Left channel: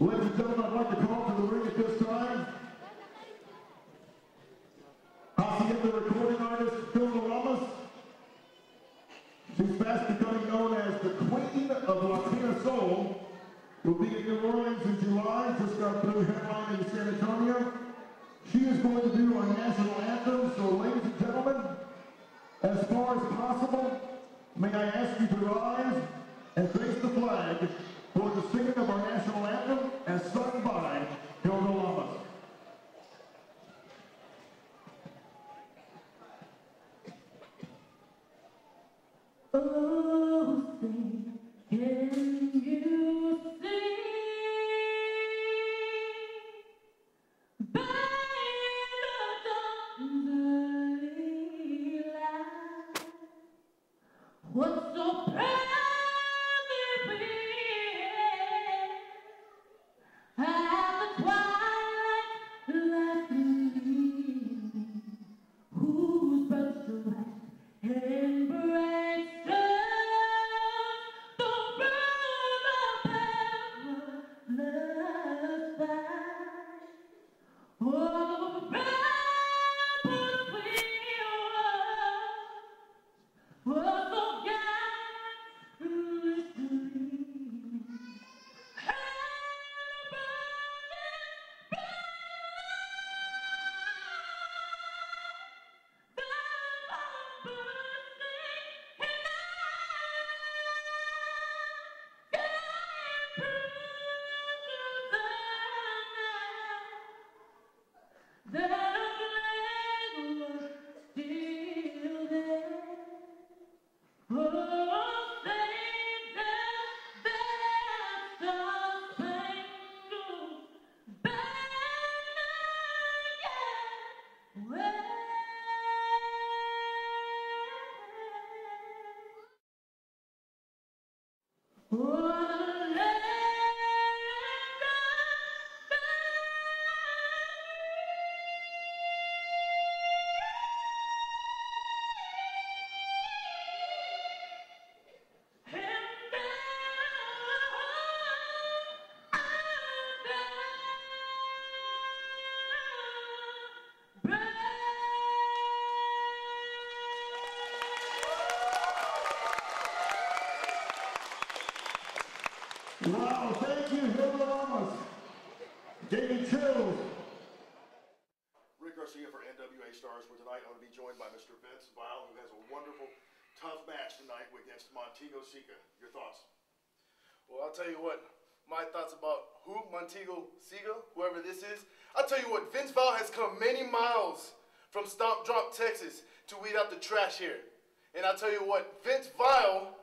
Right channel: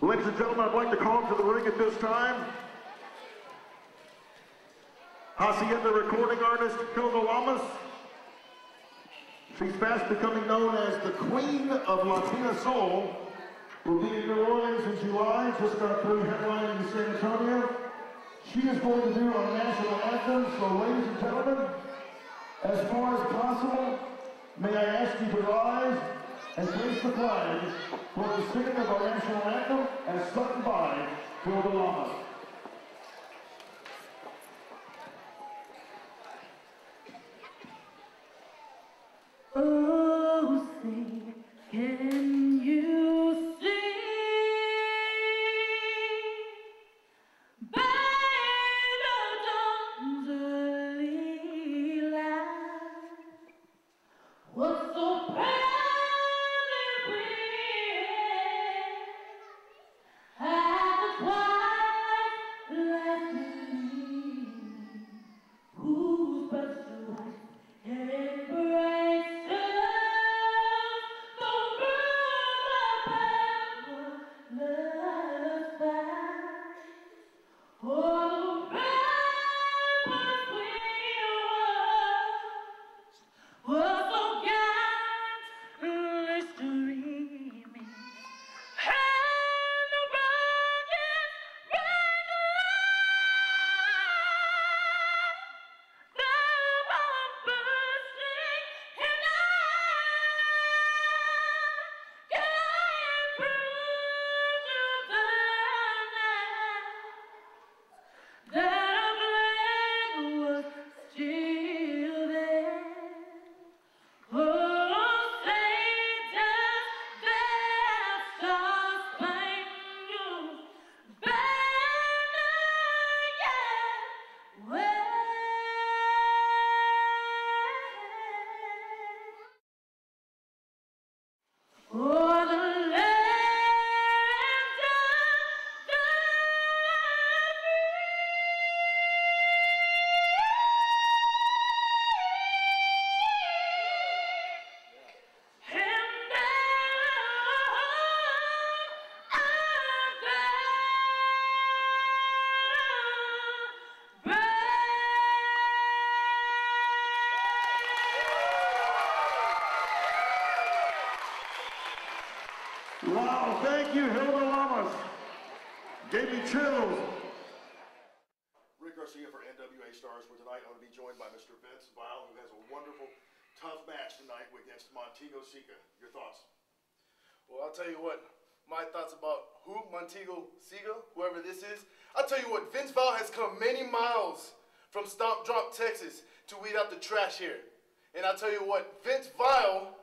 Ladies and gentlemen, I'd like to call to the ring at this time Hacienda recording artist Hilda Lamas. She's fast becoming known as the Queen of Latina Soul. Will be in New Orleans in July, just got through headlining in San Antonio. She is going to do our national anthem, so ladies and gentlemen, as far as possible, may I ask you to rise and face the flag for the singing of our national anthem as sung by Hilda Lamas. Oh, sing, can you see by the dawn's early light what so proudly we at the twilight lightning, whose breath so light and bright. Wow, thank you, Hilda Lamas. Gave me chills. Rick Garcia for NWA Stars, where tonight I'm going to be joined by Mr. Vince Vile, who has a wonderful, tough match tonight against Montego Seeka. Your thoughts? Well, I'll tell you what, my thoughts about Montego Seeka, whoever this is. I'll tell you what, Vince Vile has come many miles from Stomp Drop, Texas to weed out the trash here. And I'll tell you what, Vince Vile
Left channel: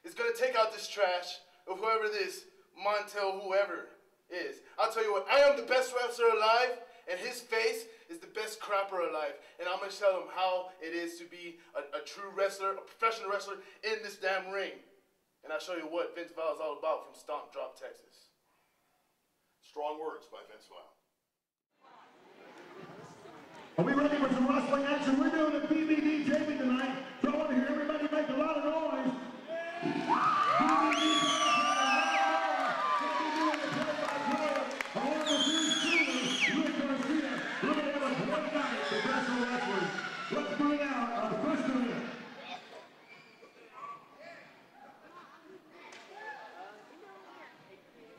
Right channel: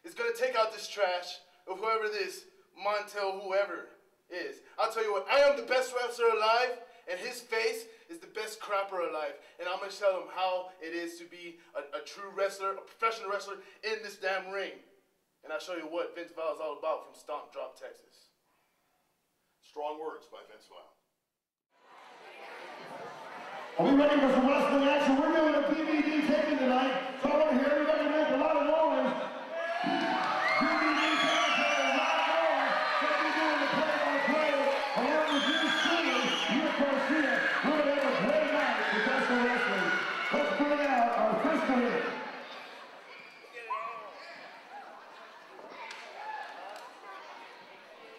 is going to take out this trash of whoever this Montego whoever is. I'll tell you what, I am the best wrestler alive, and his face is the best crapper alive. And I'm going to tell him how it is to be a true wrestler, a professional wrestler in this damn ring. And I'll show you what Vince Vile is all about from Stomp Drop, Texas. Strong words by Vince Vile. Are we ready for some wrestling action? We're doing a DVD taping tonight, so I want to hear everybody make a lot of noise. DVD taping, a lot of noise. What we doing to play-by-play. I want to do singers, River Garcia. We're going to have a great night with wrestling wrestling. Let's bring out our first one here.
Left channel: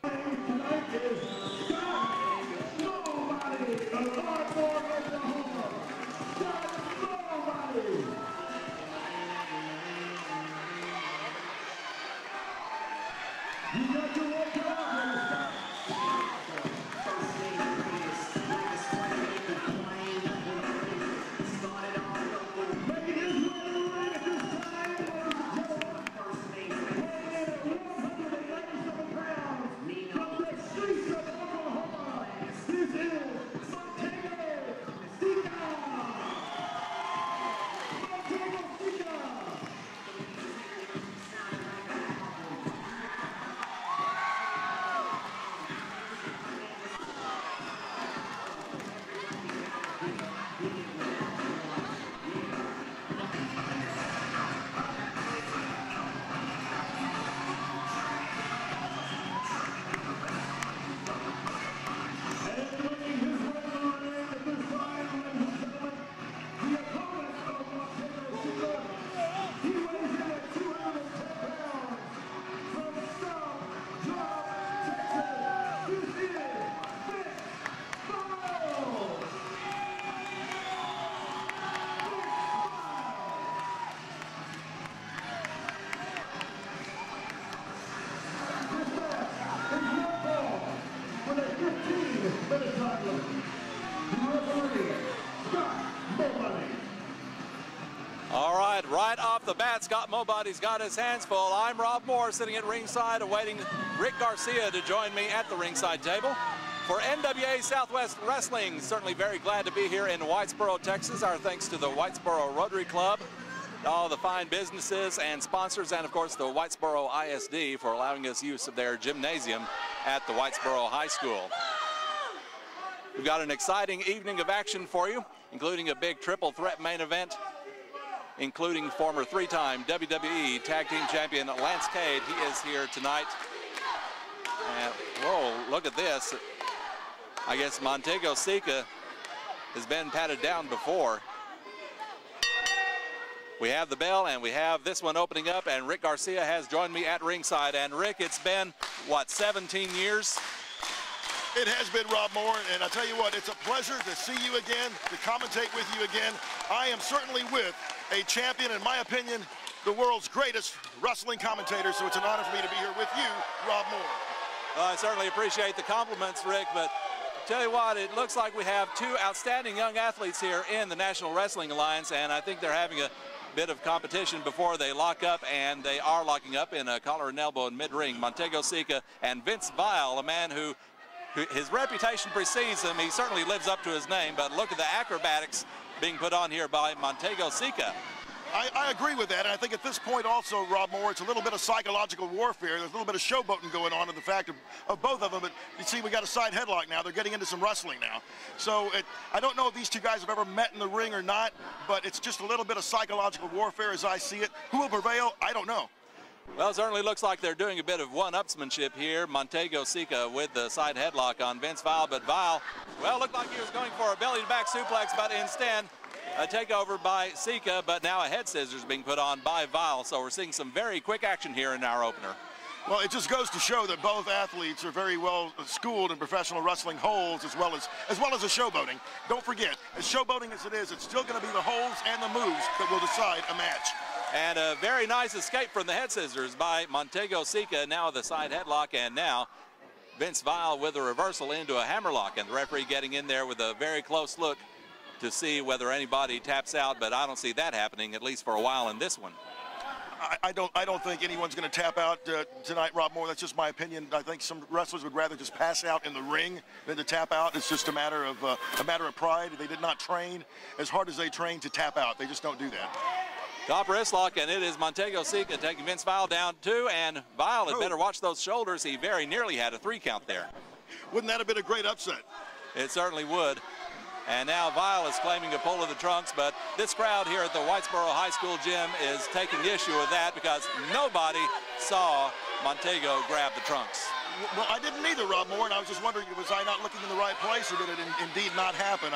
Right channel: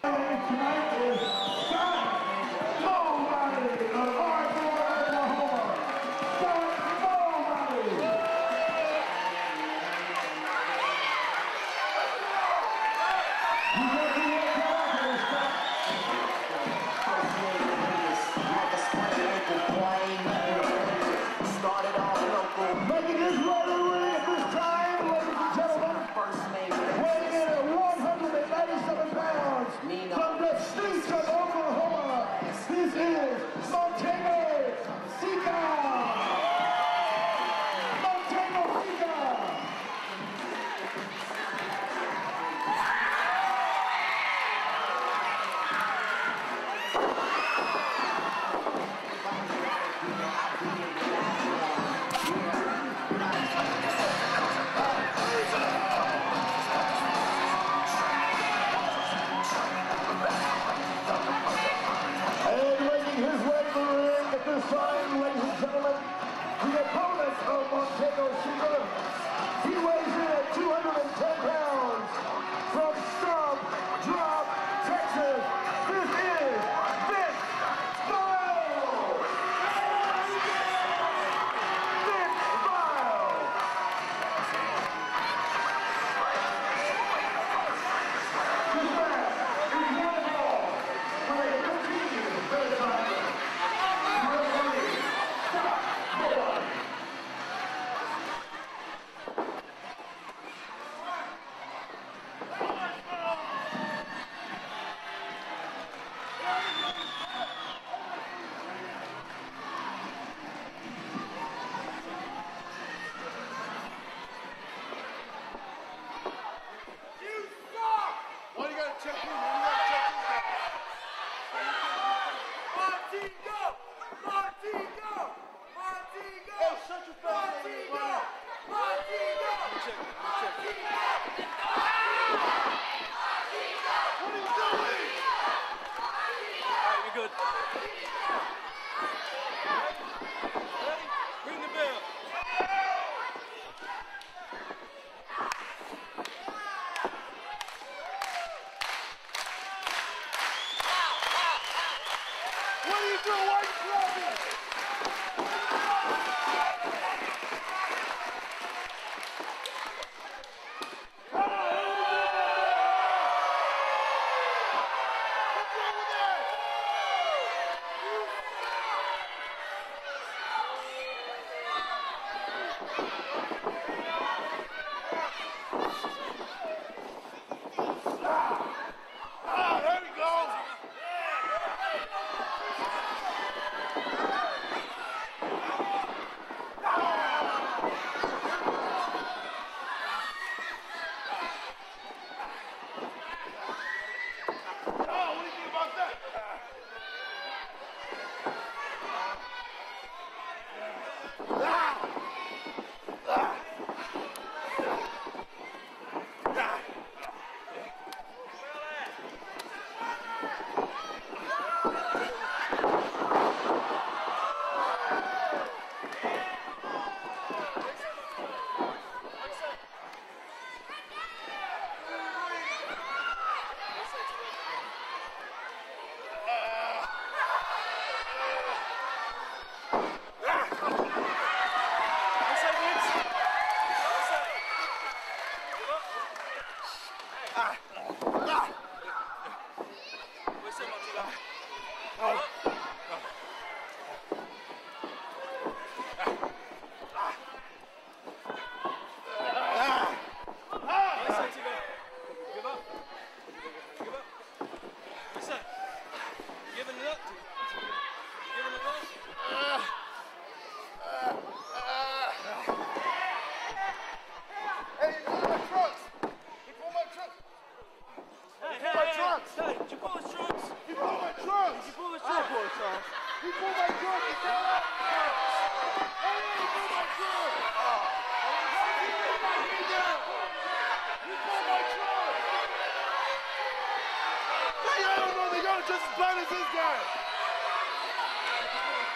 Tonight is Scott Nobody of Hardcore, Oklahoma. Scott Mobody's got his hands full. I'm Rob Moore, sitting at ringside, awaiting Rick Garcia to join me at the ringside table. For NWA Southwest Wrestling, certainly very glad to be here in Whitesboro, Texas. Our thanks to the Whitesboro Rotary Club, all the fine businesses and sponsors, and of course the Whitesboro ISD for allowing us use of their gymnasium at the Whitesboro High School. We've got an exciting evening of action for you, including a big triple threat main event, including former three-time WWE Tag Team Champion Lance Cade. He is here tonight. Whoa, look at this. I guess Montego Seeka has been patted down before. We have the bell, and we have this one opening up, and Rick Garcia has joined me at ringside. And Rick, it's been, what, 17 years? It has been, Rob Moore, and I tell you what, it's a pleasure to see you again, to commentate with you again. I am certainly with a champion, in my opinion, the world's greatest wrestling commentator, so it's an honor for me to be here with you, Rob Moore. Well, I certainly appreciate the compliments, Rick, but tell you what, it looks like we have two outstanding young athletes here in the National Wrestling Alliance, and I think they're having a bit of competition before they lock up, and they are locking up in a collar and elbow in mid-ring. Montego Seeka and Vince Vile, a man who his reputation precedes him. He certainly lives up to his name, but look at the acrobatics being put on here by Montego Seeka. I agree with that, and I think at this point also, Rob Moore, it's a little bit of psychological warfare. There's a little bit of showboating going on in the fact of both of them. But you see, we got a side headlock now. They're getting into some wrestling now. So I don't know if these two guys have ever met in the ring or not, but it's just a little bit of psychological warfare as I see it. Who will prevail? I don't know. Well, it certainly looks like they're doing a bit of one-upsmanship here. Montego Seeka with the side headlock on Vince Vile, but Vile, well, looked like he was going for a belly-to-back suplex, but instead a takeover by Seeka, but now a head scissors being put on by Vile. So we're seeing some very quick action here in our opener. Well, it just goes to show that both athletes are very well schooled in professional wrestling holds as well as the showboating. Don't forget, the showboating as it is, it's still going to be the holds and the moves that will decide the match. And a very nice escape from the head scissors by Montego Seeka, now the side headlock, and now Vince Vile with a reversal into a hammerlock, and the referee getting in there with a very close look to see whether anybody taps out, but I don't see that happening, at least for a while in this one. I don't think anyone's going to tap out tonight, Rob Moore. That's just my opinion. I think some wrestlers would rather just pass out in the ring than to tap out. It's just a matter of pride. They did not train as hard as they trained to tap out. They just don't do that. Top wrist lock, and it is Montego Seeka taking Vince Vile down too, and Vile had better watch those shoulders. He very nearly had a 3 count there. Wouldn't that have been a great upset? It certainly would. And now Vile is claiming to pull in the trunks, but this crowd here at the Whitesboro High School gym is taking issue with that because nobody saw Montego grab the trunks. Well, I didn't either, Rob Moore. I was just wondering, was I not looking in the right place, or did it indeed not happen?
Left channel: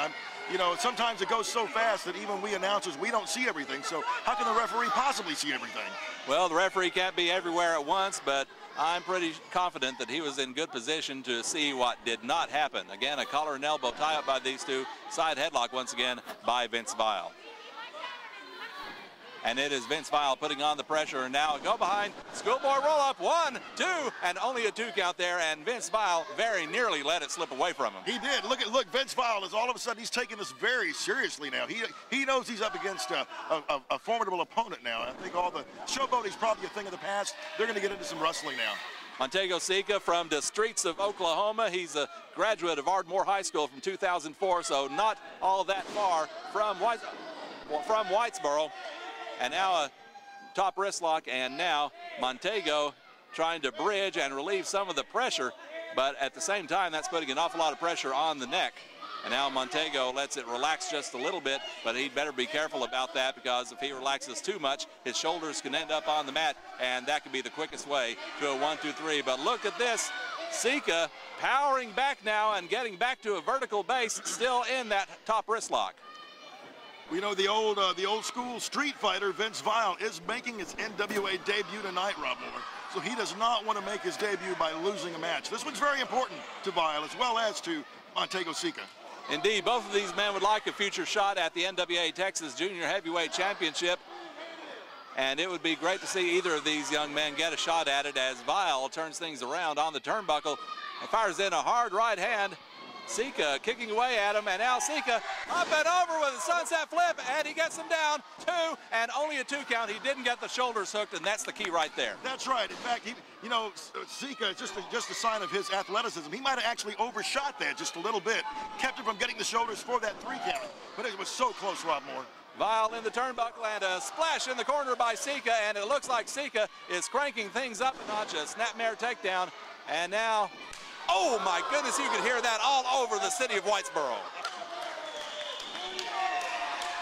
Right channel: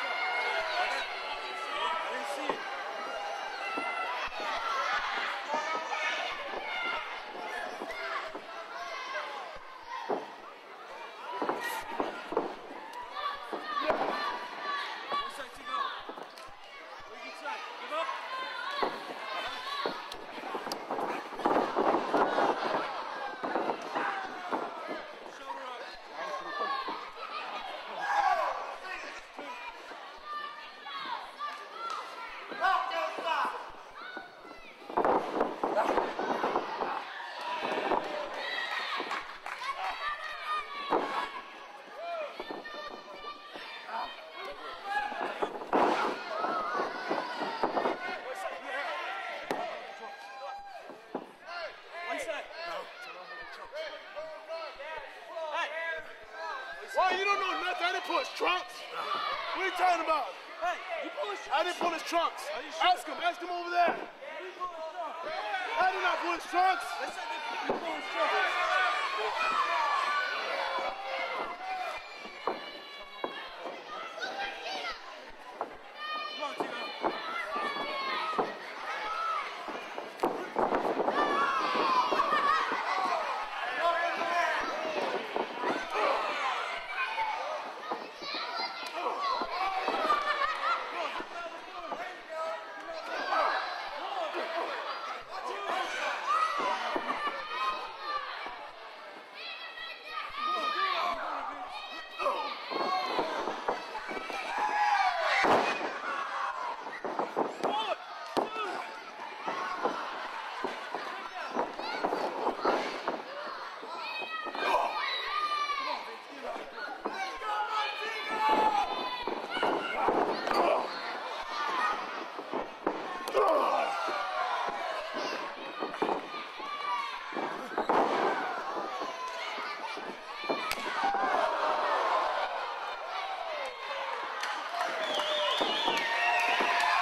You know, sometimes it goes so fast that even we announcers, we don't see everything. So how can the referee possibly see everything? Well, the referee can't be everywhere at once, but I'm pretty confident that he was in good position to see what did not happen. Again, a collar and elbow tie-up by these two. Side headlock once again by Vince Vile. And it is Vince Vile putting on the pressure, and now go behind, schoolboy roll up, 1, 2, and only a 2 count there, and Vince Vile very nearly let it slip away from him. He did. Look, Vince Vile is all of a sudden, he's taking this very seriously now. He knows he's up against a formidable opponent now. I think all the showboating is probably a thing of the past. They're going to get into some wrestling now. Montego Seeka from the streets of Oklahoma. He's a graduate of Ardmore High School from 2004, so not all that far from Whitesboro. And now a top wrist lock, and now Montego trying to bridge and relieve some of the pressure, but at the same time, that's putting an awful lot of pressure on the neck. And now Montego lets it relax just a little bit, but he'd better be careful about that because if he relaxes too much, his shoulders can end up on the mat, and that could be the quickest way to a 1, 2, 3. But look at this. Seeka powering back now and getting back to a vertical base, still in that top wrist lock. You know, the old school street fighter, Vince Vile, is making his NWA debut tonight, Robert. So he does not want to make his debut by losing a match. This one's very important to Vile as well as to Montego Seeka. Indeed, both of these men would like a future shot at the NWA Texas Junior Heavyweight Championship. And it would be great to see either of these young men get a shot at it as Vile turns things around on the turnbuckle. Fires in a hard right hand. Seeka kicking away at him, and now Seeka up and over with a sunset flip, and he gets him down. 2, and only a 2 count. He didn't get the shoulders hooked, and that's the key right there. That's right. In fact, you know, Seeka, just a sign of his athleticism. He might have actually overshot there just a little bit. Kept him from getting the shoulders for that 3 count. But it was so close, Rockmore. Vile in the turnbuckle, and a splash in the corner by Seeka, and it looks like Seeka is cranking things up a notch. A snapmare takedown, and now, oh my goodness, you can hear that all over the city of Whitesboro.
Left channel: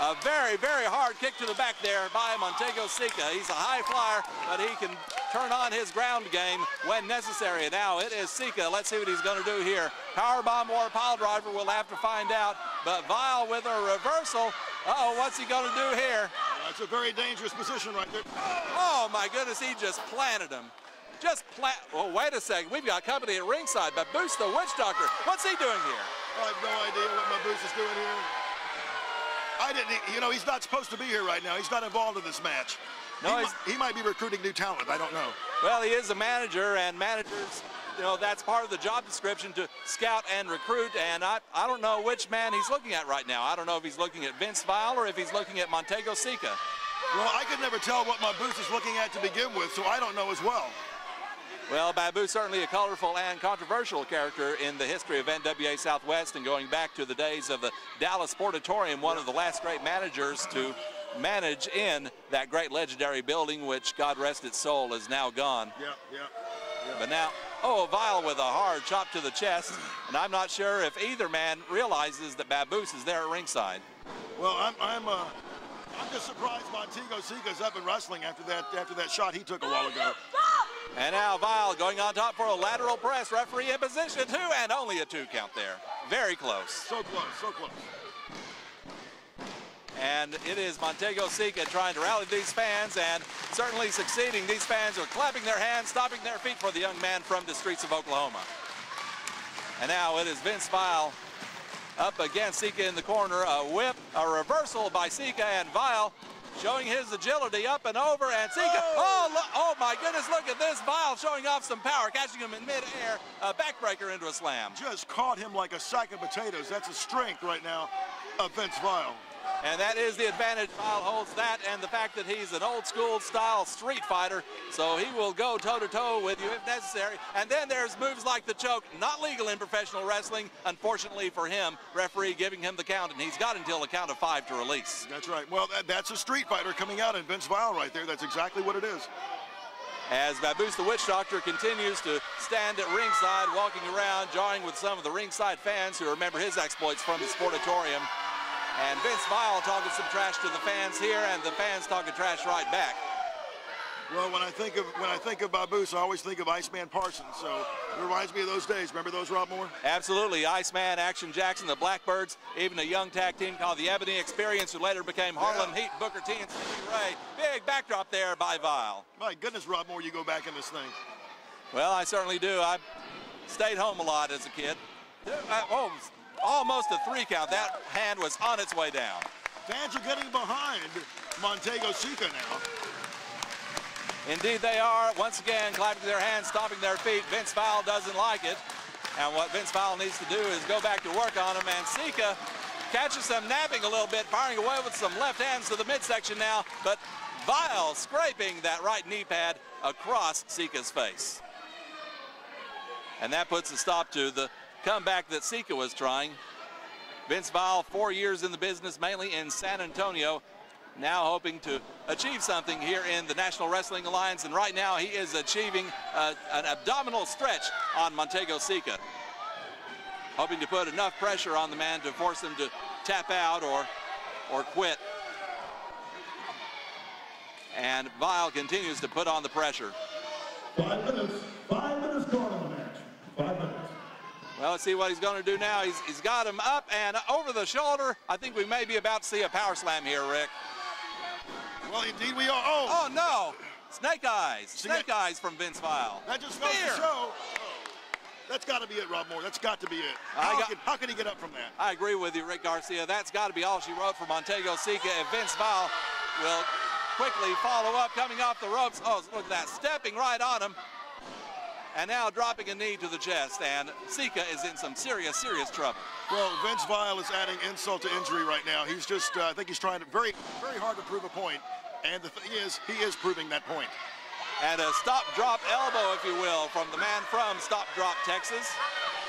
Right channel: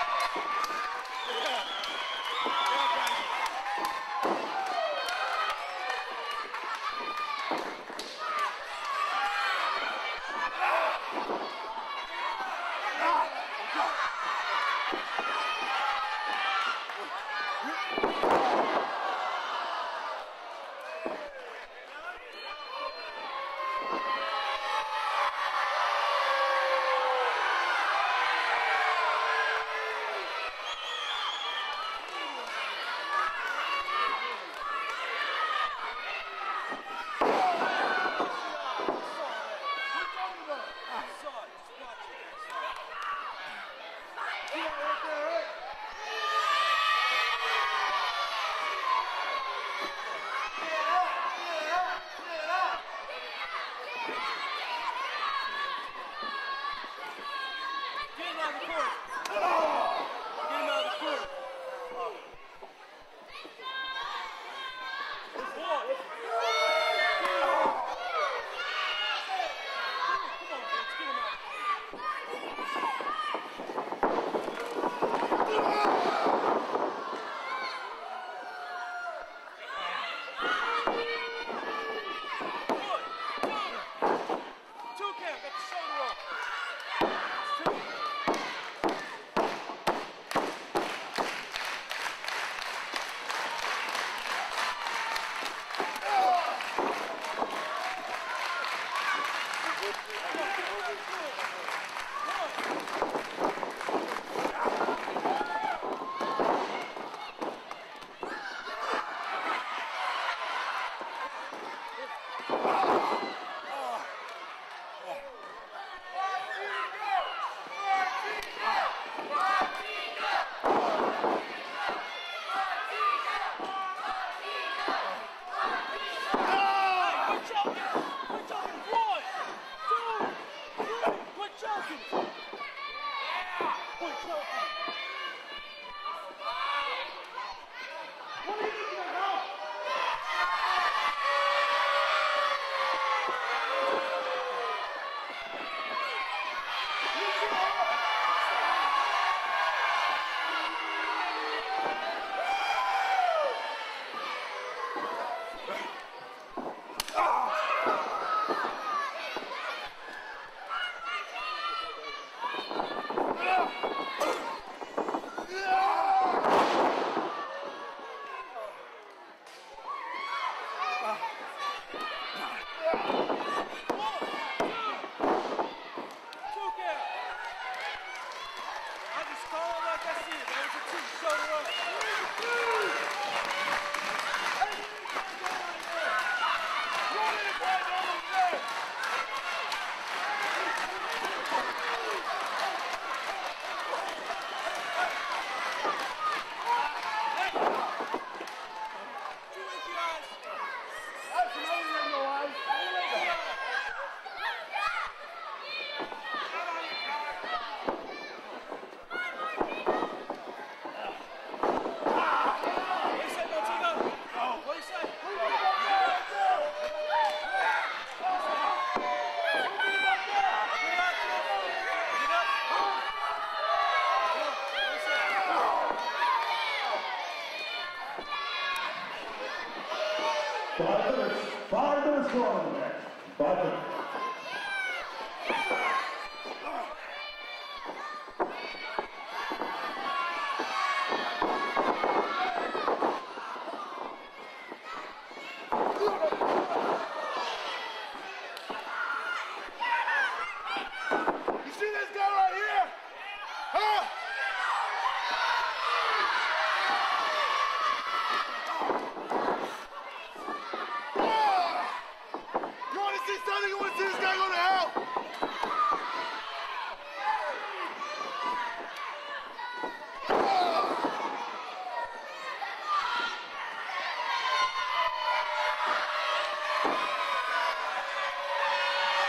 A very, very hard kick to the back there by Montego Seeka. He's a high flyer, but he can turn on his ground game when necessary. Now it is Seeka. Let's see what he's going to do here. Powerbomb or pile driver, we'll have to find out. But Vile with a reversal. Uh-oh, what's he going to do here? That's a very dangerous position right there. Oh my goodness, he just planted him. Well, wait a second. We've got company at ringside. But Boost the Witch Doctor, what's he doing here? I have no idea what my Boost is doing here. You know, he's not supposed to be here right now. He's not involved in this match. No, he might be recruiting new talent. I don't know. Well, he is a manager, and managers, well, that's part of the job description, to scout and recruit. And I don't know which man he's looking at right now. I don't know if he's looking at Vince Vile or if he's looking at Montego Seeka. Well, I could never tell what my Boost is looking at to begin with, so I don't know as well. Well, Babu certainly a colorful and controversial character in the history of NWA Southwest, and going back to the days of the Dallas Sportatorium, one of the last great managers to manage in that great legendary building, which, God rest its soul, is now gone. But now, oh, Vile with a hard chop to the chest, and I'm not sure if either man realizes that Baboose is there at ringside. Well, I'm just surprised Montego Seeka's up and wrestling after that shot he took a while ago. And now Vile going on top for a lateral press. Referee in position 2, and only a 2 count there. Very close. So close, so close. And it is Montego Seeka trying to rally these fans, and certainly succeeding. These fans are clapping their hands, stomping their feet for the young man from the streets of Oklahoma. And now it is Vince Vile up against Seeka in the corner. A whip, a reversal by Seeka, and Vile showing his agility up and over, and Seeka, oh my goodness, look at this. Vile showing off some power, catching him in mid-air, a backbreaker into a slam. Just caught him like a sack of potatoes. That's a strength right now of Vince Vile. And that is the advantage Vile holds, that and the fact that he's an old school style street fighter, so he will go toe-to-toe with you if necessary. And then there's moves like the choke, not legal in professional wrestling, unfortunately for him. Referee giving him the count, and he's got until the count of 5 to release. That's right. Well, that's a street fighter coming out in Vince Vile right there. That's exactly what it is. As Baboose the Witch Doctor continues to stand at ringside, walking around, jawing with some of the ringside fans who remember his exploits from the Sportatorium. And Vince Vile talking some trash to the fans here, and the fans talking trash right back. Well, when I think of Baboose, I always think of Iceman Parsons. So it reminds me of those days. Remember those, Rob Moore? Absolutely. Iceman, Action Jackson, the Blackbirds, even a young tag team called the Ebony Experience, who later became Harlan Heat, Booker T, and Ray. Big backdrop there by Vile. My goodness, Rob Moore, you go back in this thing. Well, I certainly do. I stayed home a lot as a kid. Almost a 3 count. That hand was on its way down. Fans are getting behind Montego Seeka. Indeed they are. Once again, clapping their hands, stomping their feet. Vince Vile doesn't like it. And what Vince Vile needs to do is go back to work on him. And Seeka catches him napping a little bit, firing away with some left hands to the midsection now. But Vile scraping that right knee pad across Seeka's face. And that puts a stop to the comeback that Seeka was trying. Vince Vile, 4 years in the business, mainly in San Antonio. Now hoping to achieve something here in the National Wrestling Alliance, and right now he is achieving an abdominal stretch on Montego Seeka, hoping to put enough pressure on the man to force him to tap out or quit. And Vile continues to put on the pressure. 5 minutes going next. 5 minutes. Well, let's see what he's going to do now. He's got him up and over the shoulder. I think we may be about to see a power slam here, Rick. Oh, no. Snake eyes. Snake eyes from Vince Vile. That's got to be it, Rob Moore. That's got to be it. How can he get up from that? I agree with you, Rick Garcia. That's got to be all she wrote for Montego Seeka. If Vince Vile will quickly follow up, coming off the ropes. Oh, that stepping right on him. And now dropping a knee to the chest, and Seeka is in some serious, serious trouble. Well, Vince Vile is adding insult to injury right now. He's just, I think he's trying to very hard to prove a point. And the thing is, he is proving that point. And a stop-drop elbow, if you will, from the man from Stop-Drop, Texas.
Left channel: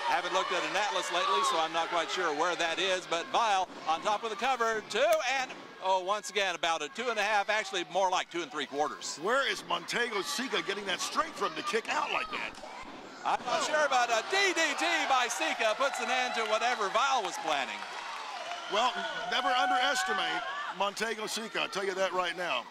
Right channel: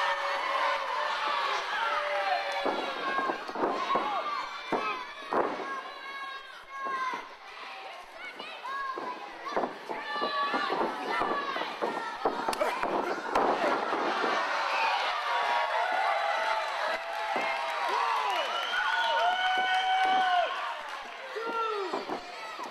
I haven't looked at an atlas lately, so I'm not quite sure where that is, but Vile on top of the cover, 2, and, oh, once again, about a 2.5, actually more like 2 3/4. Where is Montego Seeka getting that strength from to kick out like that? I'm not sure, but a DDT by Seeka puts an end to whatever Vile was planning. Well, never underestimate Montego Seeka, I'll tell you that right now.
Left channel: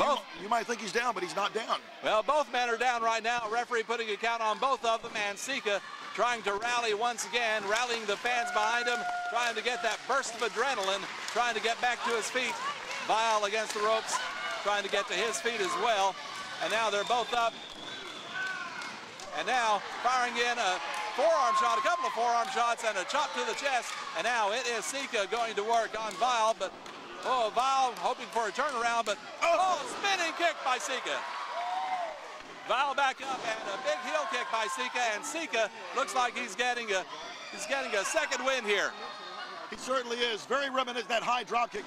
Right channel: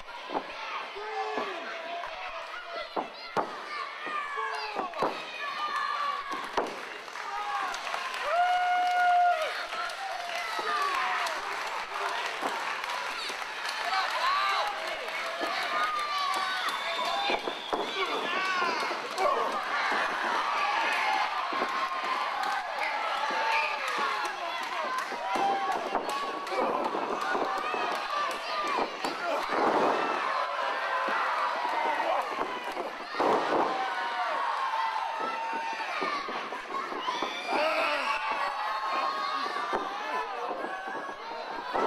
Both. You might think he's down, but he's not down. Well, both men are down right now. Referee putting a count on both of them, and Seeka trying to rally once again, rallying the fans behind him, trying to get that burst of adrenaline, trying to get back to his feet. Vile against the ropes, trying to get to his feet as well. And now they're both up. And now firing in a forearm shot, a couple of forearm shots, and a chop to the chest. And now it is Seeka going to work on Vile, but oh, Vile hoping for a turnaround, but oh, spinning kick by Seeka. Vile back to a big heel kick by Seeka, and Seeka looks like he's getting a second win here. It certainly is. Very reminiscent that high drop kick.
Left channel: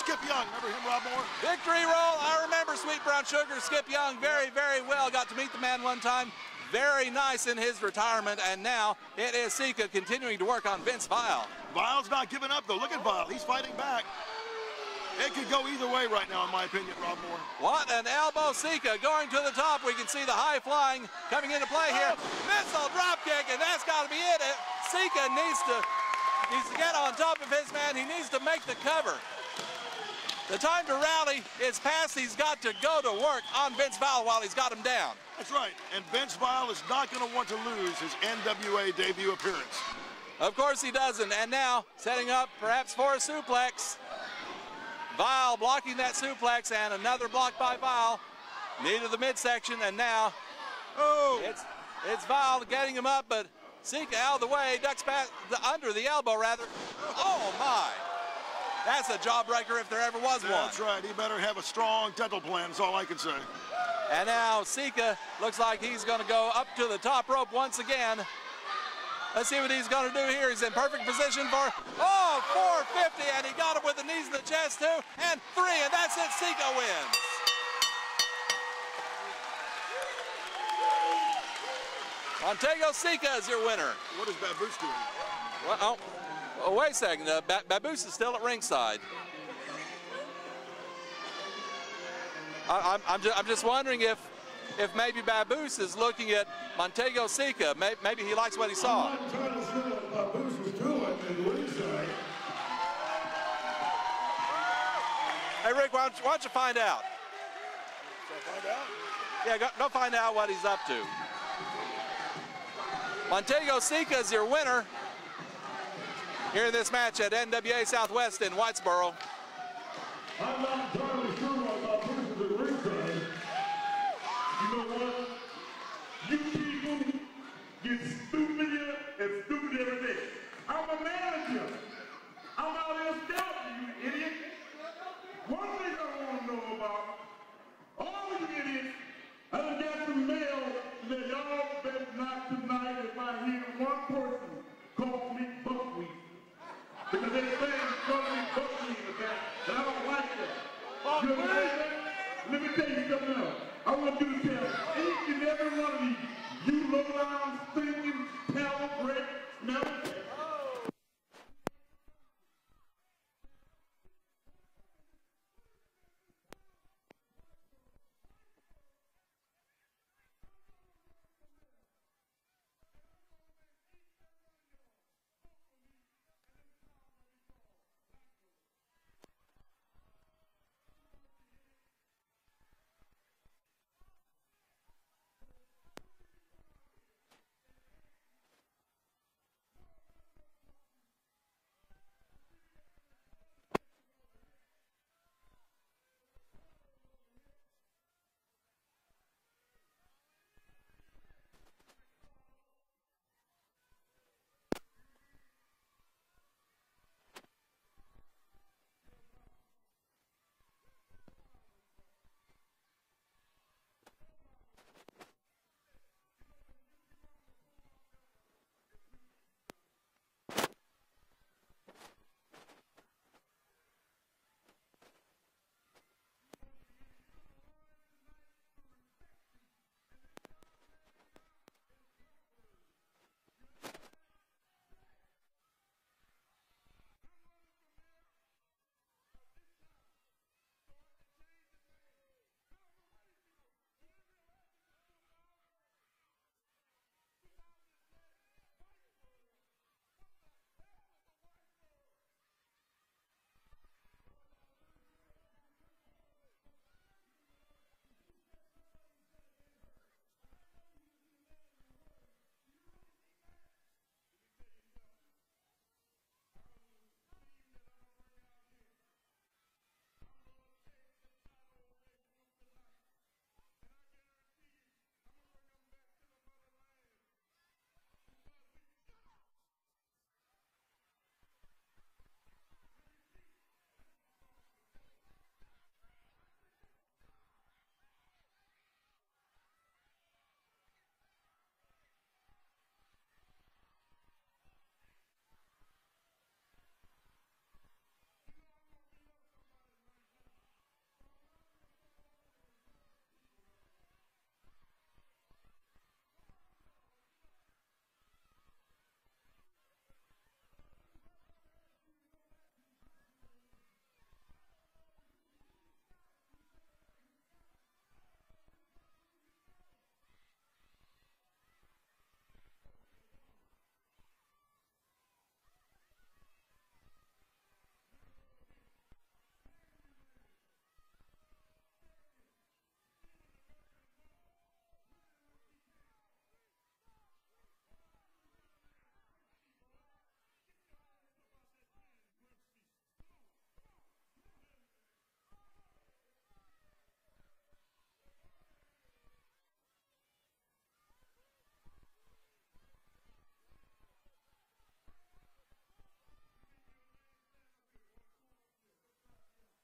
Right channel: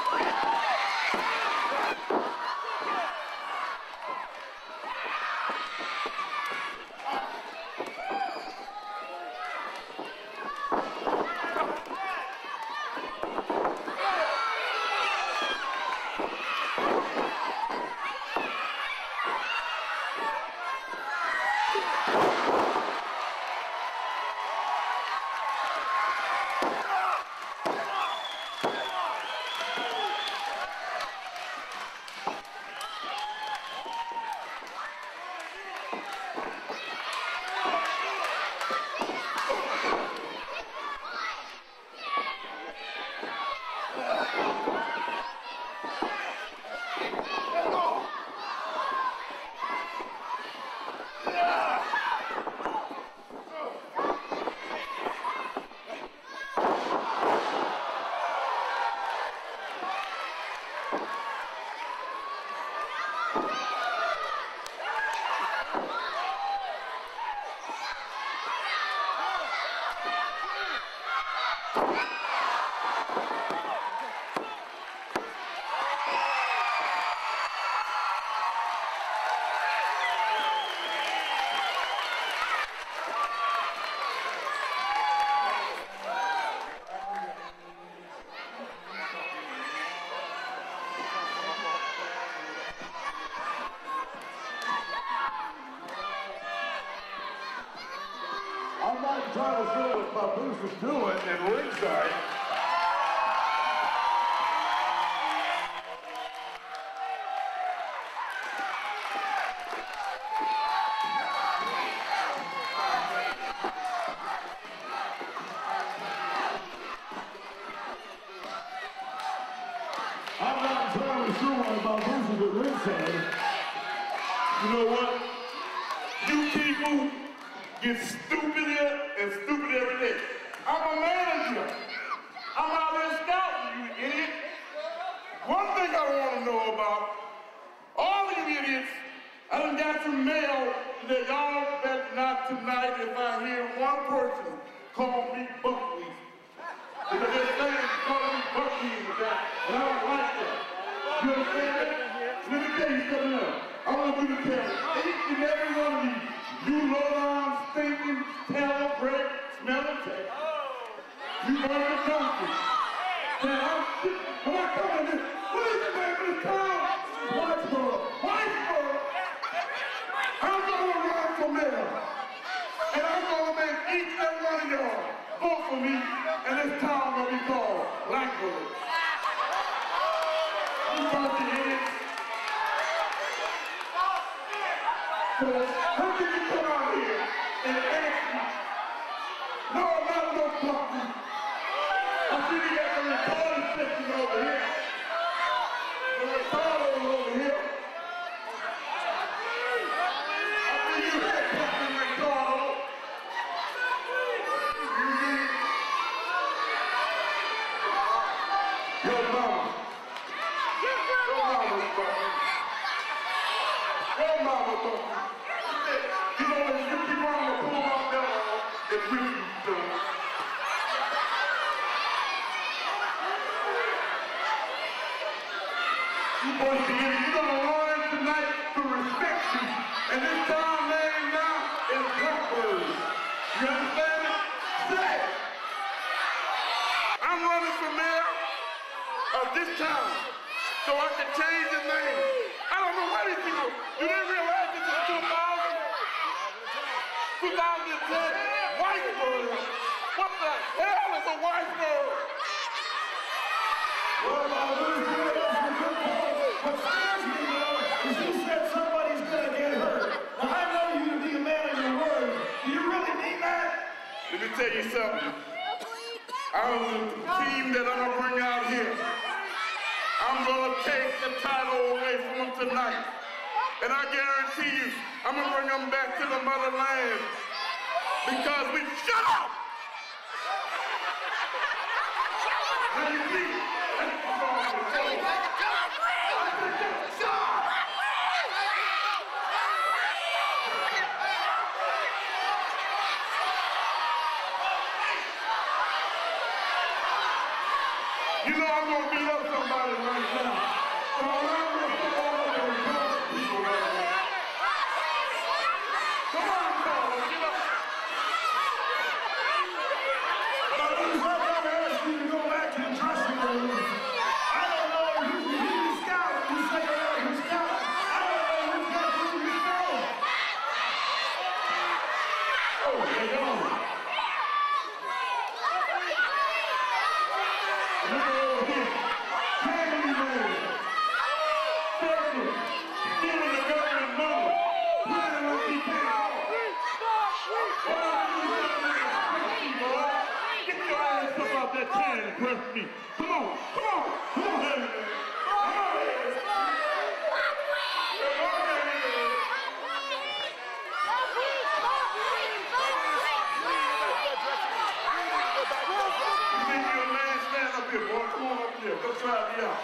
Skip Young. Victory roll. I remember Sweet Brown Sugar, Skip Young very, very well. Got to meet the man one time. Very nice in his retirement, and now it is Seeka continuing to work on Vince Vile. Vile's not giving up, though. Look at Vile. He's fighting back. It could go either way right now, in my opinion. What an elbow. Seeka going to the top. We can see the high flying coming into play here. Missile drop kick, and that's got to be it. Seeka needs to get on top of his man. He needs to make the cover. The time to rally is past. He's got to go to work on Vince Vile while he's got him down. That's right. And Vince Vile is not going to want to lose his NWA debut appearance. Of course he doesn't. And now setting up perhaps for a suplex. Vile blocking that suplex, and another block by Vile. Knee to the midsection, and now it's Vile getting him up, but Seeka out of the way, ducks back under the elbow rather. Oh my. That's a jawbreaker if there ever was one. That's right. He better have a strong dental plan, is all I can say. And now Seeka looks like he's going to go up to the top rope once again. Let's see what he's going to do here. He's in perfect position for, 450, and he got him with the knees in the chest, 2 and 3, and that's it. Seeka wins. Montego Seeka is your winner. What is Baboose doing? Oh, wait a second. Baboose is still at ringside. I'm just wondering if maybe Baboose is looking at Montego Seeka. Maybe he likes what he saw. I'm trying to see what Baboose was doing at ringside. Hey, Rick, why don't you find out? Yeah, go find out what he's up to. Montego Seeka is your winner here in this match at NWA Southwest in Whitesboro. I'm not entirely sure why Baboose is at ringside. You know what? You people get stupider and stupider every day. I'm a manager. I'm out there scouting, you idiot. One thing I want to know about all these idiots, I done got some mail that y'all bet not tonight if I hear one person call me buckwheat. Because they're saying call me buckwheat with that, and I don't like that. You understand? Let me tell you something else. I want you to tell each and every one of you low-down, stinking, tallow, bread, smelling things. You run the country. Now, when I come in this, what is the name of this town? Whitesboro. Whitesboro. I'm going to run for mayor. And I'm going to make each and every one of y'all vote for me, and this town will be called Blackbird. You bunch of idiots. So, how did you come out here and ask me? No, not no fucking. I see you got the recording section over here. The recording over here. I see you had fucking recording. Your mama. Your mama. that Griffin done. You boys, you're gonna learn tonight to respect you. And this town name now is Blackbird. You understand it? Say it. I'm running for mayor of this town so I can change the name. I don't know why these people, do they realize this is 2010 Whitebird? What the hell is a Whitebird? Well, what scares me, though, is you said somebody's gonna get hurt. Now, I know you to be a man of your word. Do you really mean that? Let me tell you something. Out of the team that I'm gonna bring out here, I'm gonna take the title away from them tonight. And I guarantee you, I'm gonna bring them back to the motherland because we shut up! Now you see, you know I'm gonna beat up somebody right now. So I'm gonna put all of those people right now. Come on, fellas, get up. But I'm gonna ask you to go back to the dressing room. I don't know who's the scout. You say you're the scout. I don't know who's got who you know. Oh, they go. Look over here. Candy man. Circle. Stealing the government money. Planning on me paying off. What are you doing, boy? Get your ass up out that chair and press me. Come on, come on, come on. Come on. Come try me out.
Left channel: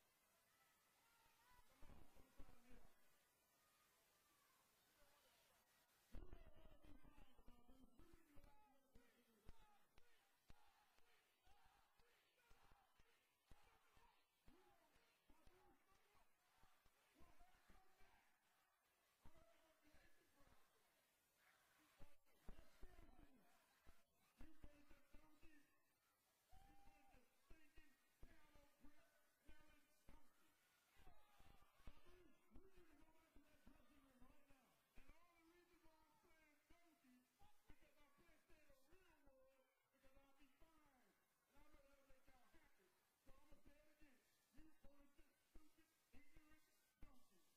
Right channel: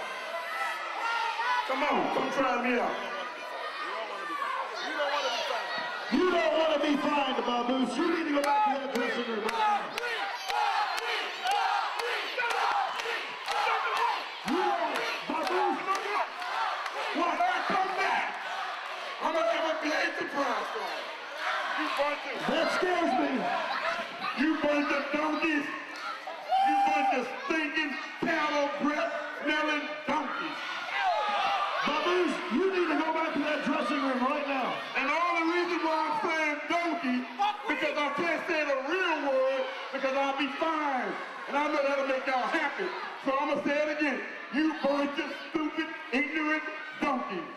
Come on, come try me out. You don't want to be fined, Baboose. You need to go back to that dressing room right now. Baboose, When I come back, I'm gonna give a big surprise for you. You bunch of, that scares me. you bunch of donkeys. You bunch of stinking, cattle breath smelling donkeys. Baboose, you need to go back to that dressing room right now. And all the reason why I'm saying donkey, because I can't say the real word, because I'll be fined. And I know that'll make y'all happy. So I'm gonna say it again. You bunch of stupid, ignorant donkeys.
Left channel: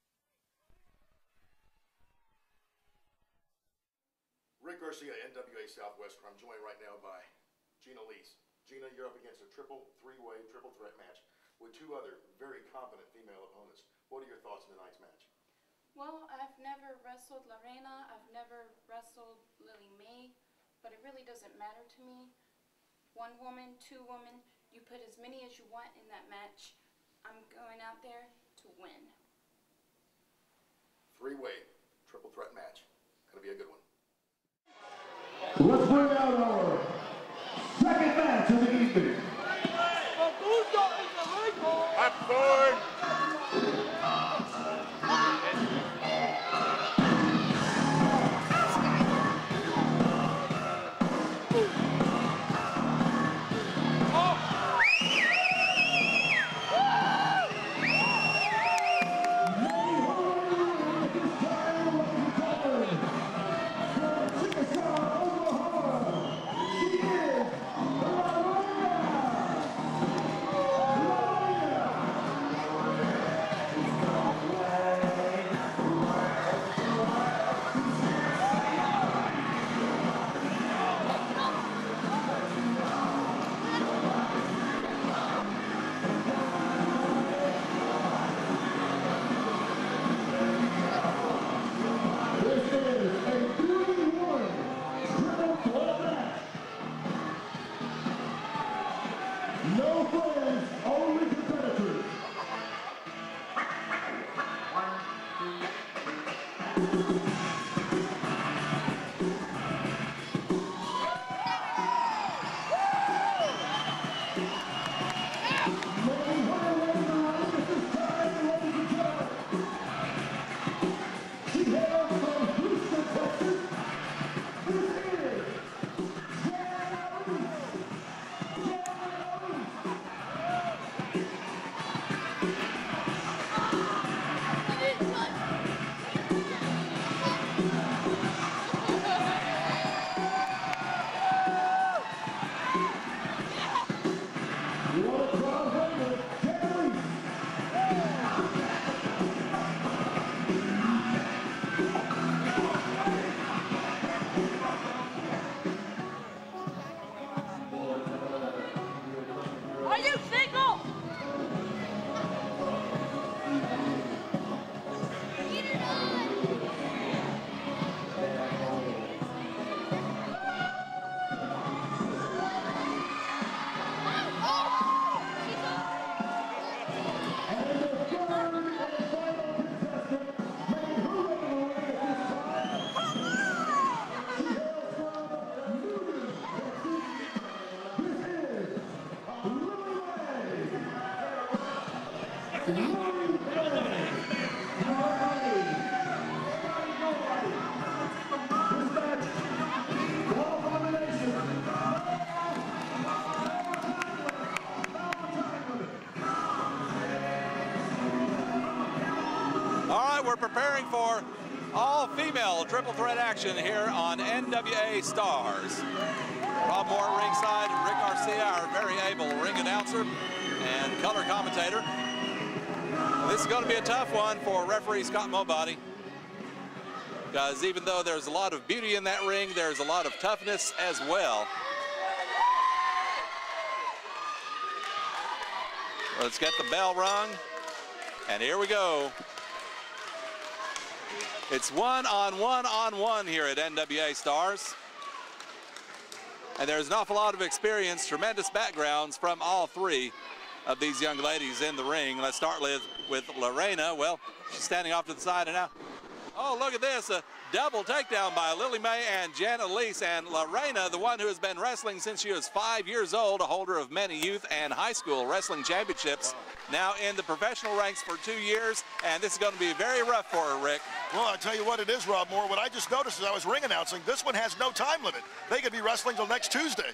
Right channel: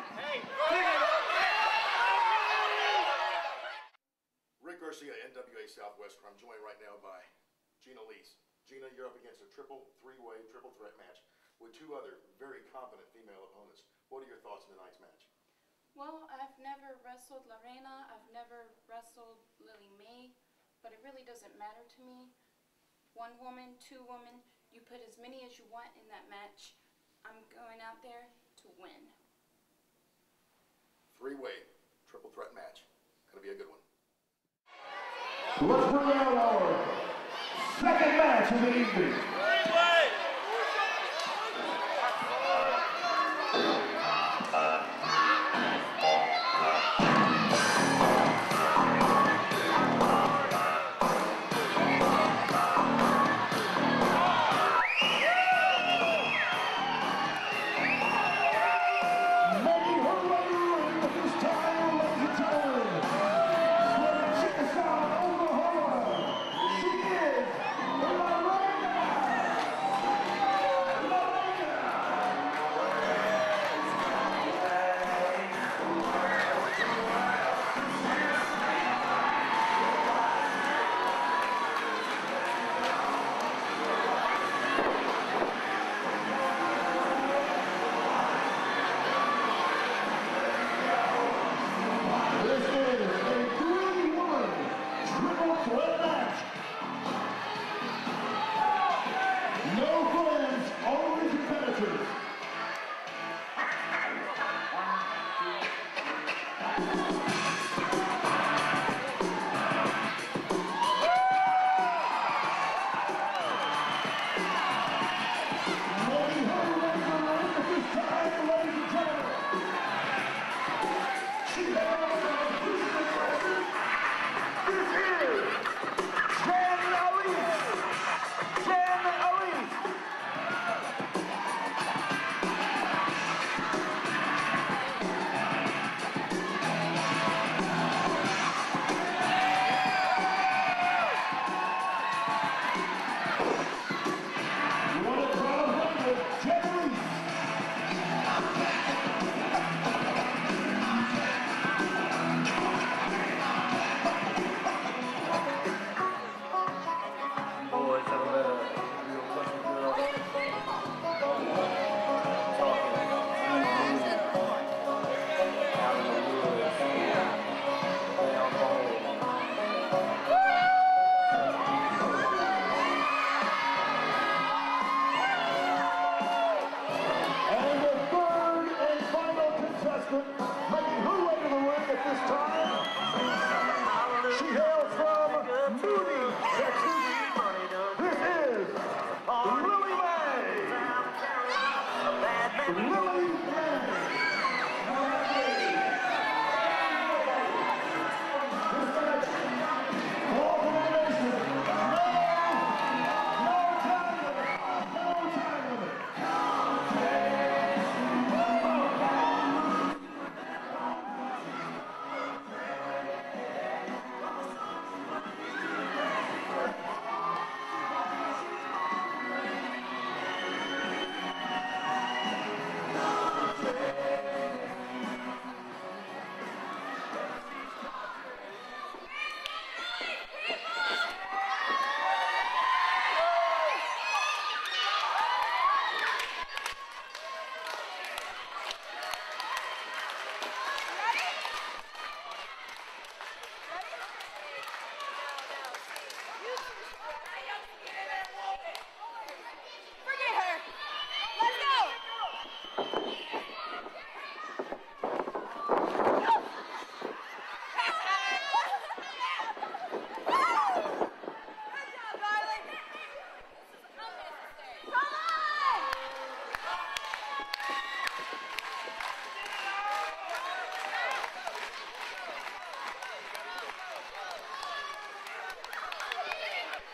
Rick Garcia, NWA Southwest, where I'm joined right now by Gina Alise. Gina, you're up against a three-way, triple threat match with two other very competent female opponents. What are your thoughts on tonight's match? Well, I've never wrestled Reina, I've never wrestled Lillie, but it really doesn't matter to me. One woman, two women, you put as many as you want in that match. I'm going out there to win. Three-way, triple threat match. Gonna be a good one. Let's bring out our second match of the evening. She is Reina. Here on NWA Stars. Rob Moore ringside, Rick Garcia, our very able ring announcer and color commentator. This is going to be a tough one for referee Scott Mobody, because even though there's a lot of beauty in that ring, there's a lot of toughness as well. Let's get the bell rung, and here we go. It's one-on-one here at NWA Stars. And there's an awful lot of experience, tremendous backgrounds from all three of these young ladies in the ring. Let's start with Reina. Well, she's standing off to the side and now. Oh, look at this. A double takedown by Lillie Mae and Jen Alise. And Reina, the one who has been wrestling since she was 5 years old, a holder of many youth and high school wrestling championships, now in the professional ranks for 2 years. And this is going to be very rough for her, Rick. Well, I'll tell you what it is, Rob Moore. What I just noticed as I was ring announcing, this one has no time limit. They could be wrestling till next Tuesday.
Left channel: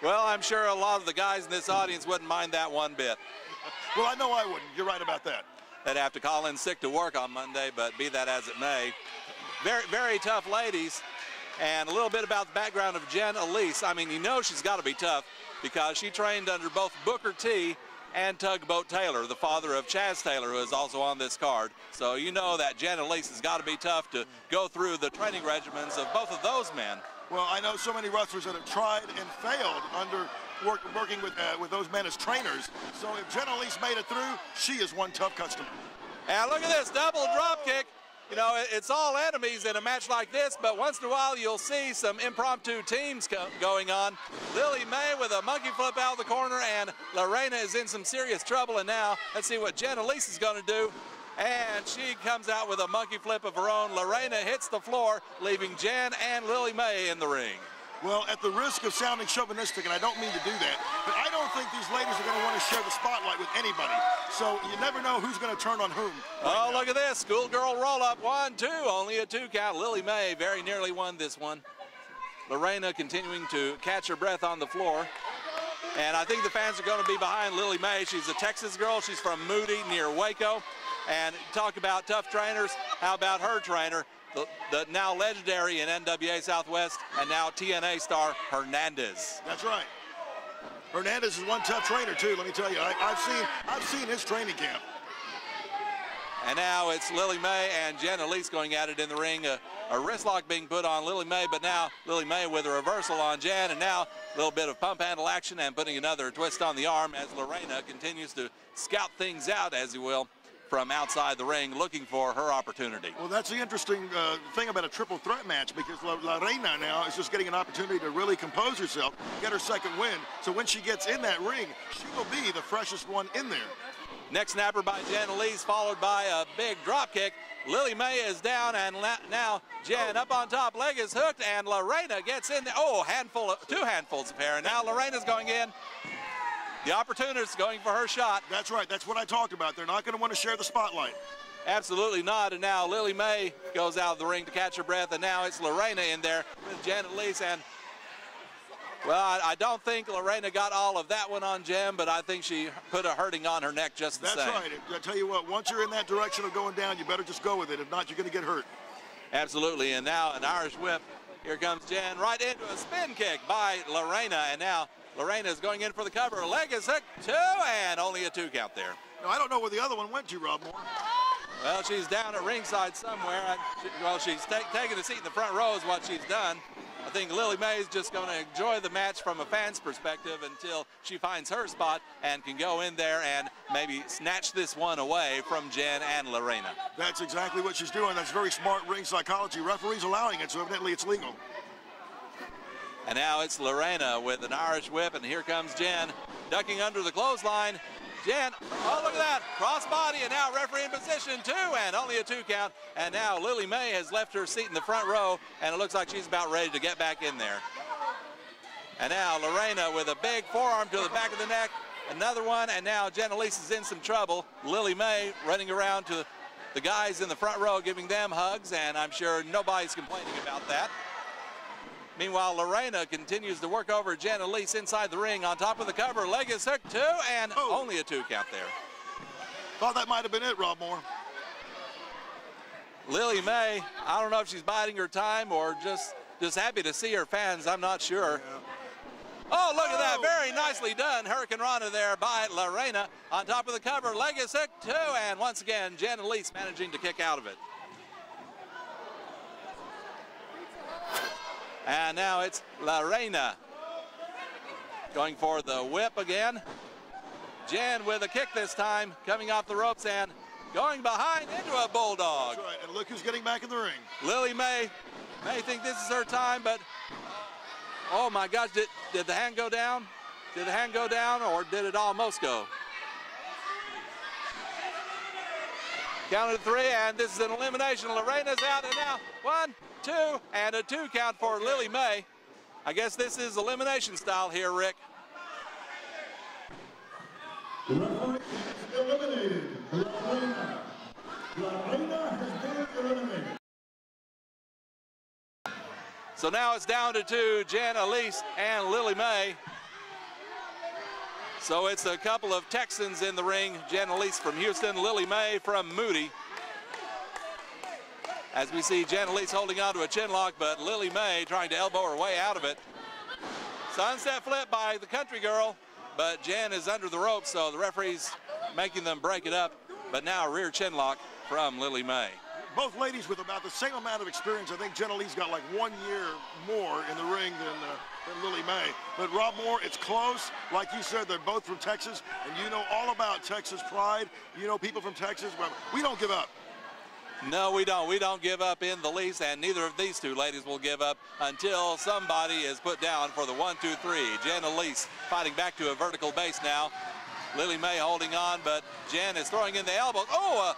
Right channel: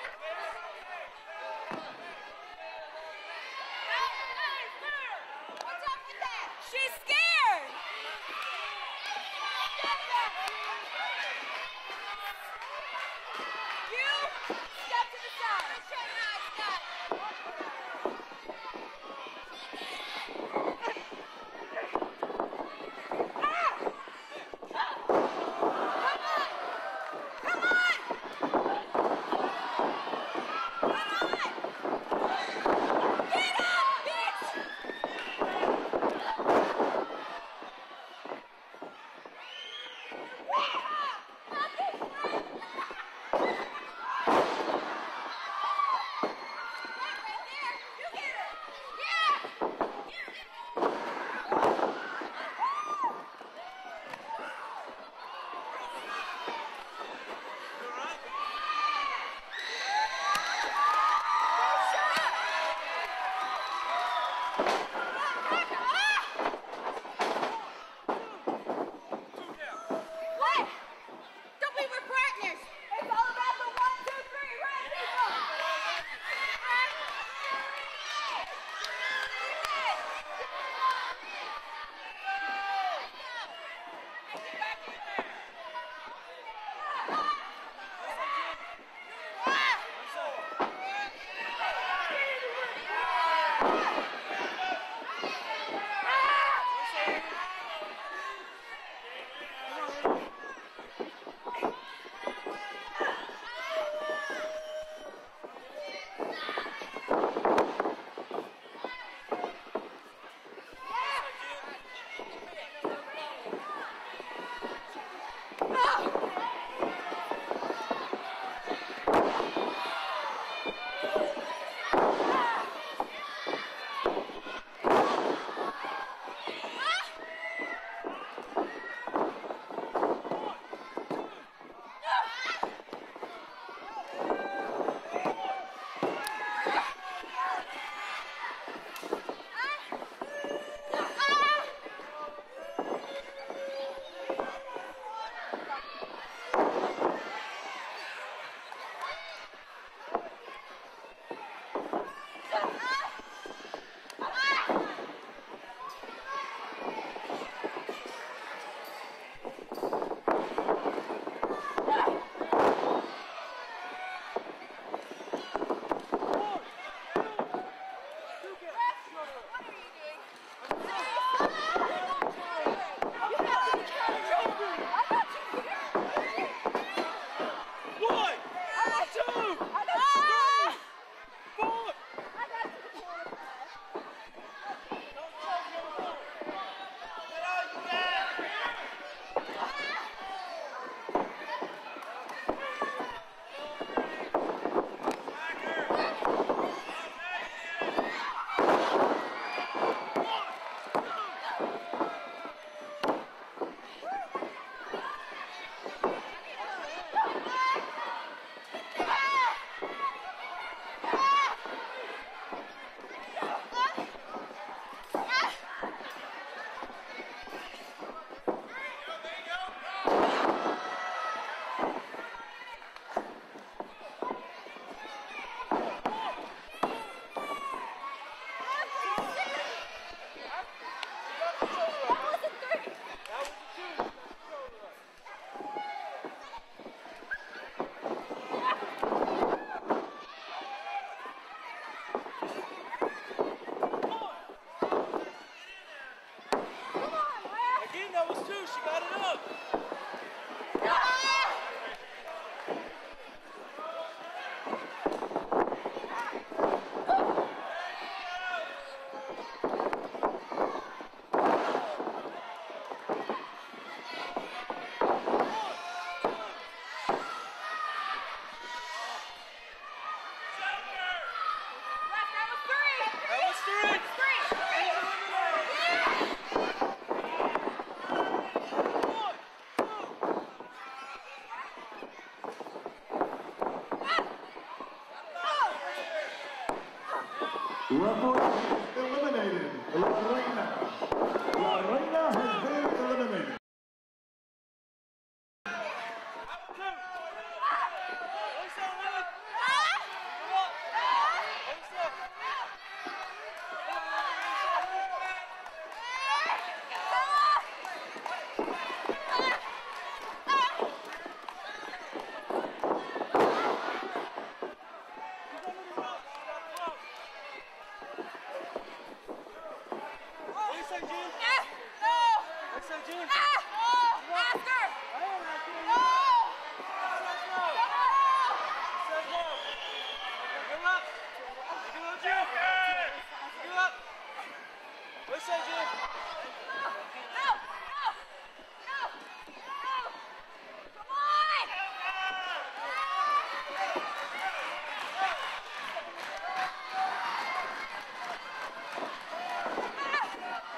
Well, I'm sure a lot of the guys in this audience wouldn't mind that one bit. Well, I know I wouldn't. You're right about that. They'd have to call in sick to work on Monday, but be that as it may. Very, very tough ladies. And a little bit about the background of Jen Alise. I mean, you know she's got to be tough because she trained under both Booker T and Tugboat Taylor, the father of Chaz Taylor, who is also on this card. So you know that Jen Alise has got to be tough to go through the training regimens of both of those men. Well, I know so many wrestlers that have tried and failed under working with those men as trainers. So if Jen Alise made it through, she is one tough customer. And look at this double drop kick. You know, it's all enemies in a match like this, but once in a while you'll see some impromptu teams going on. Lillie Mae with a monkey flip out of the corner, and Reina is in some serious trouble. And now let's see what Jen Alise is going to do. And she comes out with a monkey flip of her own. Reina hits the floor, leaving Jen and Lillie Mae in the ring. Well, at the risk of sounding chauvinistic, and I don't mean to do that, but I don't think these ladies are going to want to share the spotlight with anybody. So you never know who's going to turn on whom. Oh, look at this. Schoolgirl roll-up. 1, 2. Only a 2 count. Lillie Mae very nearly won this one. Reina continuing to catch her breath on the floor. And I think the fans are going to be behind Lillie Mae. She's a Texas girl. She's from Moody near Waco. And talk about tough trainers. How about her trainer, the now legendary in NWA Southwest and now TNA star Hernandez. That's right. Hernandez is one tough trainer too. Let me tell you, I've seen his training camp. And now it's Lillie Mae and Jen Alise going at it in the ring. A wrist lock being put on Lillie Mae, but now Lillie Mae with a reversal on Jen, and now a little bit of pump handle action and putting another twist on the arm as Reina continues to scout things out, as you will, from outside the ring, looking for her opportunity. Well, that's the interesting thing about a triple threat match, because Reina now is just getting an opportunity to really compose herself, get her second win. So when she gets in that ring, she will be the freshest one in there. Next snapper by Jen Alise, followed by a big drop kick. Lillie Mae is down, and now Jen up on top. Leg is hooked, and Reina gets in. Oh, two handfuls pair. Now Reina's going in. The opportunist going for her shot. That's right. That's what I talked about. They're not going to want to share the spotlight. Absolutely not. And now Lillie Mae goes out of the ring to catch her breath. And now it's Reina in there. Jen Alise. And, well, I don't think Reina got all of that one on Jen, but I think she put a hurting on her neck just the same. That's right. I tell you what, once you're in that direction of going down, you better just go with it. If not, you're going to get hurt. Absolutely. And now an Irish whip. Here comes Jen right into the spin kick by Reina. And now Reina is going in for the cover. Leg is hooked, 2, and only a 2 count there. Now, I don't know where the other one went to, Rob. Well, she's down at ringside somewhere. Well, she's taking a seat in the front row is what she's done. I think Lillie Mae is just going to enjoy the match from a fan's perspective until she finds her spot and can go in there and maybe snatch this one away from Jen and Reina. That's exactly what she's doing. That's very smart ring psychology. Referee's allowing it, so evidently it's legal. And now it's Reina with an Irish whip, and here comes Jen ducking under the clothesline. Jen, oh, look at that, cross body, and now referee in position 2, and only a 2 count. And now Lillie Mae has left her seat in the front row, and it looks like she's about ready to get back in there. And now Reina with a big forearm to the back of the neck, another one, and now Jen Alise is in some trouble. Lillie Mae running around to the guys in the front row, giving them hugs, and I'm sure nobody's complaining about that. Meanwhile, Reina continues to work over Jen Alise inside the ring on top of the cover. Leg is hooked, 2, and only a 2 count there. Thought that might have been it, Rob Moore. Lillie Mae, I don't know if she's biding her time or just happy to see her fans. I'm not sure. Oh, look at that. Very nicely done. Hurricane Rana there by Reina on top of the cover. Leg is hooked, 2, and once again, Jen Alise managing to kick out of it. Again, that was 2. She got it up. And now it's Reina going for the whip again. Jen with a kick this time, coming off the ropes and going behind into a bulldog. That's right, and look who's getting back in the ring. Lillie Mae may think this is her time, but oh my gosh, did the hand go down? Did the hand go down, or did it almost go? That was 3. Counted 3, and this is an elimination. Reina's out and out. 1, 2, and a 2 count for Lillie Mae. I guess this is elimination style here, Rick. The referee is eliminated. Reina has been eliminated. So now it's down to 2, Jen Alise and Lillie Mae. So it's a couple of Texans in the ring. Jen Alise from Houston, Lillie Mae from Moody. As we see Jen Alise holding on to a chin lock, but Lillie Mae trying to elbow her way out of it. Sunset flip by the country girl, but Jen is under the ropes, so the referee's making them break it up. But now rear chin lock from Lillie Mae. Both ladies with about the same amount of experience. I think Jen Alise got like 1 year more in the ring than Lillie Mae. But Rob Moore, it's close. Like you said, they're both from Texas. And you know all about Texas pride. You know people from Texas, but we don't give up. No, we don't. We don't give up in the least, and neither of these 2 ladies will give up until somebody is put down for the 1, 2, 3. Jen Alise fighting back to a vertical base now. Lillie Mae holding on, but Jen is throwing in the elbow. Oh,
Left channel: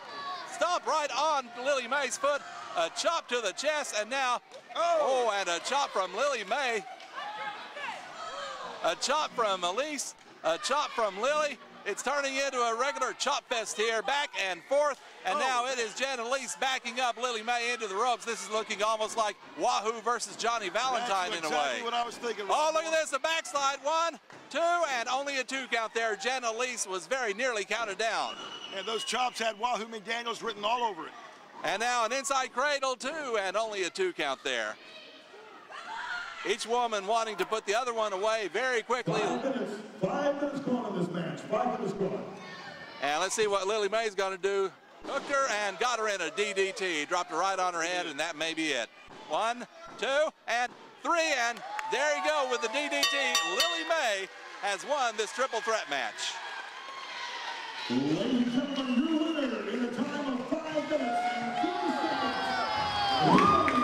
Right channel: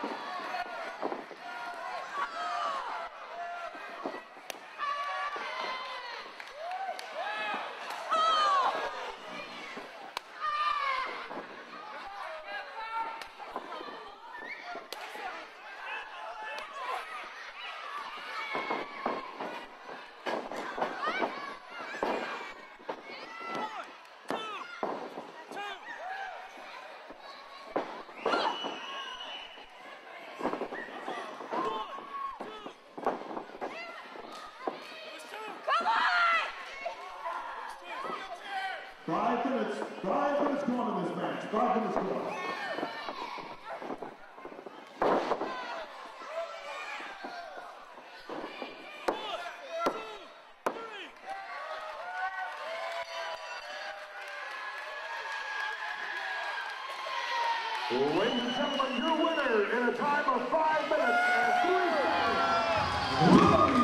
stop right on Lillie Mae's foot. A chop to the chest, and now, and a chop from Lillie Mae. A chop from Alise, a chop from Lillie. It's turning into a regular chop fest here, back and forth. And now it is Jen Alise backing up Lillie Mae into the ropes. This is looking almost like Wahoo versus Johnny Valentine in a way. What I was thinking. Oh, look at this, a backslide. 1, 2, and only a 2 count there. Jen Alise was very nearly counted down. And those chops had Wahoo McDaniels written all over it. And now an inside cradle, 2, and only a 2 count there. Each woman wanting to put the other one away very quickly. 5 minutes. 5 minutes gone in this match. 5 minutes gone. And let's see what Lillie Mae's going to do. Hooked her and got her in a DDT. Dropped her right on her head, and that may be it. 1, 2, and 3, and there you go with the DDT. Lillie Mae has won this triple threat match. Ladies and gentlemen, your winner in a time of 5 minutes and 3 seconds, Lillie Mae.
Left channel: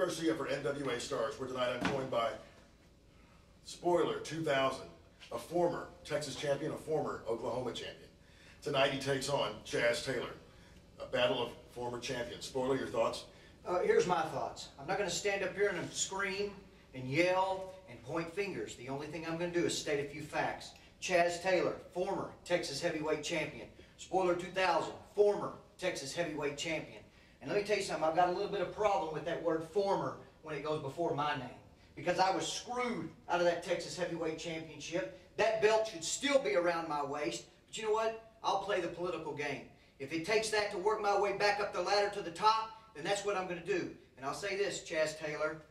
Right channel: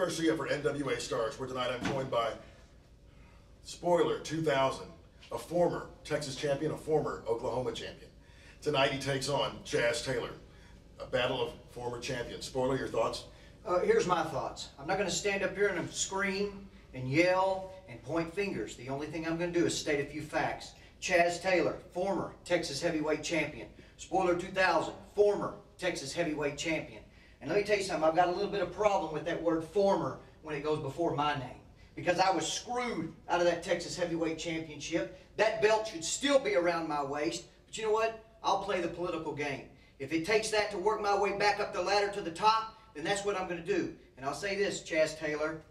Garcia for NWA Stars, where tonight I'm joined by Spoiler 2000, a former Texas champion, a former Oklahoma champion. Tonight he takes on Chaz Taylor, a battle of former champions. Spoiler, your thoughts? Here's my thoughts. I'm not going to stand up here and scream and yell and point fingers. The only thing I'm going to do is state a few facts. Chaz Taylor, former Texas heavyweight champion. Spoiler 2000, former Texas heavyweight champion. And let me tell you something, I've got a little bit of problem with that word former when it goes before my name. Because I was screwed out of that Texas heavyweight championship. That belt should still be around my waist. But you know what? I'll play the political game. If it takes that to work my way back up the ladder to the top, then that's what I'm going to do. And I'll say this, Chaz Taylor.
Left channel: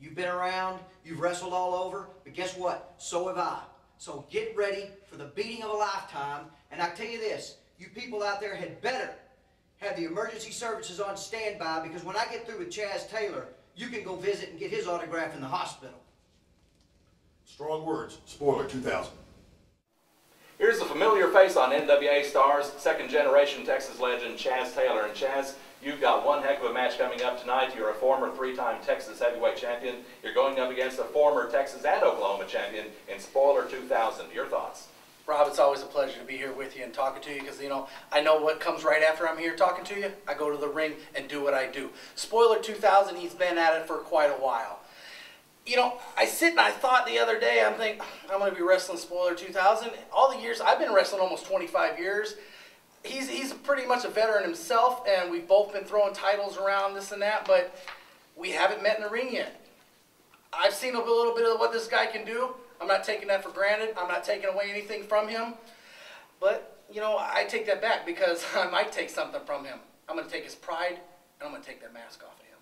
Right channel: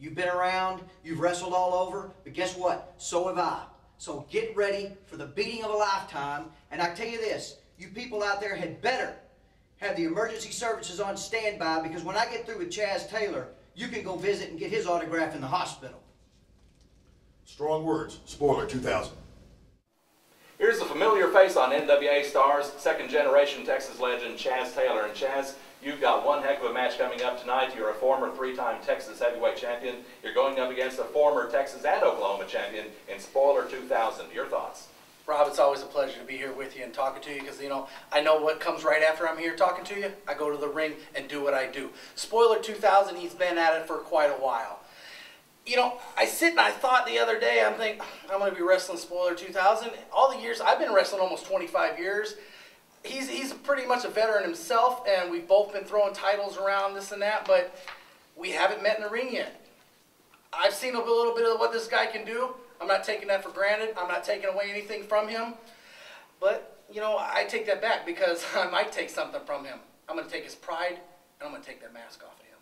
You've been around, you've wrestled all over, but guess what? So have I. So get ready for the beating of a lifetime. And I tell you this, you people out there had better have the emergency services on standby, because when I get through with Chaz Taylor, you can go visit and get his autograph in the hospital. Strong words. Spoiler 2000. Here's a familiar face on NWA Stars, second-generation Texas legend Chaz Taylor. And Chaz, you've got one heck of a match coming up tonight. You're a former three-time Texas heavyweight champion. You're going up against a former Texas and Oklahoma champion in Spoiler 2000. Your thoughts? Rob, it's always a pleasure to be here with you and talking to you, because, you know, I know what comes right after I'm here talking to you. I go to the ring and do what I do. Spoiler 2000, he's been at it for quite a while. You know, I sit and I thought the other day, I'm thinking, I'm going to be wrestling Spoiler 2000. All the years, I've been wrestling almost 25 years. He's pretty much a veteran himself, and we've both been throwing titles around, this and that, but we haven't met in the ring yet. I've seen a little bit of what this guy can do. I'm not taking that for granted. I'm not taking away anything from him. But, you know, I take that back, because I might take something from him. I'm going to take his pride, and I'm going to take that mask off of him.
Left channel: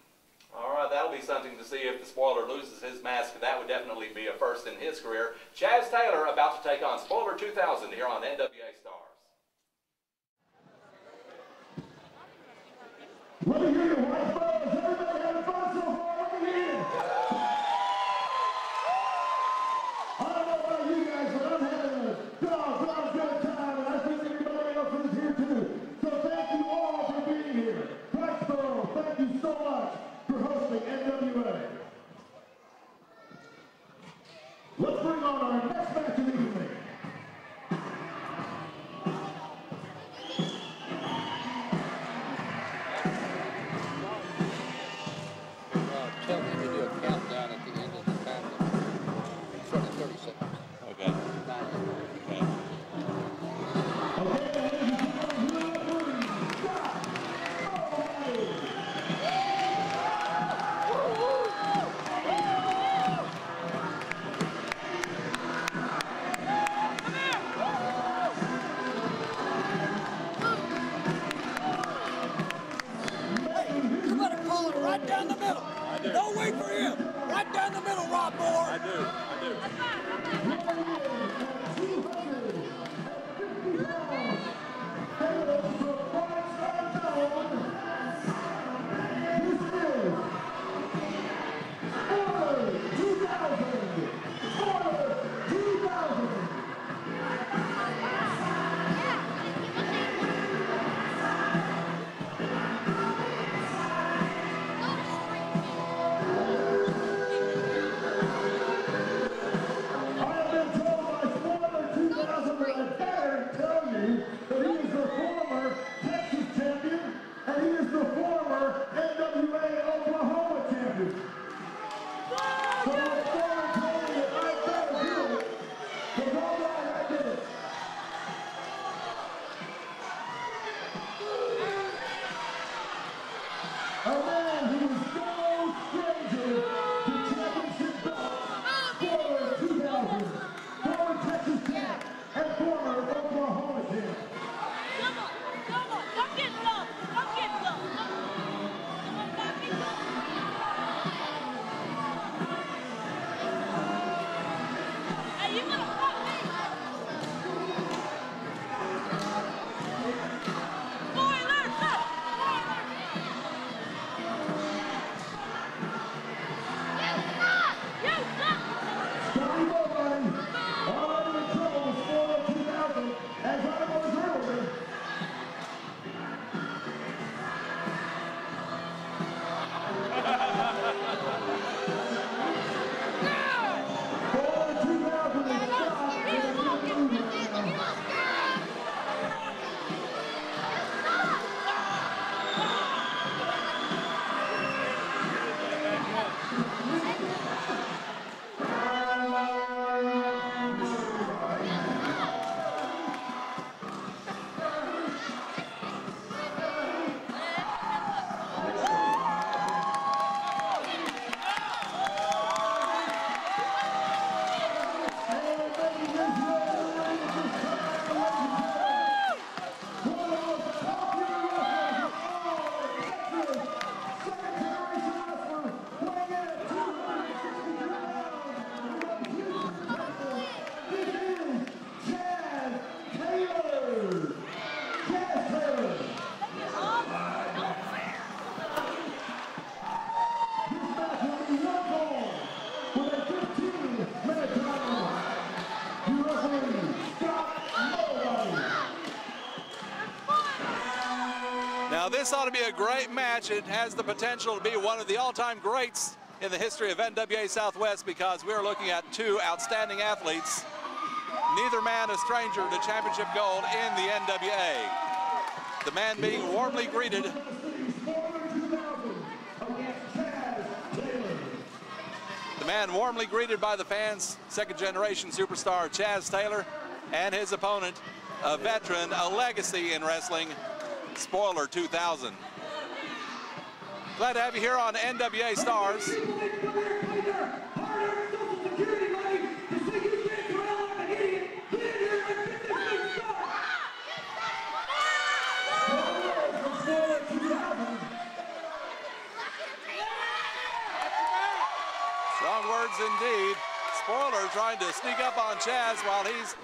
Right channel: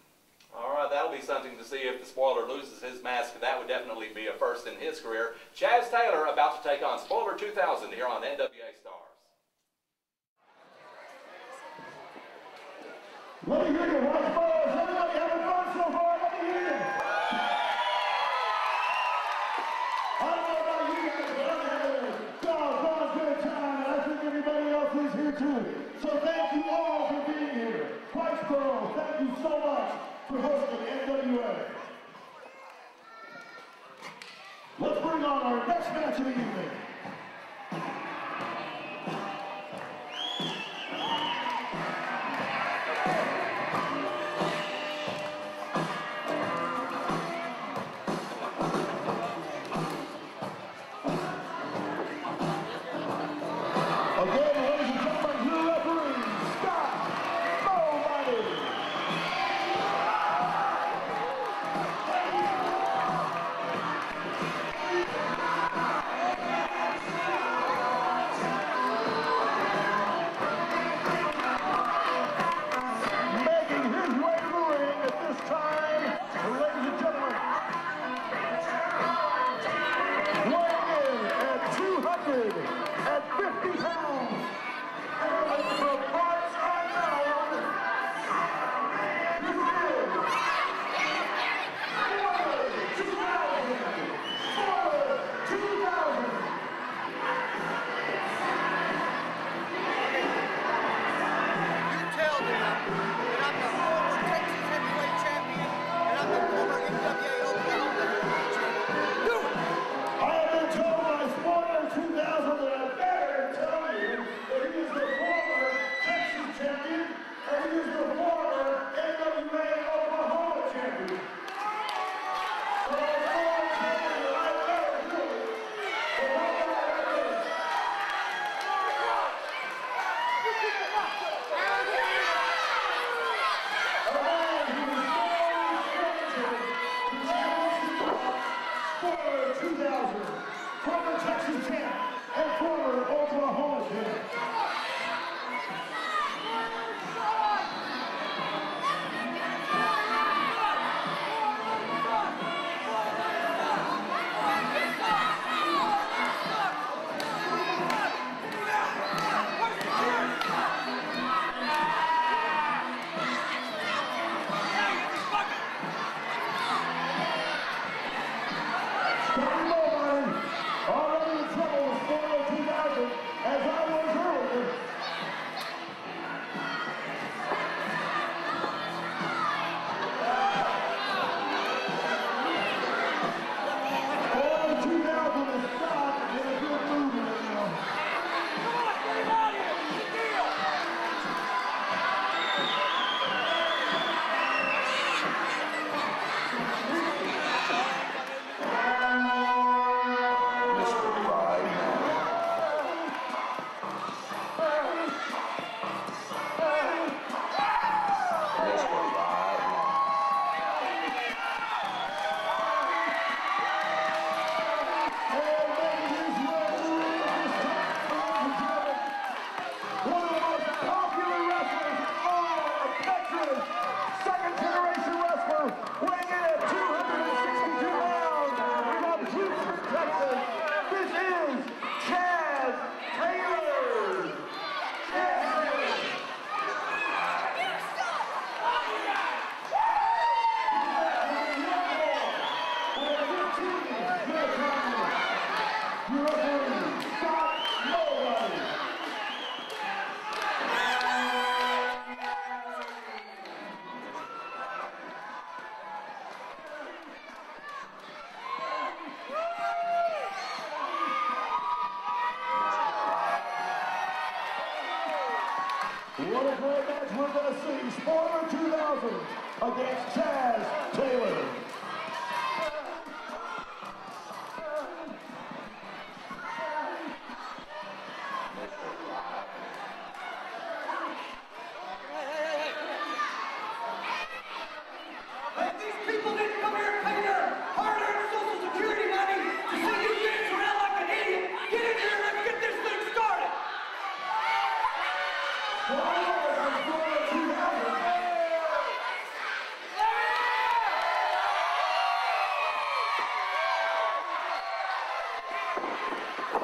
All right, that'll be something to see if the Spoiler loses his mask. That would definitely be a first in his career. Chaz Taylor about to take on Spoiler 2000 here on NWA Stars. Let me hear you, White Stars. Everybody having fun so far? Let me hear it. I don't know about you guys, but I'm having a doggone good time, and I think everybody else is here too. So thank you all for being here. Whitesboro, thank you so much for hosting NWA. Let's bring on our next match of the evening. has the potential to be one of the all-time greats in the history of NWA Southwest, because we're looking at two outstanding athletes. Neither man a stranger to championship gold in the NWA. The man being warmly greeted. We're going to see Spoiler 2000 against Chaz Taylor. The man warmly greeted by the fans, second-generation superstar Chaz Taylor, and his opponent, a veteran, a legacy in wrestling, Spoiler 2000. Glad to have you here on NWA Stars. People didn't come here and pay their hard-earned Social Security money to see you dance around like an idiot. Get in here and let's get this thing started. Strong words indeed. Spoiler trying to sneak up on Chaz while he's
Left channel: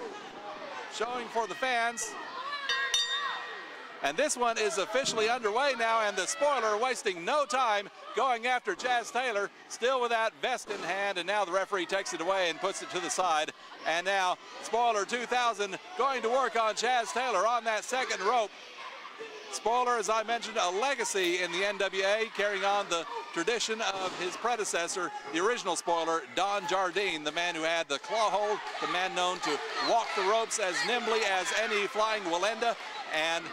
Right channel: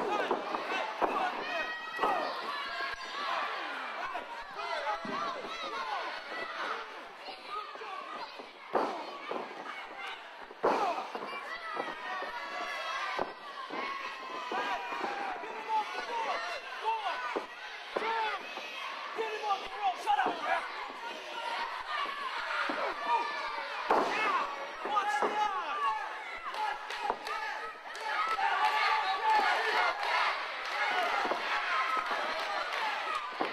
showing for the fans. And this one is officially underway now, and the Spoiler wasting no time going after Chaz Taylor, still with that vest in hand, and now the referee takes it away and puts it to the side. And now Spoiler 2000 going to work on Chaz Taylor on that second rope. Spoiler, as I mentioned, a legacy in the NWA, carrying on the tradition of his predecessor, the original Spoiler, Don Jardine, the man who had the claw hold, the man known to walk the ropes as nimbly as any flying Walenda. And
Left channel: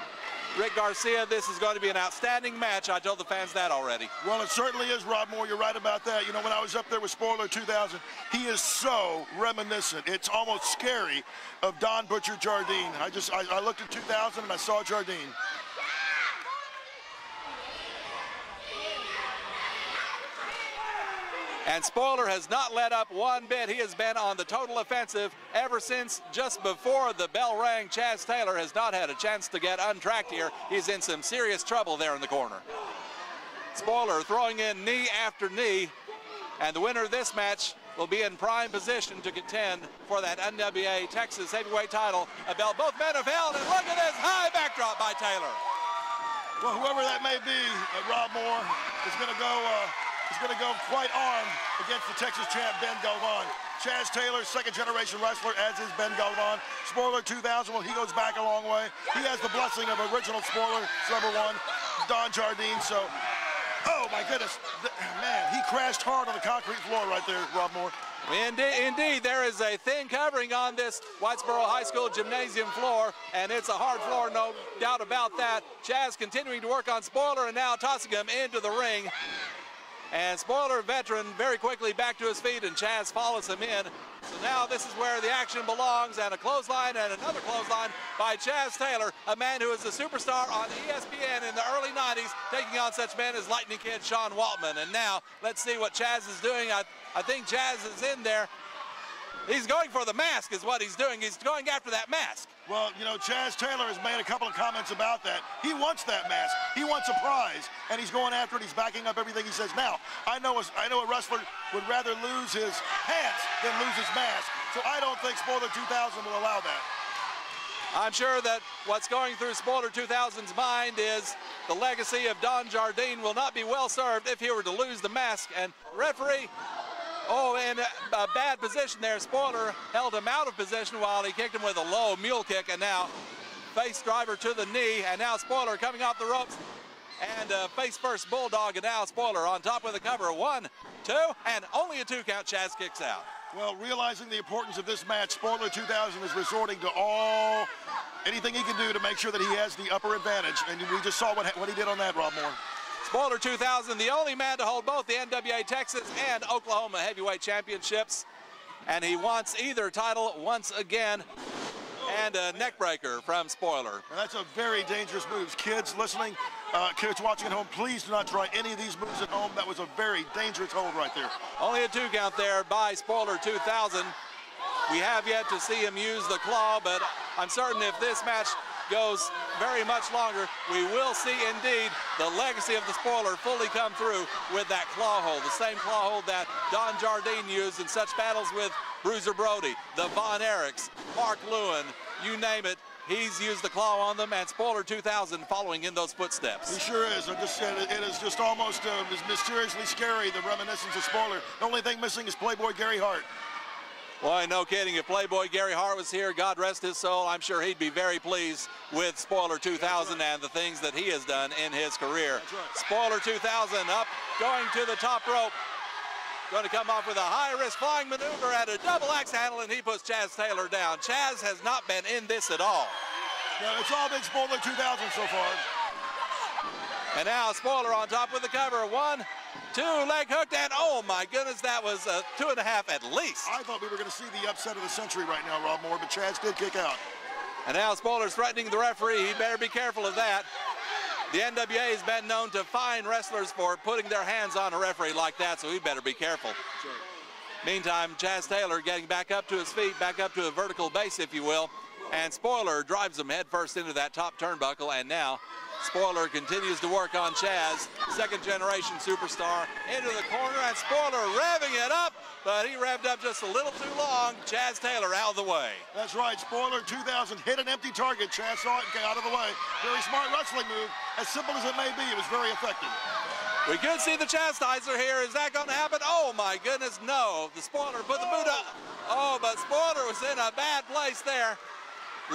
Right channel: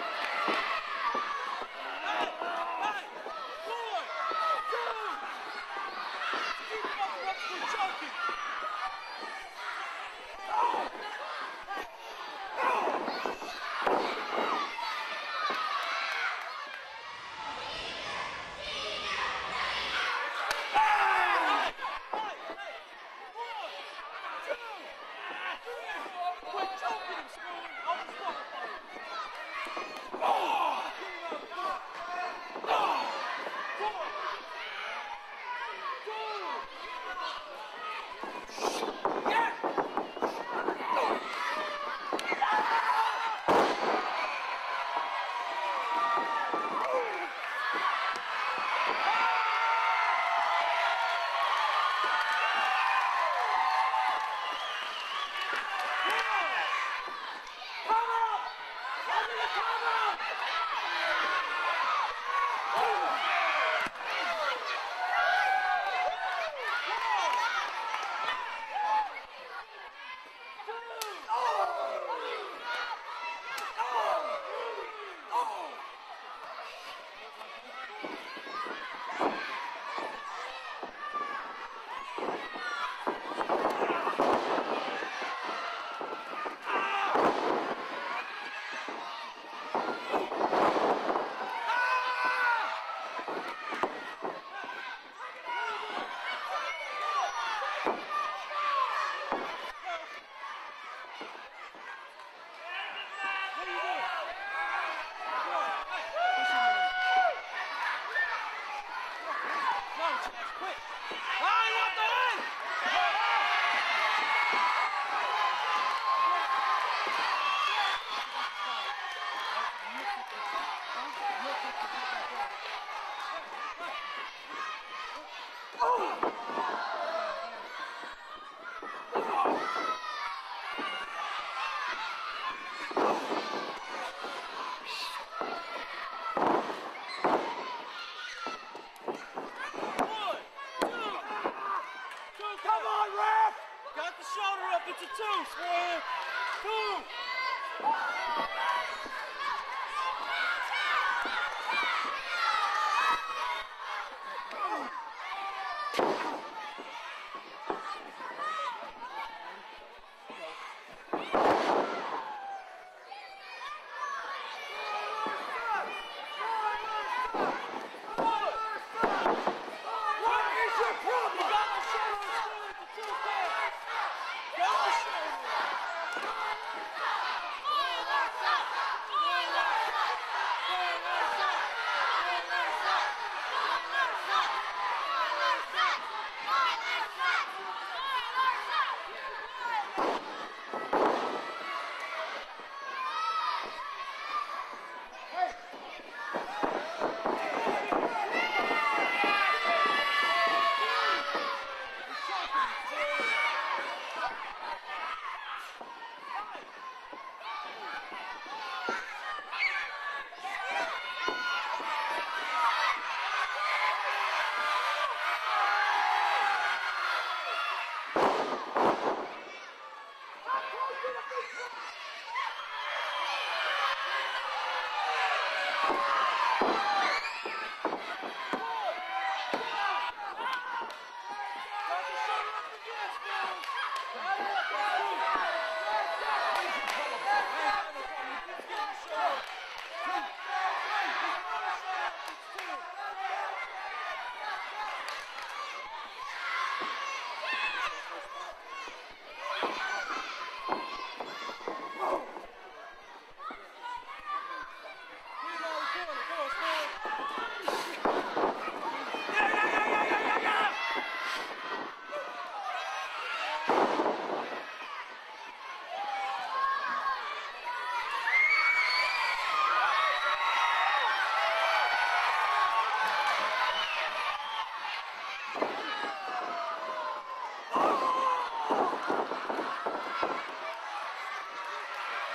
Rick Garcia, this is going to be an outstanding match. I told the fans that already. Well, it certainly is, Rob Moore. You're right about that. You know, when I was up there with Spoiler 2000, he is so reminiscent. It's almost scary of Don Butcher Jardine. I looked at 2000 and I saw Jardine. And Spoiler has not let up one bit. He has been on the total offensive ever since just before the bell rang. Chaz Taylor has not had a chance to get untracked here. He's in some serious trouble there in the corner. Spoiler throwing in knee after knee. And the winner of this match will be in prime position to contend for that NWA Texas Heavyweight title. A belt both men have held. And look at this high backdrop by Taylor. Well, whoever that may be, Rob Moore, is going to go quite on against the Texas champ, Ben Galvan. Chaz Taylor, second-generation wrestler, as is Ben Galvan. Spoiler 2000, well, he goes back a long way. He has the blessing of original Spoiler, #1, Don Jardine, so... Oh, my goodness. Man, he crashed hard on the concrete floor right there, Rob Moore. Indeed, there is a thin covering on this Whitesboro High School gymnasium floor, and it's a hard floor, no doubt about that. Chaz continuing to work on Spoiler and now tossing him into the ring. And Spoiler, veteran, very quickly back to his feet, and Chaz follows him in. Now this is where the action belongs, and a clothesline and another clothesline by Chaz Taylor, a man who was a superstar on ESPN in the early 90s, taking on such men as Lightning Kid Sean Waltman. And now, let's see what Chaz is doing. I think Chaz is in there. He's going for the mask is what he's doing. He's going after that mask. Well, you know, Chaz Taylor has made a couple of comments about that. He wants that mask. He wants a prize, and he's going after it. He's backing up everything he says. Now, I know a wrestler would rather lose his pants than lose his mask, so I don't think Spoiler 2000 will allow that. I'm sure that what's going through Spoiler 2000's mind is the legacy of Don Jardine will not be well served if he were to lose the mask. And referee, in a bad position there. Spoiler held him out of position while he kicked him with a low mule kick, and now face driver to the knee, and now Spoiler coming off the ropes. And face first bulldog, and now Spoiler on top with a cover. 1, 2, and only a 2 count. Chaz kicks out. Well, realizing the importance of this match, Spoiler 2000 is resorting to anything he can do to make sure that he has the upper advantage. And we just saw what he did on that, Rob Moore. Spoiler 2000, the only man to hold both the NWA Texas and Oklahoma Heavyweight Championships. And he wants either title once again. And a neck breaker from Spoiler. And that's a very dangerous move. Kids listening, kids watching at home, please do not try any of these moves at home. That was a very dangerous hold right there. Only a 2 count there by Spoiler 2000. We have yet to see him use the claw, but I'm certain if this match goes very much longer, we will see indeed the legacy of the Spoiler fully come through with that claw hold, the same claw hold that Don Jardine used in such battles with Bruiser Brody, the Von Erichs, Mark Lewin, you name it, he's used the claw on them, and Spoiler 2000 following in those footsteps. It sure is. It is just almost mysteriously scary, the reminiscence of Spoiler. The only thing missing is Playboy Gary Hart. Boy, no kidding. If Playboy Gary Hart was here, God rest his soul, I'm sure he'd be very pleased with Spoiler 2000 and the things that he has done in his career. Spoiler 2000 up, going to the top rope. Going to come off with a high-risk flying maneuver at a double axe handle, and he puts Chaz Taylor down. Chaz has not been in this at all. Yeah, it's all been Spoiler 2000 so far. And now Spoiler on top with the cover. 1, 2, leg hooked, and oh my goodness, that was a 2.5 at least. I thought we were going to see the upset of the century right now, Rob Moore, but Chaz did kick out. And now Spoiler's threatening the referee. He better be careful of that. The NWA has been known to fine wrestlers for putting their hands on a referee like that, so he better be careful. Meantime, Chaz Taylor getting back up to his feet, back up to a vertical base, if you will. And Spoiler drives him head first into that top turnbuckle, and now Spoiler continues to work on Chaz, second-generation superstar, into the corner, and Spoiler revving it up, but he revved up just a little too long. Chaz Taylor out of the way. That's right, Spoiler 2000 hit an empty target. Chaz saw it and got out of the way. Very smart wrestling move. As simple as it may be, it was very effective. We could see the chastizer here. Is that going to happen? Oh, my goodness, no. The Spoiler put the boot up. Oh, but Spoiler was in a bad place there.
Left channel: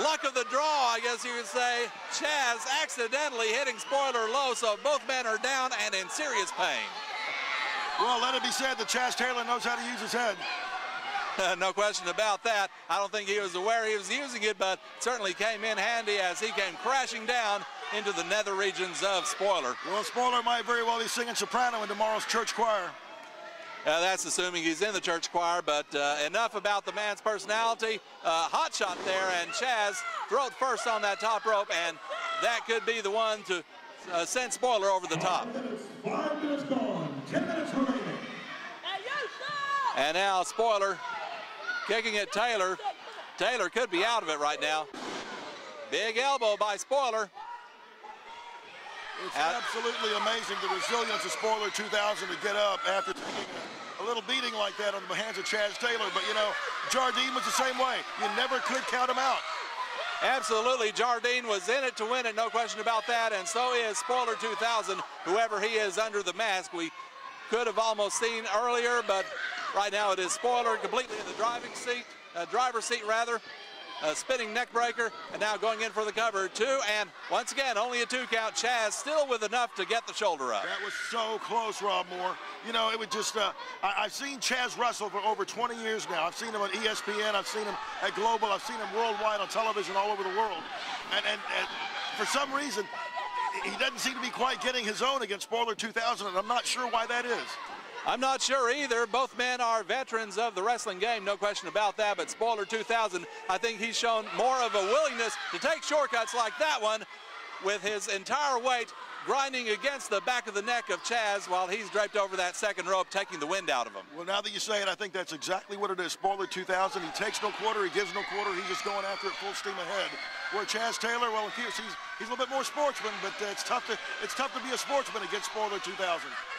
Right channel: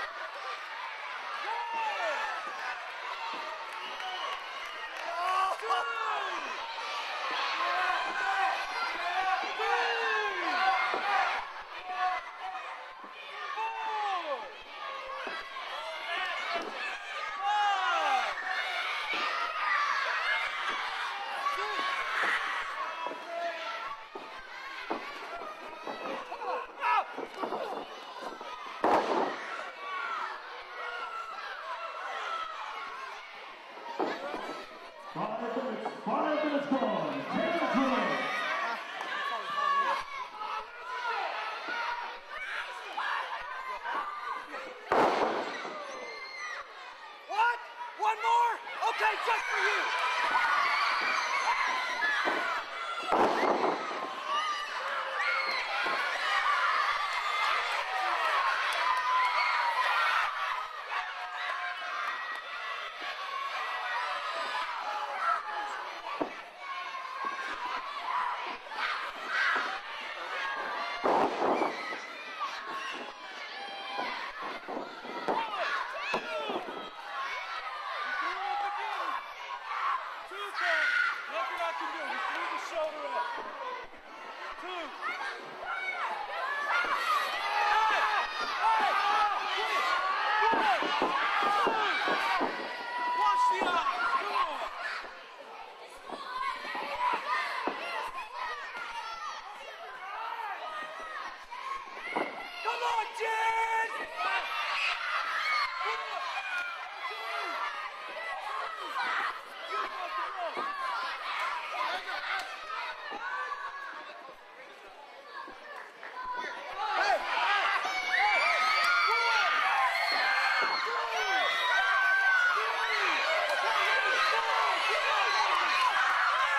Luck of the draw, I guess you would say. Chaz accidentally hitting Spoiler low, so both men are down and in serious pain. Well, let it be said that Chaz Taylor knows how to use his head. No question about that. I don't think he was aware he was using it, but certainly came in handy as he came crashing down into the nether regions of Spoiler. Well, Spoiler might very well be singing soprano in tomorrow's church choir. That's assuming he's in the church choir, but enough about the man's personality. Hot shot there, and Chaz throws first on that top rope, and that could be the one to send Spoiler over the top. And now Spoiler kicking at Taylor. Taylor could be out of it right now. Big elbow by Spoiler. What? One more? Okay, absolutely amazing, the resilience of Spoiler 2000 to get up after a little beating like that under the hands of Chaz Taylor. But, you know, Jardine was the same way. You never could count him out. Absolutely, Jardine was in it to win it, no question about that, and so is Spoiler 2000, whoever he is under the mask. We could have almost seen earlier, but right now it is Spoiler complete to the driver's seat rather. Spinning neck breaker, and now going in for the cover. 2, and once again, only a 2 count. Chaz still with enough to get the shoulder up. That was so close, Rob Moore. You know, it would just, I've seen Chaz wrestle for over 20 years now. I've seen him on ESPN, I've seen him at Global, I've seen him worldwide on television all over the world. And for some reason, he doesn't seem to be quite getting his own against Spoiler 2000, and I'm not sure why that is. I'm not sure either. Both men are veterans of the wrestling game, no question about that, but Spoiler 2000, I think he's shown more of a willingness to take shortcuts like that one with his entire weight grinding against the back of the neck of Chaz while he's draped over that second rope, taking the wind out of him. Well, now that you say it, I think that's exactly what it is. Spoiler 2000, he takes no quarter, he gives no quarter, he was going after it full steam ahead. Where Chaz Taylor, well, he's a little bit more sportsman, but it's tough to be a sportsman against Spoiler 2000.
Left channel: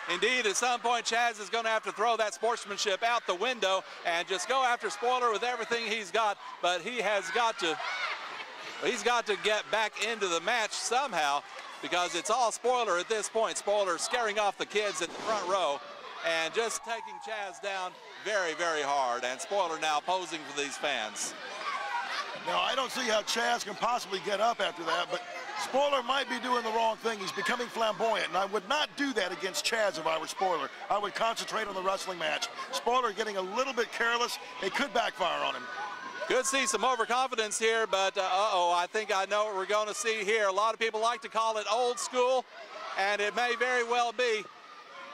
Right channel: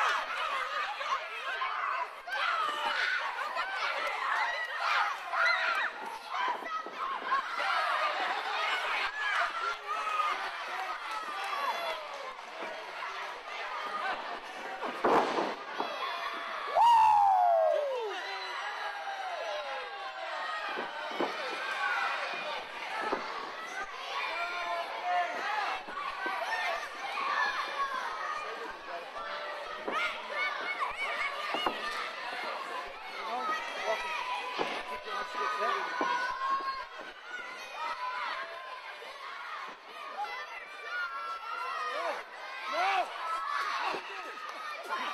Indeed, at some point, Chaz is going to have to throw that sportsmanship out the window and just go after Spoiler with everything he's got, but he's got to get back into the match somehow because it's all Spoiler at this point. Spoiler scaring off the kids in the front row and just taking Chaz down very, very hard, and Spoiler now posing for these fans. Now, I don't see how Chaz can possibly get up after that, but Spoiler might be doing the wrong thing. He's becoming flamboyant, and I would not do that against Chaz if I was Spoiler. I would concentrate on the wrestling match. Spoiler getting a little bit careless. It could backfire on him. Could see some overconfidence here, but I think I know what we're going to see here. A lot of people like to call it old school, and it may very well be.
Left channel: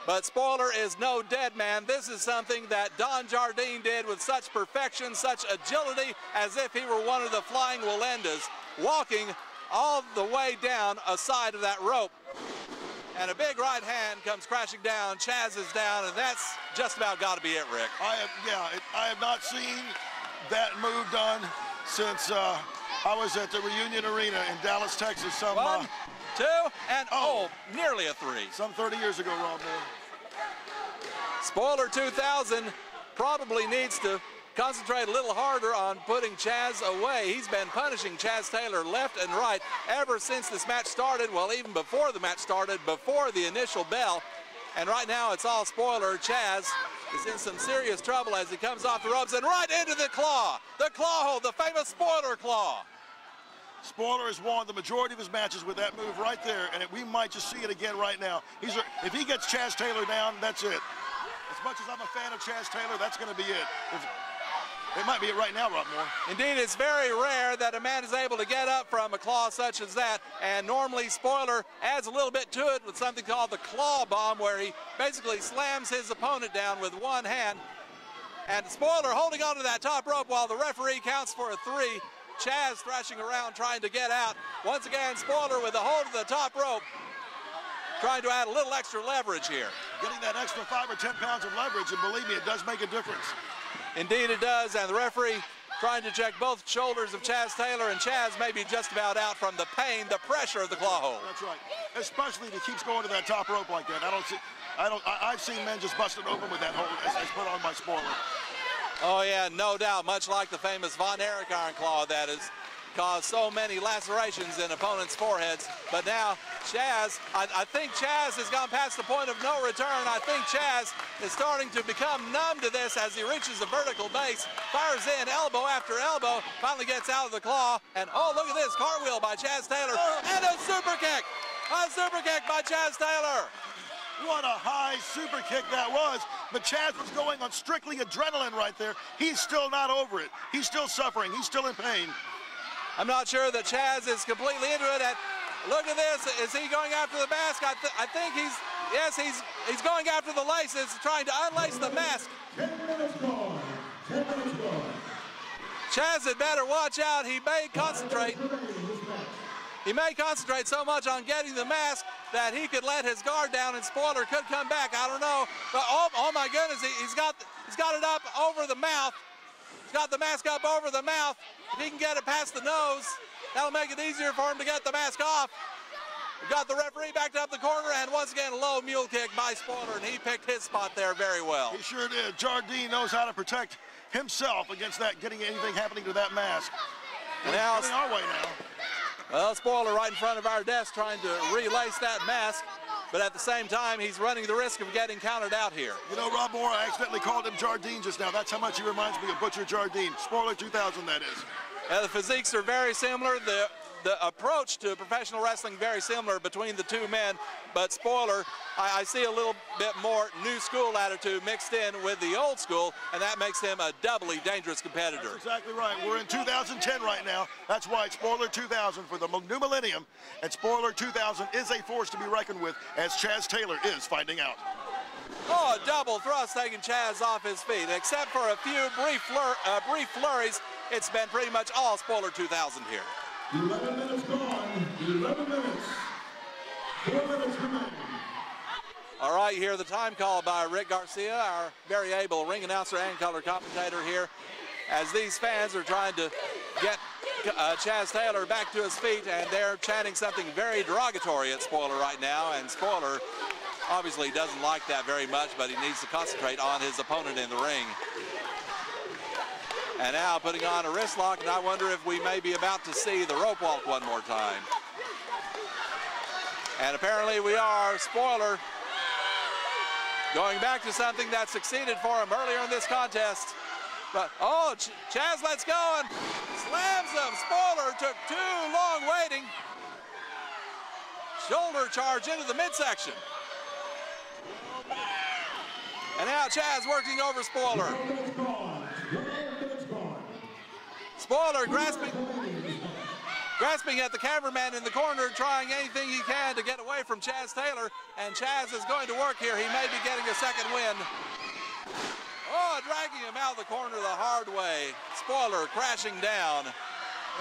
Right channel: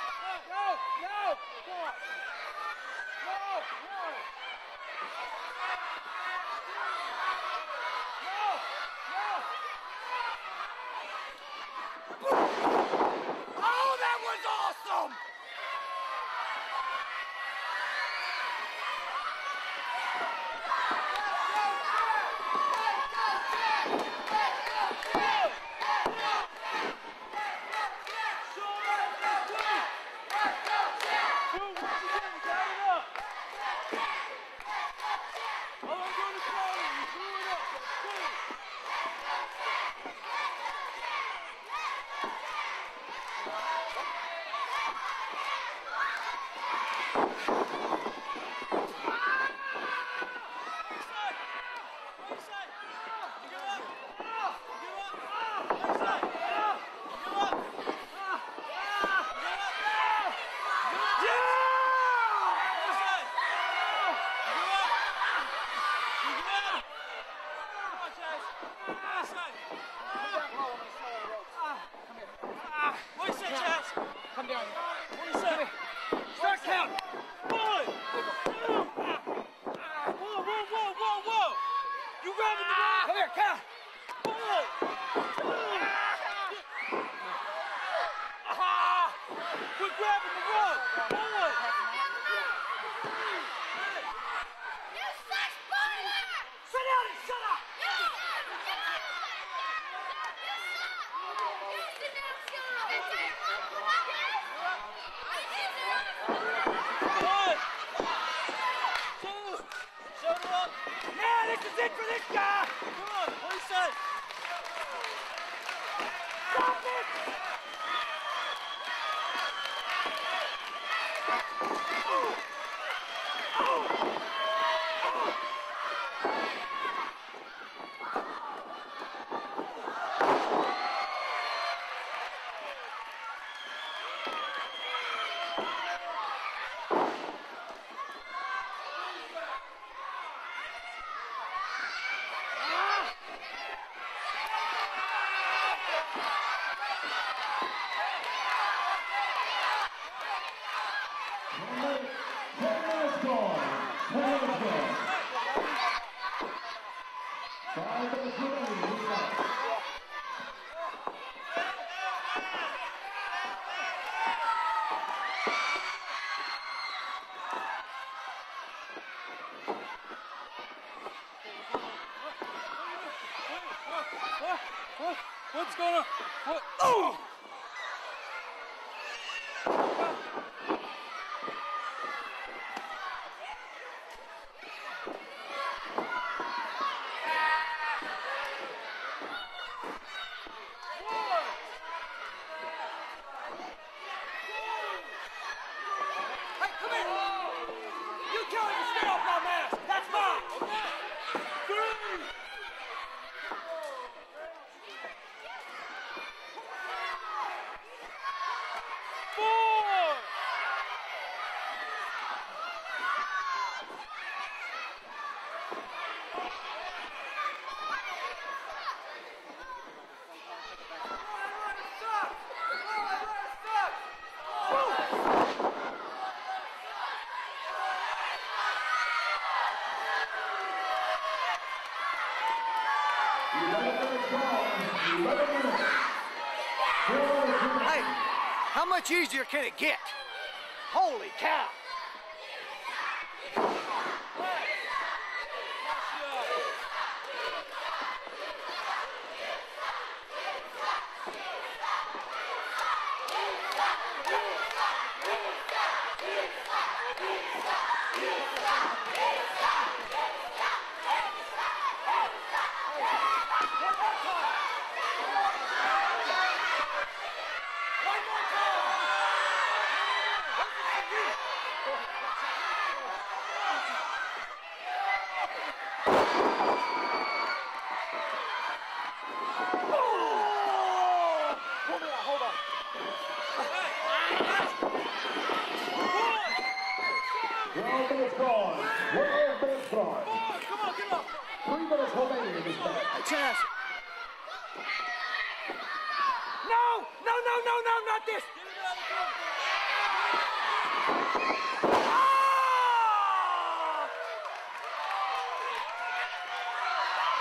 But Spoiler is no dead man. This is something that Don Jardine did with such perfection, such agility, as if he were one of the flying Walendas, walking all the way down a side of that rope. And a big right hand comes crashing down. Chaz is down, and that's just about got to be it, Rick. I have not seen that move done since I was at the Reunion Arena in Dallas, Texas. 1, 2, and nearly a 3. Some 30 years ago, Ron. Spoiler 2000 probably needs to concentrate a little harder on putting Chaz away. He's been punishing Chaz Taylor left and right ever since this match started, well, even before the match started, before the initial bell. And right now it's all Spoiler. Chaz is in some serious trouble as he comes off the ropes and right into the claw hold, the famous spoiler claw. Spoiler has won the majority of his matches with that move right there, and we might just see it again right now. If he gets Chaz Taylor down, that's it. As much as I'm a fan of Chaz Taylor, that's going to be it. It might be it right now, Rob Moore. Indeed, it's very rare that a man is able to get up from a claw such as that, and normally Spoiler adds a little bit to it with something called the claw bomb, where he basically slams his opponent down with one hand. And Spoiler holding onto that top rope while the referee counts for a 3. Chaz thrashing around trying to get out. Once again, Spoiler with a hold of the top rope, trying to add a little extra leverage here. Getting that extra 5 or 10 pounds of leverage, and believe me, it does make a difference. Indeed it does, and the referee trying to check both shoulders of Chaz Taylor, and Chaz may be just about out from the pain, the pressure of the claw hold. That's right. Especially if he keeps going to that top rope like that. I've seen men just busted open with that hold because it's put on by Spoiler. Oh yeah, no doubt, much like the famous Von Erichardt claw that has caused so many lacerations in opponents' foreheads. But now Chaz, I think Chaz has gone past the point of no return. I think Chaz is starting to become numb to this as he reaches the vertical base, fires in elbow after elbow, finally gets out of the claw, and oh, look at this, cartwheel by Chaz Taylor, and a super kick! A super kick by Chaz Taylor! What a high super kick that was. But Chaz is going on strictly adrenaline right there. He's still not over it. He's still suffering. He's still in pain. I'm not sure that Chaz is completely into it. Look at this. Is he going after the mask? I think he's going after the laces, trying to unlace the mask. Chaz had better watch out. He may concentrate. He may concentrate so much on getting the mask that he could let his guard down and Spoiler could come back. I don't know. But oh my goodness, he's got it up over the mouth. He's got the mask up over the mouth. He can get it past the nose. That'll make it easier for him to get the mask off. Got the referee backed up the corner, and once again, a low mule kick by Spoiler, and he picked his spot there very well. He sure did. Jardine knows how to protect himself against that, getting anything happening to that mask. And now, our way now. Well, Spoiler right in front of our desk trying to relace that mask, but at the same time, he's running the risk of getting counted out here. You know, Rob Moore, I accidentally called him Jardine just now. That's how much he reminds me of Butcher Jardine. Spoiler 2000, that is. The physiques are very similar. The approach to professional wrestling very similar between the two men, but Spoiler, I see a little bit more new school attitude mixed in with the old school, and that makes him a doubly dangerous competitor. That's exactly right. We're in 2010 right now. That's why it's Spoiler 2000 for the new millennium, and Spoiler 2000 is a force to be reckoned with, as Chaz Taylor is finding out. Oh, a double thrust taking Chaz off his feet. Except for a few brief flurries, it's been pretty much all Spoiler 2000 here. 11 minutes gone. 11 minutes. Hey, how much easier all right, can here it the get? time call by Rick Garcia, our very able ring announcer and color commentator here, as these fans are trying to get Chaz Taylor back to his feet, and they're chanting something very derogatory at Spoiler right now, and Spoiler obviously doesn't like that very much, but he needs to concentrate on his opponent in the ring. And now putting on a wrist lock, and I wonder if we may be about to see the rope walk one more time. And apparently we are. Spoiler going back to something that succeeded for him earlier in this contest. But, oh, Chaz lets go and slams him. Spoiler took too long waiting. Shoulder charge into the midsection. And now Chaz working over Spoiler. Spoiler grasping at the cameraman in the corner, trying anything he can to get away from Chaz Taylor. And Chaz is going to work here. He may be getting a second win. Oh, dragging him out of the corner the hard way. Spoiler crashing down.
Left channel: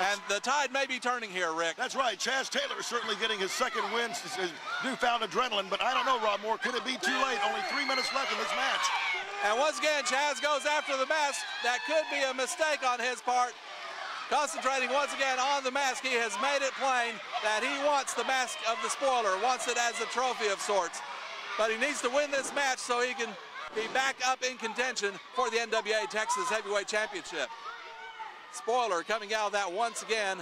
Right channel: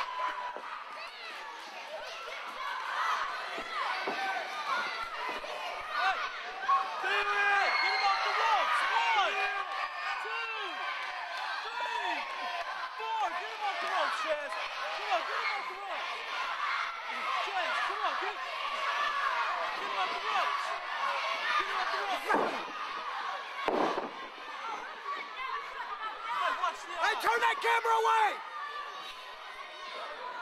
And the tide may be turning here, Rick. That's right. Chaz Taylor is certainly getting his second win, his newfound adrenaline. But I don't know, Rob Moore. Could it be too late? Only 3 minutes left in this match. And once again, Chaz goes after the mask. That could be a mistake on his part. Concentrating once again on the mask. He has made it plain that he wants the mask of the Spoiler, wants it as a trophy of sorts. But he needs to win this match so he can be back up in contention for the NWA Texas Heavyweight Championship. Turn that camera away! Spoiler coming out of that once again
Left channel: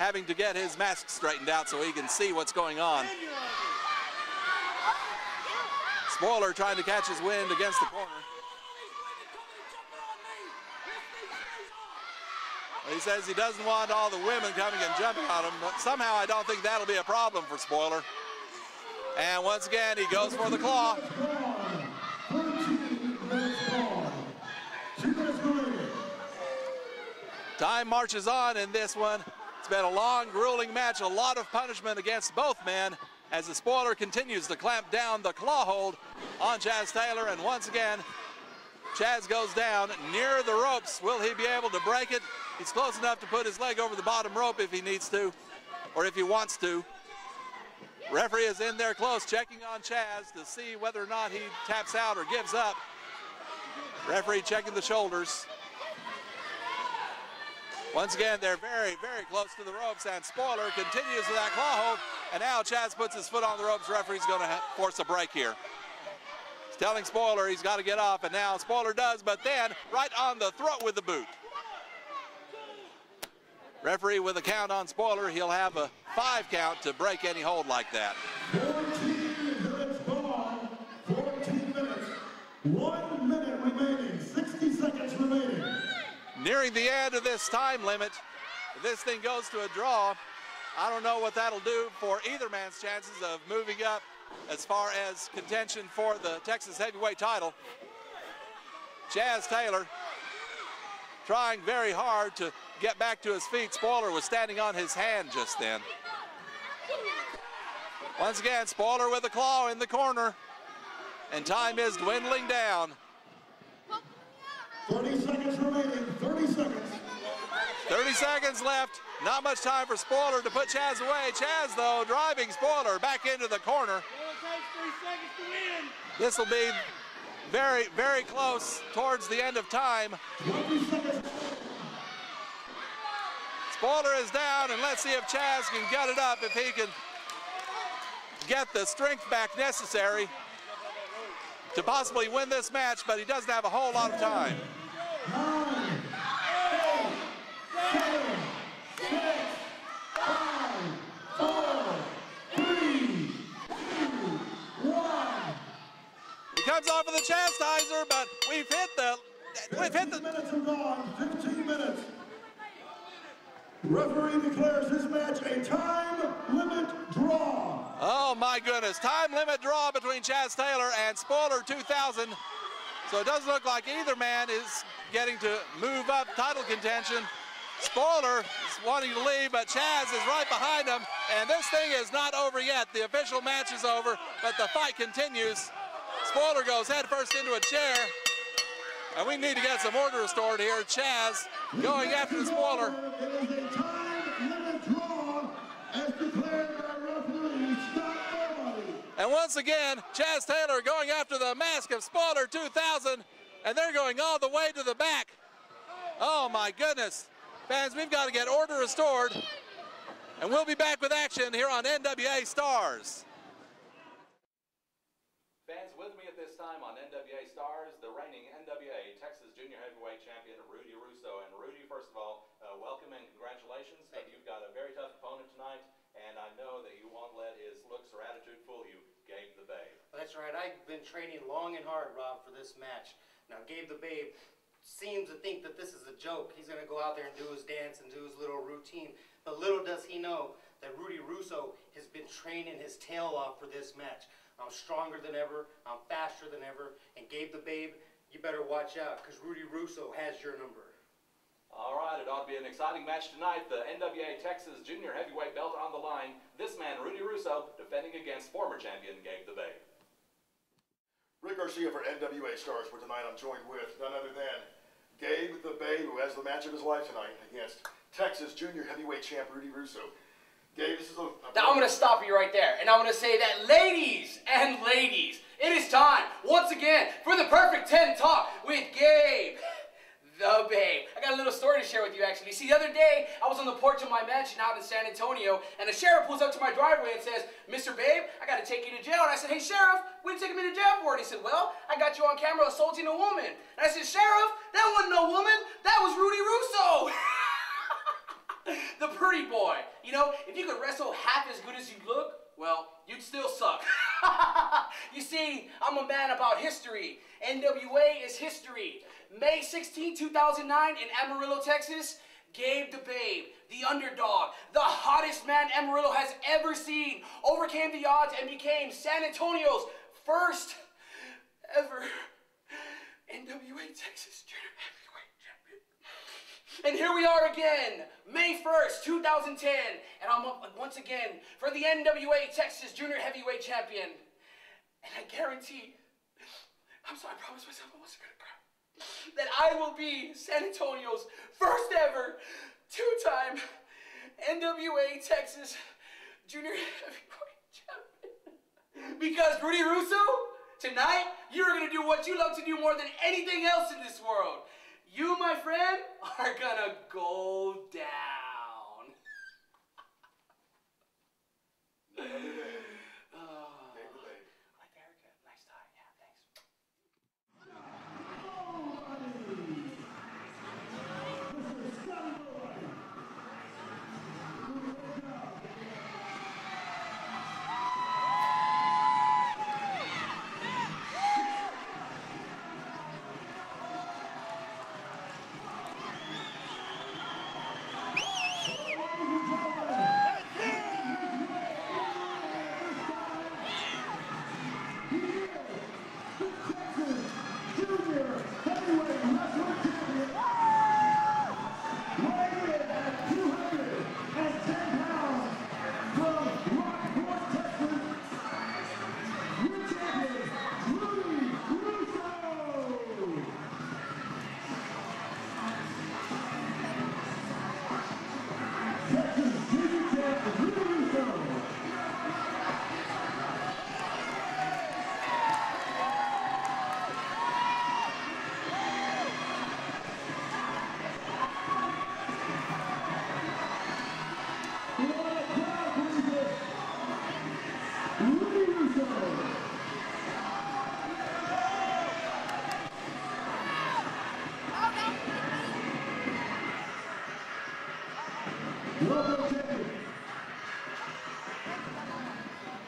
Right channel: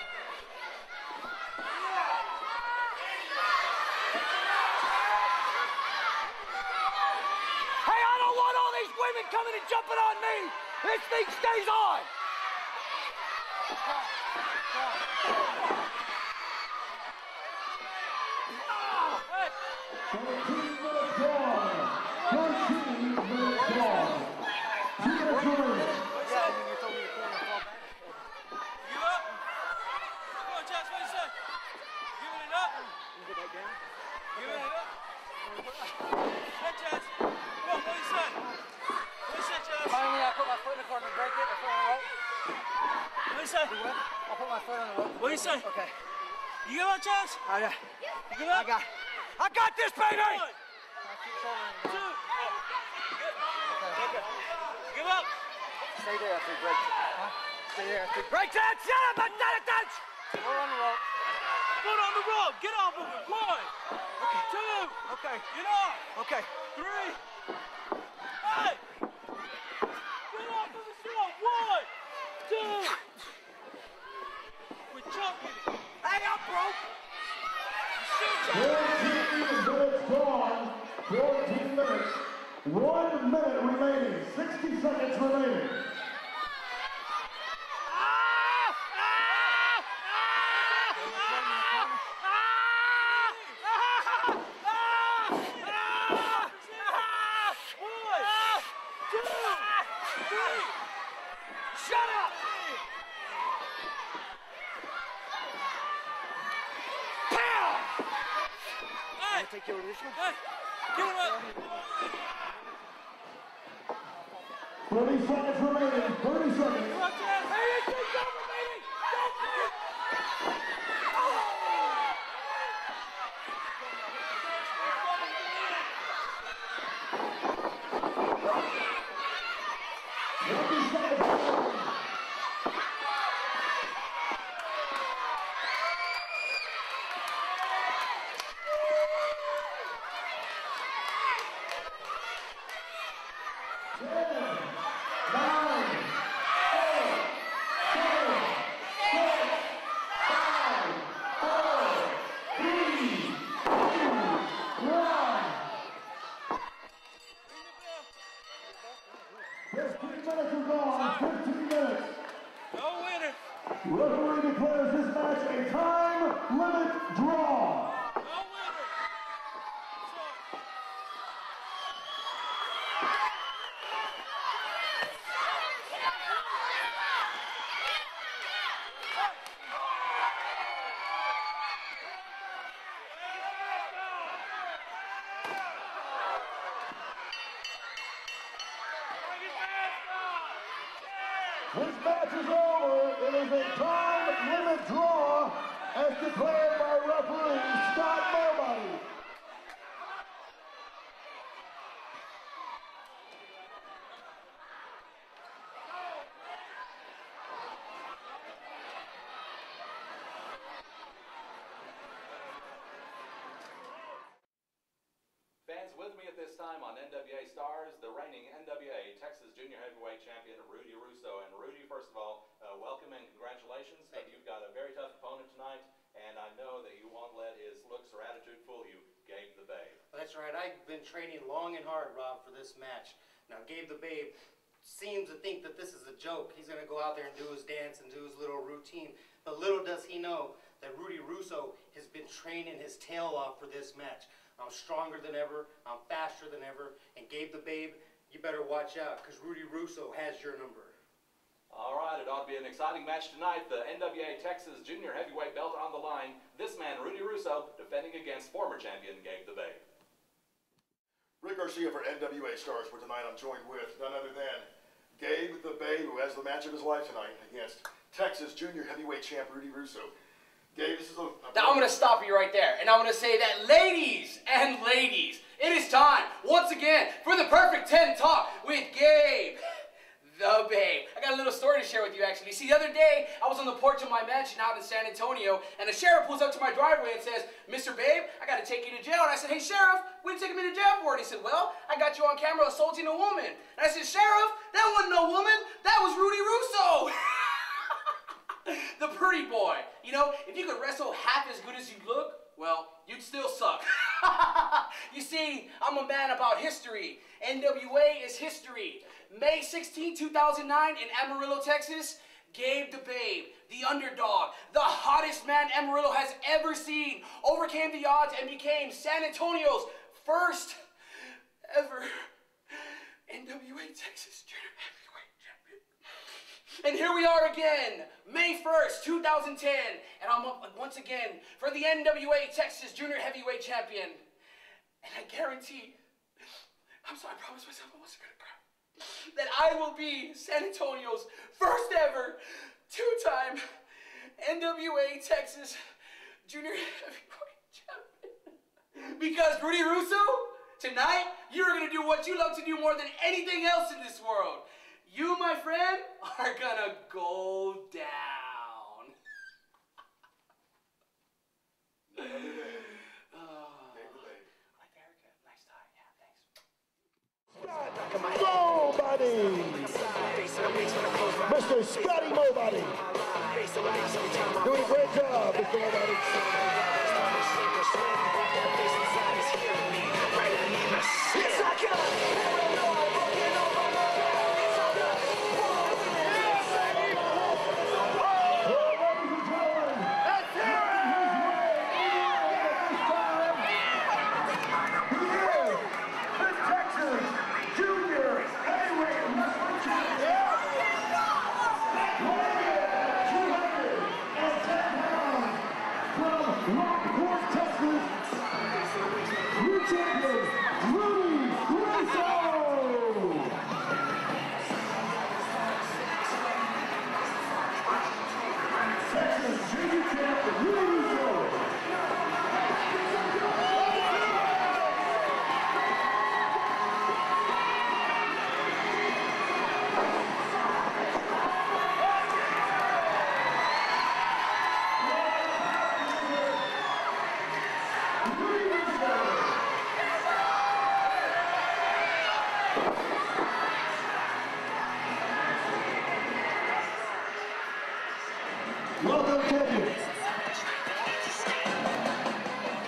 having to get his mask straightened out so he can see what's going on. Spoiler trying to catch his wind against the Hey, I corner. don't want all these women coming and jumping on me. This thing stays on. He says he doesn't want all the women coming and jumping on him. But somehow I don't think that'll be a problem for Spoiler. And once again, he goes for the claw. Time marches on in this one. It's been a long, grueling match, a lot of punishment against both men as the Spoiler continues to clamp down the claw hold on Chaz Taylor. And once again, Chaz goes down near the ropes. Will he be able to break it? He's close enough to put his leg over the bottom rope if he needs to, or if he wants to. You got Chaz? Referee is in there close, checking on this, Chaz baby! to see whether or not he taps out or gives up. Referee checking the shoulders. Once again, they're very, very close to the ropes, and Spoiler continues to that claw hold. And now Chaz puts his foot on the ropes. Referee's going to force a break here. Okay. He's telling Spoiler he's got to get off, and now Spoiler does, but then right on the throat with the boot. 1, 2. Referee with a count on Spoiler. He'll have a 5 count to break any hold like that. 14 minutes gone. 14 minutes. 1 minute remaining. 60 seconds remaining. Nearing the end of this time limit. If this thing goes to a draw, I don't know what that'll do for either man's chances of moving up as far as contention for the Texas heavyweight title. Chaz Taylor trying very hard to get back to his feet. Spoiler was standing on his hand just then. Once again, Spoiler with a claw in the corner, and time is dwindling down. 30 seconds remaining. 30 seconds. 30 seconds left. Not much time for Spoiler to put Chaz away. Chaz, though, driving Spoiler back into the corner. This will be very, very close towards the end of time. Spoiler is down, and let's see if Chaz can get it up, if he can get the strength back necessary to possibly win this match, but he doesn't have a whole lot of time. 9, 8, 7, 6, 5, 4, 3, 2, 1. He comes off of the chastiser, but we've hit the 15 minutes are gone. 15 minutes. No winner. Referee declares this match a time limit draw. Oh my goodness, time limit draw between Chaz Taylor and Spoiler 2000. So it doesn't look like either man is getting to move up title contention. Spoiler is wanting to leave, but Chaz is right behind him, and this thing is not over yet. The official match is over, but the fight continues. Spoiler goes head first into a chair, and we need to get some order restored here. Chaz going after Spoiler. It is a time limit draw as declared by referee Scott Nobody. And once again, Chaz Taylor going after the mask of Spoiler 2000, and they're going all the way to the back. Oh my goodness. Fans, we've got to get order restored, and we'll be back with action here on NWA Stars. Fans, with me at this time on NWA Stars, the reigning NWA Texas Junior Heavyweight Champion, Rudy Russo. And Rudy, first of all, welcome and congratulations. You've got a very tough opponent tonight, and I know that you won't let his looks or attitude fool you, Gabe the Babe. That's right. I've been training long and hard, Rob, for this match. Now, Gabe the Babe seems to think that this is a joke. He's going to go out there and do his dance and do his little routine. But little does he know that Rudy Russo has been training his tail off for this match. I'm stronger than ever, I'm faster than ever, and Gabe the Babe, you better watch out, because Rudy Russo has your number. All right, it ought to be an exciting match tonight. The NWA Texas Junior Heavyweight belt on the line. This man, Rudy Russo, defending against former champion Gabe the Babe. Rick Garcia for NWA Stars, where tonight I'm joined with none other than Gabe the Babe, who has the match of his life tonight against Texas Junior Heavyweight champ Rudy Russo. Gabe, this is Now I'm going to stop you right there, and I'm going to say that ladies and ladies, it is time, once again, for the Perfect 10 Talk with Gabe the Babe. I got a little story to share with you, actually. See, the other day, I was on the porch of my mansion out in San Antonio, and a sheriff pulls up to my driveway and says, Mr. Babe, I got to take you to jail. And I said, hey, Sheriff, what are you taking me to jail for? And he said, well, I got you on camera assaulting a woman. And I said, Sheriff, that wasn't no woman. That was Rudy Russo. The pretty boy. You know, if you could wrestle half as good as you look, well, you'd still suck. You see, I'm a man about history. NWA is history. May 16, 2009 in Amarillo, Texas, Gabe the Babe, the underdog, the hottest man Amarillo has ever seen, overcame the odds and became San Antonio's first ever NWA Texas Junior Heavyweight Champion. And here we are again, May 1st, 2010, and I'm up once again for the NWA Texas Junior Heavyweight Champion. And I guarantee, I promised myself I wasn't gonna cry, that I will be San Antonio's first ever two-time NWA Texas Junior Heavyweight Champion. Because Rudy Russo, tonight, you're gonna do what you love to do more than anything else in this world. You, my friend, are gonna go down. Nobody! Mr. Scotty Nobody! Doing a great job, Mr. Nobody.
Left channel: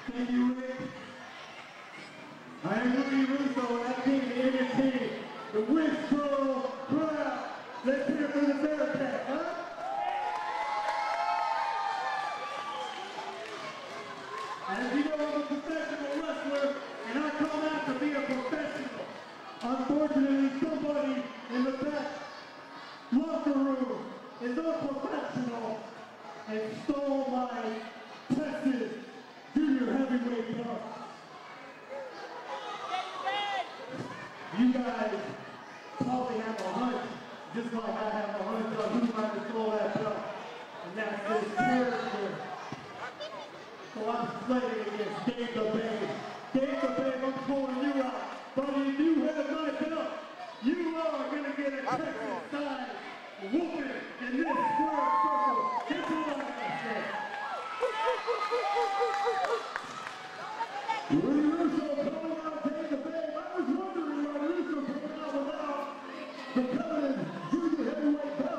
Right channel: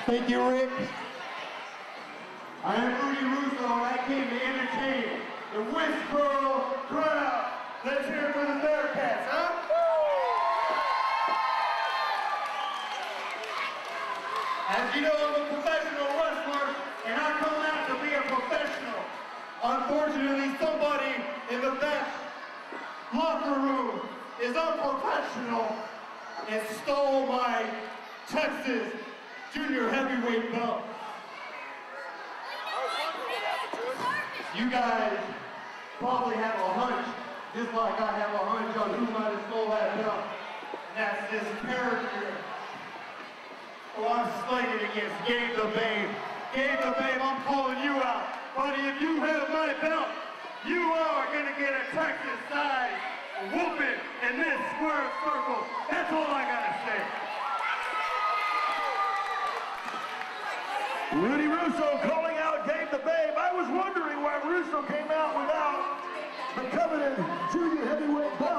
Thank you, Rick. I am Rudy Russo, and I came to entertain the Westboro crowd. Let's hear it for the Bearcats, huh? As you know, I'm a professional wrestler, and I come out to be a professional. Unfortunately, somebody in the back locker room is unprofessional and stole my Texas Junior Heavyweight belt. You guys probably have a hunch, just like I have a hunch on who might have stole that belt, and that's this character. So I'm slinging against Gabe the Babe. Gabe the Babe, I'm calling you out. Buddy, if you have my belt, you are gonna get a Texas-sized whooping in this square circle. That's all I gotta say. Rudy Russo calling out Gabe the Babe. I was wondering why Russo came out without the coveted junior heavyweight belt.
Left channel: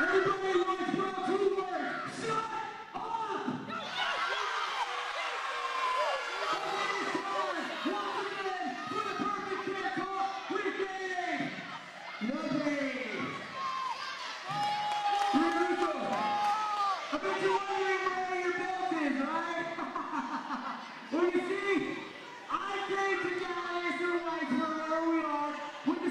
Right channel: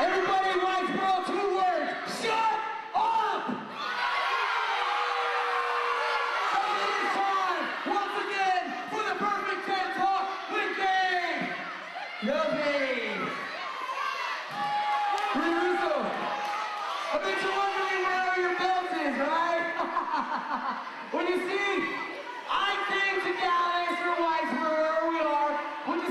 Everybody in Whitesboro, 2 words. Shut up! It's time, once again, for the Perfect 10 Talk with Dane. Lillie. Russo. I bet you're wondering where your belt is, right? Well, you see, I came to Dallas from Whitesboro, where we are, with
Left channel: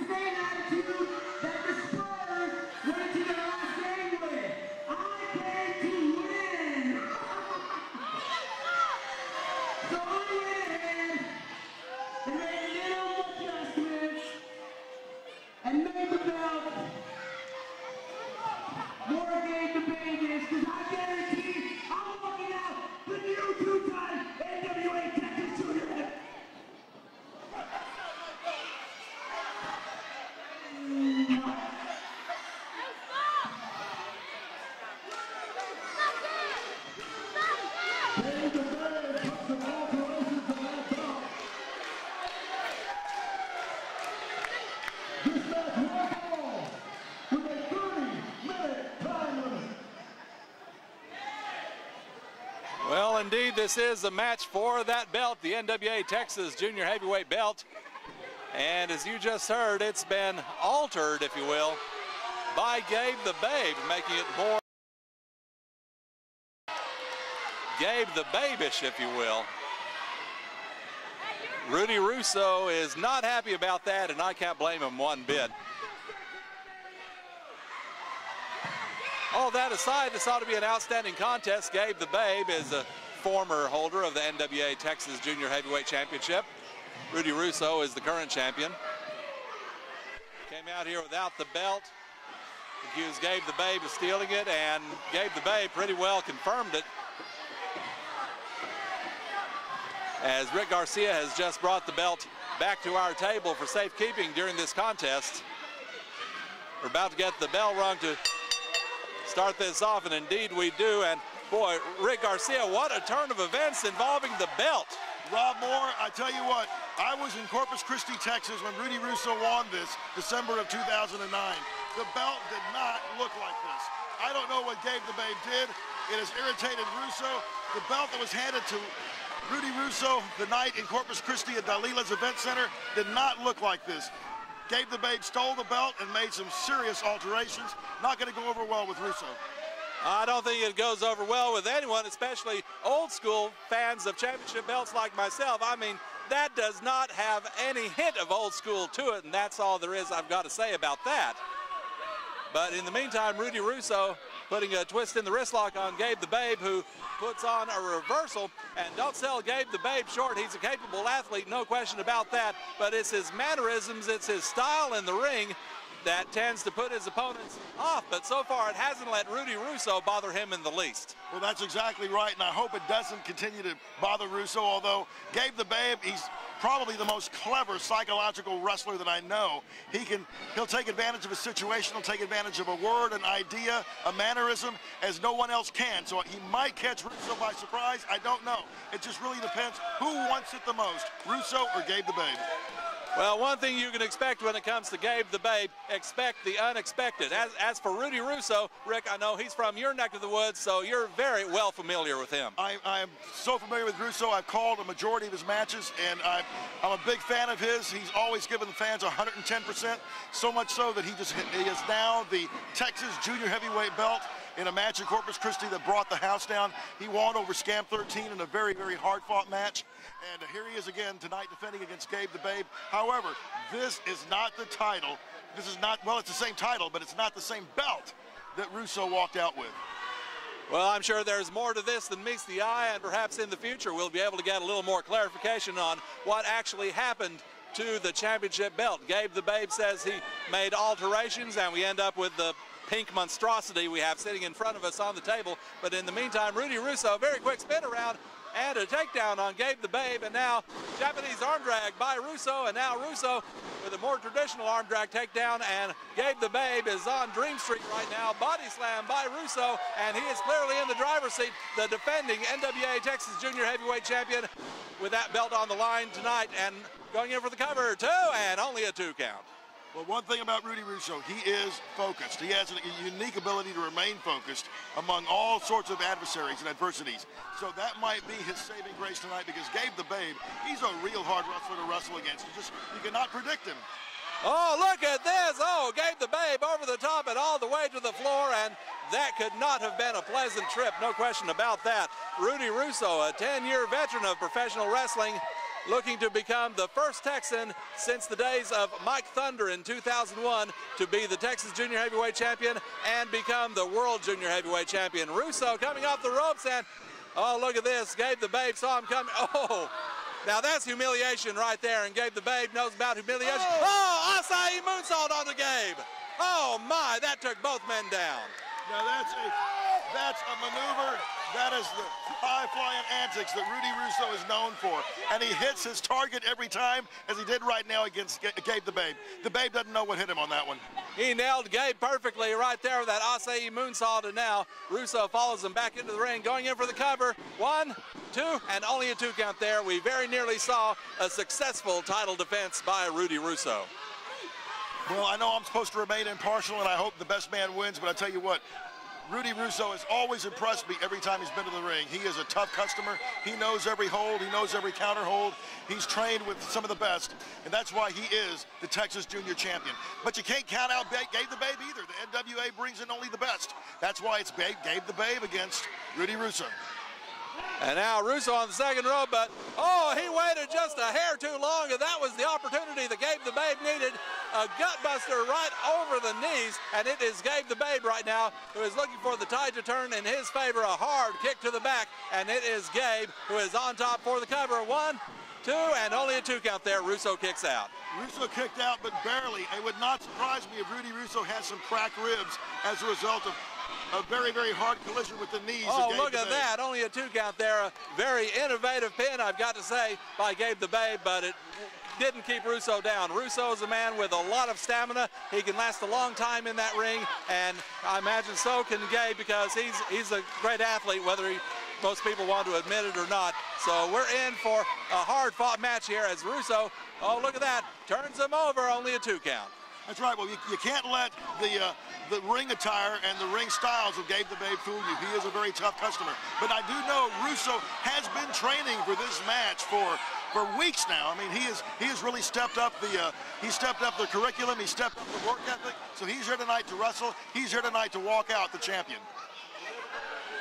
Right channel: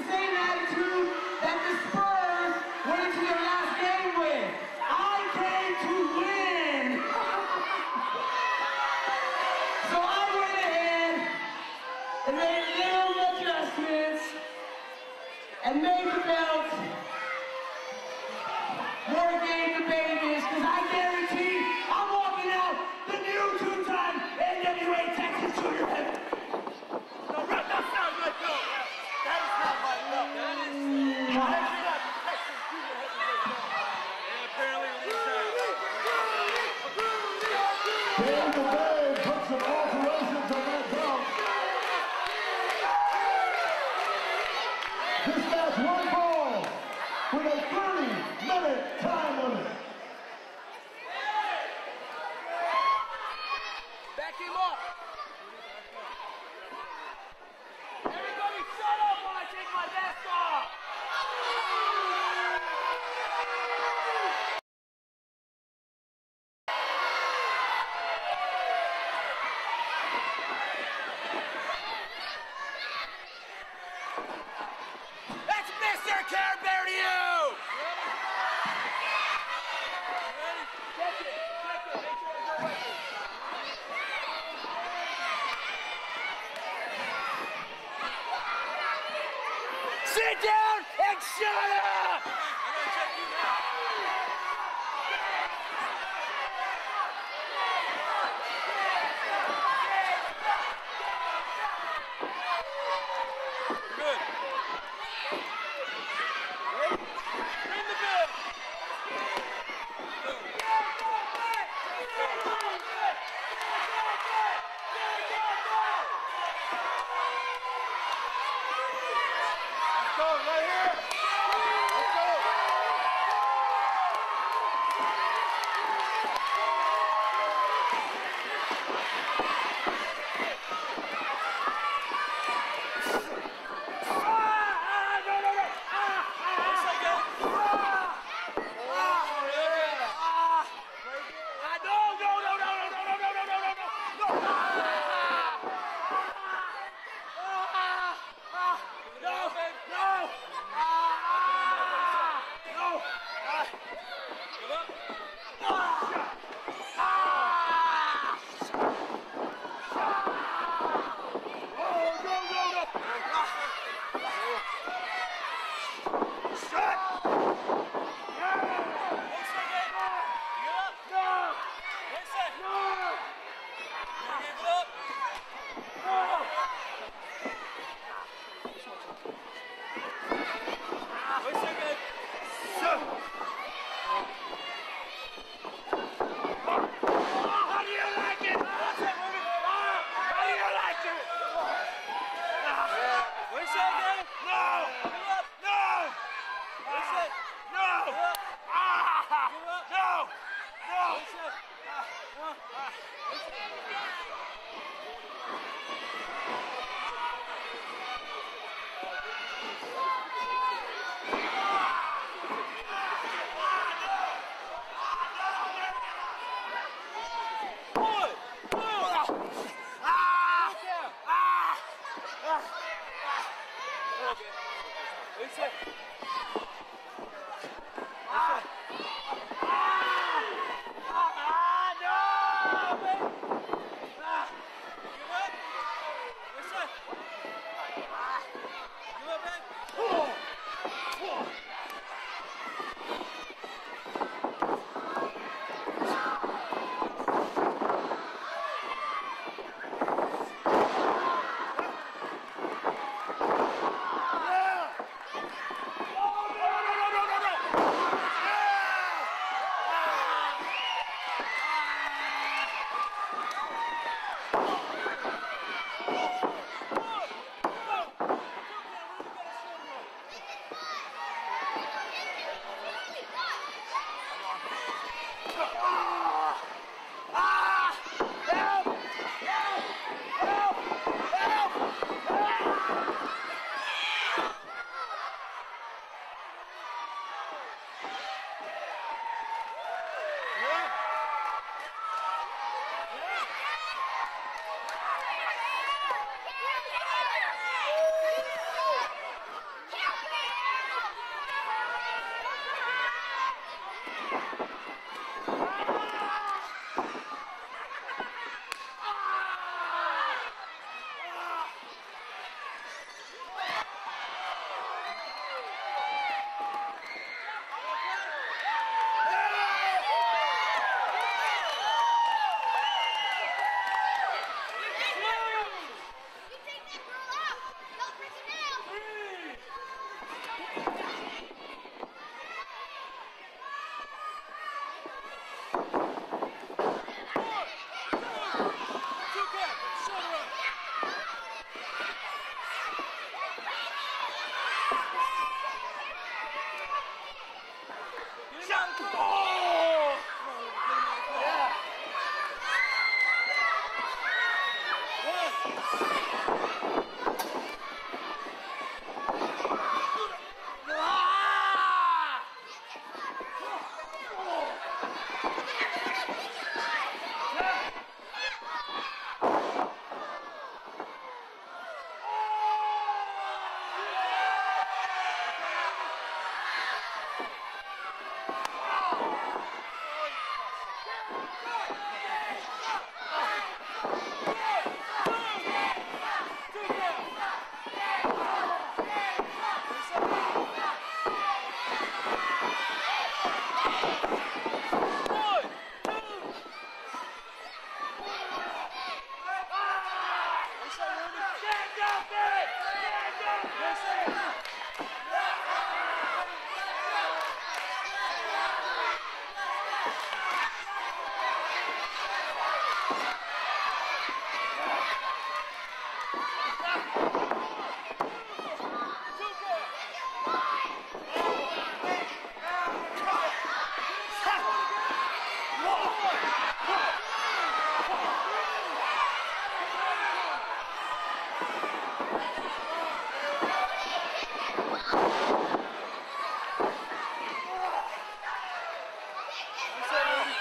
indeed, this is a match for that belt, the NWA Texas Junior Heavyweight belt. And as you just heard, it's been altered, if you will, by Gabe the Babe, making it more Gabe the Babish, if you will. Rudy Russo is not happy about that, and I can't blame him one bit. That's Mr. Care Bear to you! All that aside, this ought to be an outstanding contest. Gabe the Babe is a former holder of the NWA Texas Junior Heavyweight Championship. Rudy Russo is the current champion. Sit down! Here without the belt. Accused Gabe the Babe of stealing it, and Gabe the Babe pretty well confirmed it, as Rick Garcia has just brought the belt back to our table for safekeeping during this contest. We're about to get the bell rung to start this off, and indeed we do. And boy, Rick Garcia, what a turn of events involving the belt. Rob Moore, I tell you what, I was in Corpus Christi, Texas when Rudy Russo won this, December of 2009. The belt did not look like this. I don't know what Gabe the Babe did. It has irritated Russo. The belt that was handed to Rudy Russo the night in Corpus Christi at Dalila's Event Center did not look like this. Gabe the Babe stole the belt and made some serious alterations. Not going to go over well with Russo. I don't think it goes over well with anyone, especially old school fans of championship belts like myself. I mean, that does not have any hint of old school to it, and that's all there is I've got to say about that. But in the meantime, Rudy Russo putting a twist in the wrist lock on Gabe the Babe, who puts on a reversal. And don't sell Gabe the Babe short. He's a capable athlete, no question about that. But it's his mannerisms, it's his style in the ring that tends to put his opponents off. But so far, it hasn't let Rudy Russo bother him in the least. Well, that's exactly right, and I hope it doesn't continue to bother Russo, although Gabe the Babe, he's probably the most clever psychological wrestler that I know. He'll take advantage of a situation, he'll take advantage of a word, an idea, a mannerism, as no one else can. So he might catch Russo by surprise, I don't know. It just really depends who wants it the most, Russo or Gabe the Babe. Well, one thing you can expect when it comes to Gabe the Babe, expect the unexpected. As for Rudy Russo, Rick, I know he's from your neck of the woods, so you're very well familiar with him. I am so familiar with Russo. I've called a majority of his matches, and I'm a big fan of his. He's always given the fans 110%, so much so that he is now the Texas Junior Heavyweight belt in a match in Corpus Christi that brought the house down. He won over Scam 13 in a very, very hard-fought match. And here he is again tonight defending against Gabe the Babe. However, this is not the title. This is not, well, it's the same title, but it's not the same belt that Russo walked out with. Well, I'm sure there's more to this than meets the eye, and perhaps in the future we'll be able to get a little more clarification on what actually happened to the championship belt. Gabe the Babe says he made alterations, and we end up with the pink monstrosity we have sitting in front of us on the table. But in the meantime, Rudy Russo, very quick spin around and a takedown on Gabe the Babe, and now Japanese arm drag by Russo, and now Russo with a more traditional arm drag takedown, and Gabe the Babe is on Dream Street, and now body slam by Russo, and he is clearly in the driver's seat, the defending NWA Texas Junior Heavyweight Champion with that belt on the line tonight, and going in for the cover, 2, and only a 2 count. Well, one thing about Rudy Russo, he is focused. He has a unique ability to remain focused among all sorts of adversaries and adversities. So that might be his saving grace tonight, because Gabe the Babe, he's a real hard wrestler to wrestle against. You cannot predict him. Oh, look at this. Oh, Gabe the Babe over the top and all the way to the floor, and that could not have been a pleasant trip, no question about that. Rudy Russo, a 10-year veteran of professional wrestling, looking to become the first Texan since the days of Mike Thunder in 2001 to be the Texas Junior Heavyweight Champion and become the World Junior Heavyweight Champion. Russo coming off the ropes, and oh, look at this. Gabe the Babe saw him coming. Oh, now that's humiliation right there, and Gabe the Babe knows about humiliation. Oh, Acai moonsault on the Gabe. Oh my, that took both men down. Now that's a maneuver. That is the high-flying antics that Rudy Russo is known for. And he hits his target every time, as he did right now against Gabe the Babe. The Babe doesn't know what hit him on that one. He nailed Gabe perfectly right there with that Acai moonsault, and now Russo follows him back into the ring, going in for the cover. 1, 2, and only a 2 count there. We very nearly saw a successful title defense by Rudy Russo. Well, I know I'm supposed to remain impartial, and I hope the best man wins, but I tell you what, Rudy Russo has always has impressed me every time he's been to the ring. He is a tough customer. He knows every hold. He knows every counter hold. He's trained with some of the best, and that's why he is the Texas Junior Champion. But you can't count out Gabe the Babe either. The NWA brings in only the best. That's why it's Gabe the Babe against Rudy Russo. And now Russo on the second rope, but oh, he waited just a hair too long, and that was the opportunity that Gabe the Babe needed. A gutbuster right over the knees, and it is Gabe the Babe right now who is looking for the tide to turn in his favor. A hard kick to the back, and it is Gabe who is on top for the cover. 1, 2, and only a 2 count there. Russo kicks out. Russo kicked out, but barely. It would not surprise me if Rudy Russo has some cracked ribs as a result of a very, very hard collision with the knees. Oh, look at that. Only a 2 count there. A very innovative pin, I've got to say, by Gabe the Babe, but it didn't keep Russo down. Russo's a man with a lot of stamina. He can last a long time in that ring, and I imagine so can Gabe, because he's a great athlete, whether most people want to admit it or not. So we're in for a hard-fought match here as Russo, oh, look at that, turns him over, only a 2 count. That's right. Well, you can't let the ring attire and the ring styles of Gabe the Babe fool you. He is a very tough customer. But I do know Russo has been training for this match for weeks now. I mean, he has really stepped up the curriculum. He stepped up the work ethic. So he's here tonight to wrestle. He's here tonight to walk out the champion.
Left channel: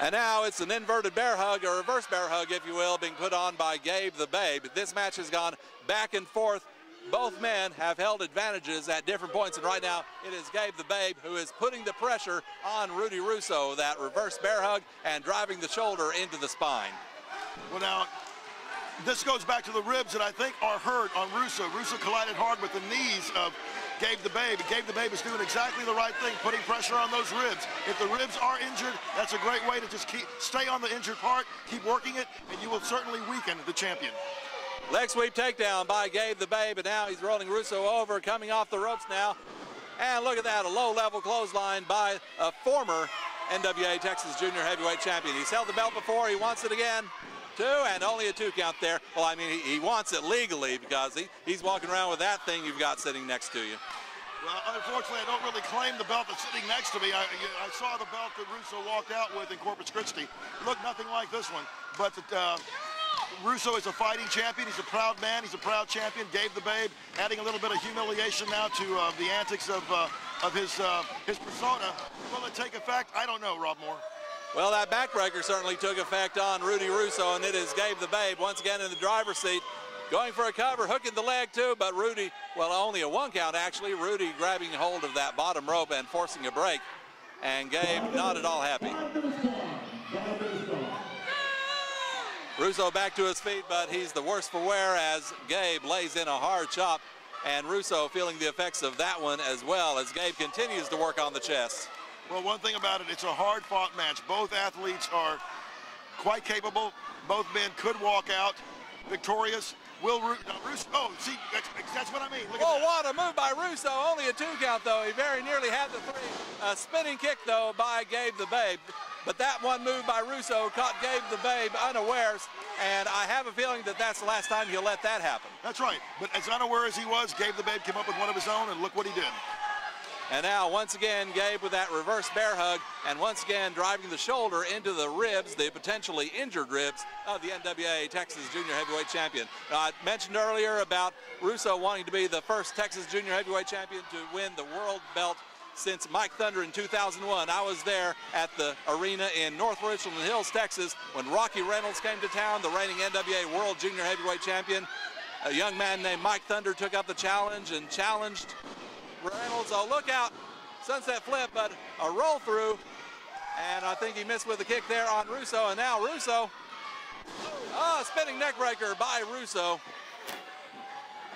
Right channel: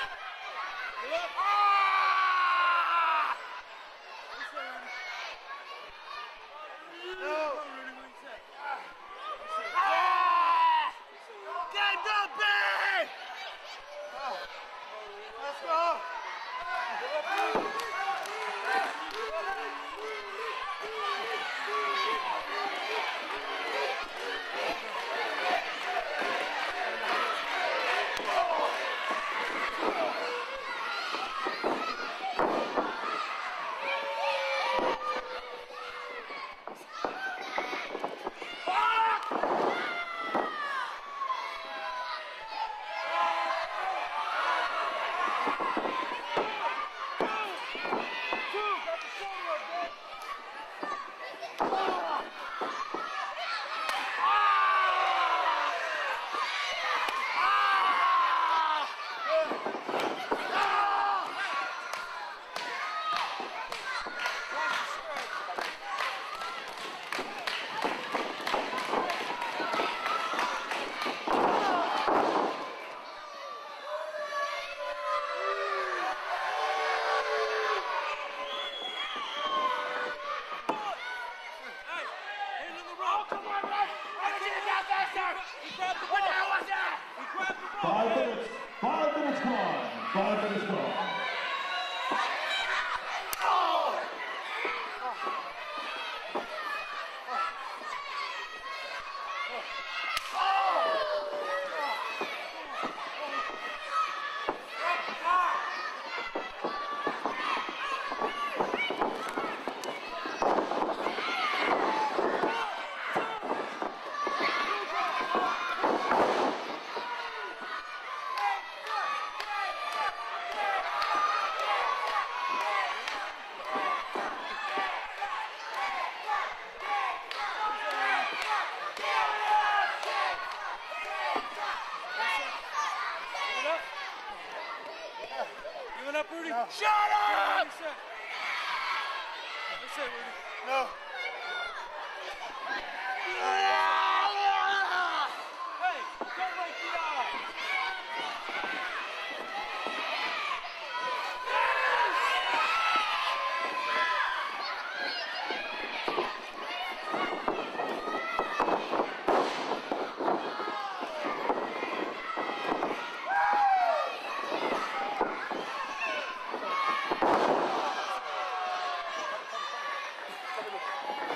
And now it's an inverted bear hug, or reverse bear hug, if you will, being put on by Gabe the Babe. This match has gone back and forth. Both men have held advantages at different points, and right now it is Gabe the Babe who is putting the pressure on Rudy Russo, that reverse bear hug, and driving the shoulder into the spine. Well, now, this goes back to the ribs that I think are hurt on Russo. Russo collided hard with the knees of Gabe the Babe. Gabe the Babe is doing exactly the right thing, putting pressure on those ribs. If the ribs are injured, that's a great way to just stay on the injured part, keep working it, and you will certainly weaken the champion. Leg sweep takedown by Gabe the Babe, and now he's rolling Russo over, coming off the ropes now. And look at that, a low-level clothesline by a former NWA Texas Junior Heavyweight Champion. He's held the belt before, he wants it again. 2, and only a 2 count there. Well, I mean, he wants it legally, because he's walking around with that thing you've got sitting next to you. Yeah, unfortunately, I don't really claim the belt that's sitting next to me. I saw the belt that Russo walked out with in Corpus Christi. It looked nothing like this one, but Russo is a fighting champion. He's a proud man. He's a proud champion. Gabe the Babe adding a little bit of humiliation now to the antics of his persona. Will it take effect? I don't know, Rob Moore. Well, that backbreaker certainly took effect on Rudy Russo, and it is Gabe the Babe once again in the driver's seat, going for a cover, hooking the leg too, but Rudy, well, only a 1 count actually. Rudy grabbing hold of that bottom rope and forcing a break, and Gabe not at all happy. Russo back to his feet, but he's the worse for wear as Gabe lays in a hard chop, and Russo feeling the effects of that one as well as Gabe continues to work on the chest. Well, one thing about it, it's a hard-fought match. Both athletes are quite capable. Both men could walk out victorious. Will Russo, oh, see, that's what I mean. Oh, what a move by Russo. Only a 2 count, though. He very nearly had a spinning kick, though, by Gabe the Babe. But that one move by Russo caught Gabe the Babe unawares, and I have a feeling that that's the last time he'll let that happen. That's right. But as unaware as he was, Gabe the Babe came up with one of his own, and look what he did. And now, once again, Gabe with that reverse bear hug, and once again driving the shoulder into the ribs, the potentially injured ribs of the NWA Texas Junior Heavyweight Champion. Now, I mentioned earlier about Russo wanting to be the first Texas Junior Heavyweight Champion to win the world belt since Mike Thunder in 2001. I was there at the arena in North Richland Hills, Texas, when Rocky Reynolds came to town, the reigning NWA World Junior Heavyweight Champion. A young man named Mike Thunder took up the challenge and challenged Reynolds. So look out, sunset flip, but a roll through. And I think he missed with the kick there on Russo. And now Russo, spinning neck breaker by Russo.